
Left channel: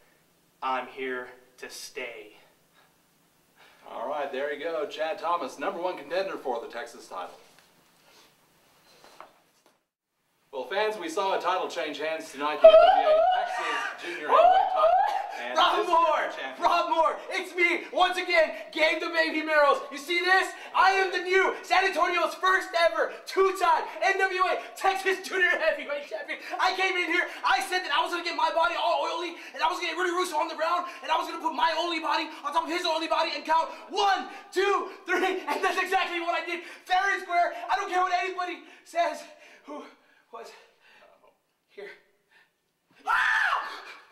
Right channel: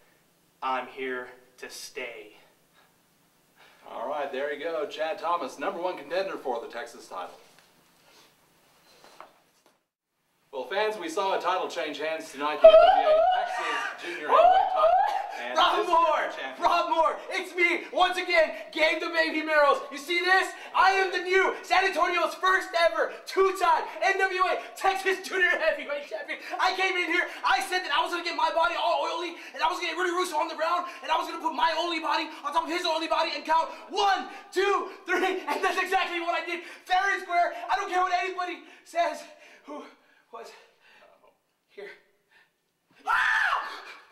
I'm here to stay. All right, there you go. Chad Thomas, #1 contender for the Texas title. Well, fans, we saw a title change hands tonight. The NWA Texas Junior Heavyweight title. And Rob Moore, it's me, once again, Gabe the Baby Merrills. You see this? I am the new San Antonio's first ever two-time NWA Texas Junior Heavyweight Champion. I came in here, I said that I was going to get my body all oily, and I was going to get Rudy Russo on the ground, and I was going to put my oily body on top of his oily body and count 1, 2, 3, and that's exactly what I did. Fair and square. I don't care what anybody says who was here.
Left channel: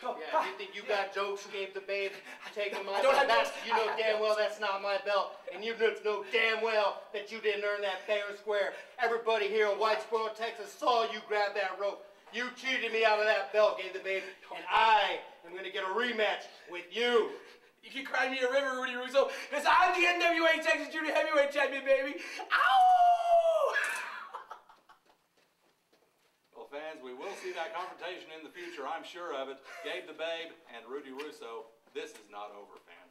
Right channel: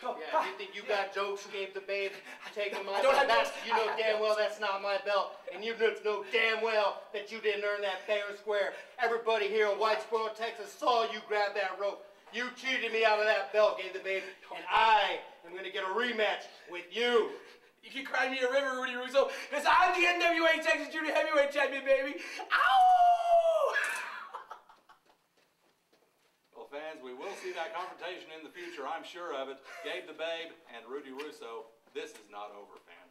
Yeah, you think you got jokes, Gabe the Babe, taking my I don't have belt. jokes. You know damn well that's not my belt. And you know damn well that you didn't earn that fair and square. Everybody here in Whitesboro, Texas saw you grab that rope. You cheated me out of that belt, Gabe the Babe. And I am going to get a rematch with you. You can cry me a river, Rudy Russo, because I'm the NWA Texas Junior Heavyweight Champion, baby. Ow! Well, fans, we will see that confrontation in the future. I'm sure of it. Gabe the Babe and Rudy Russo. This is not over, fans.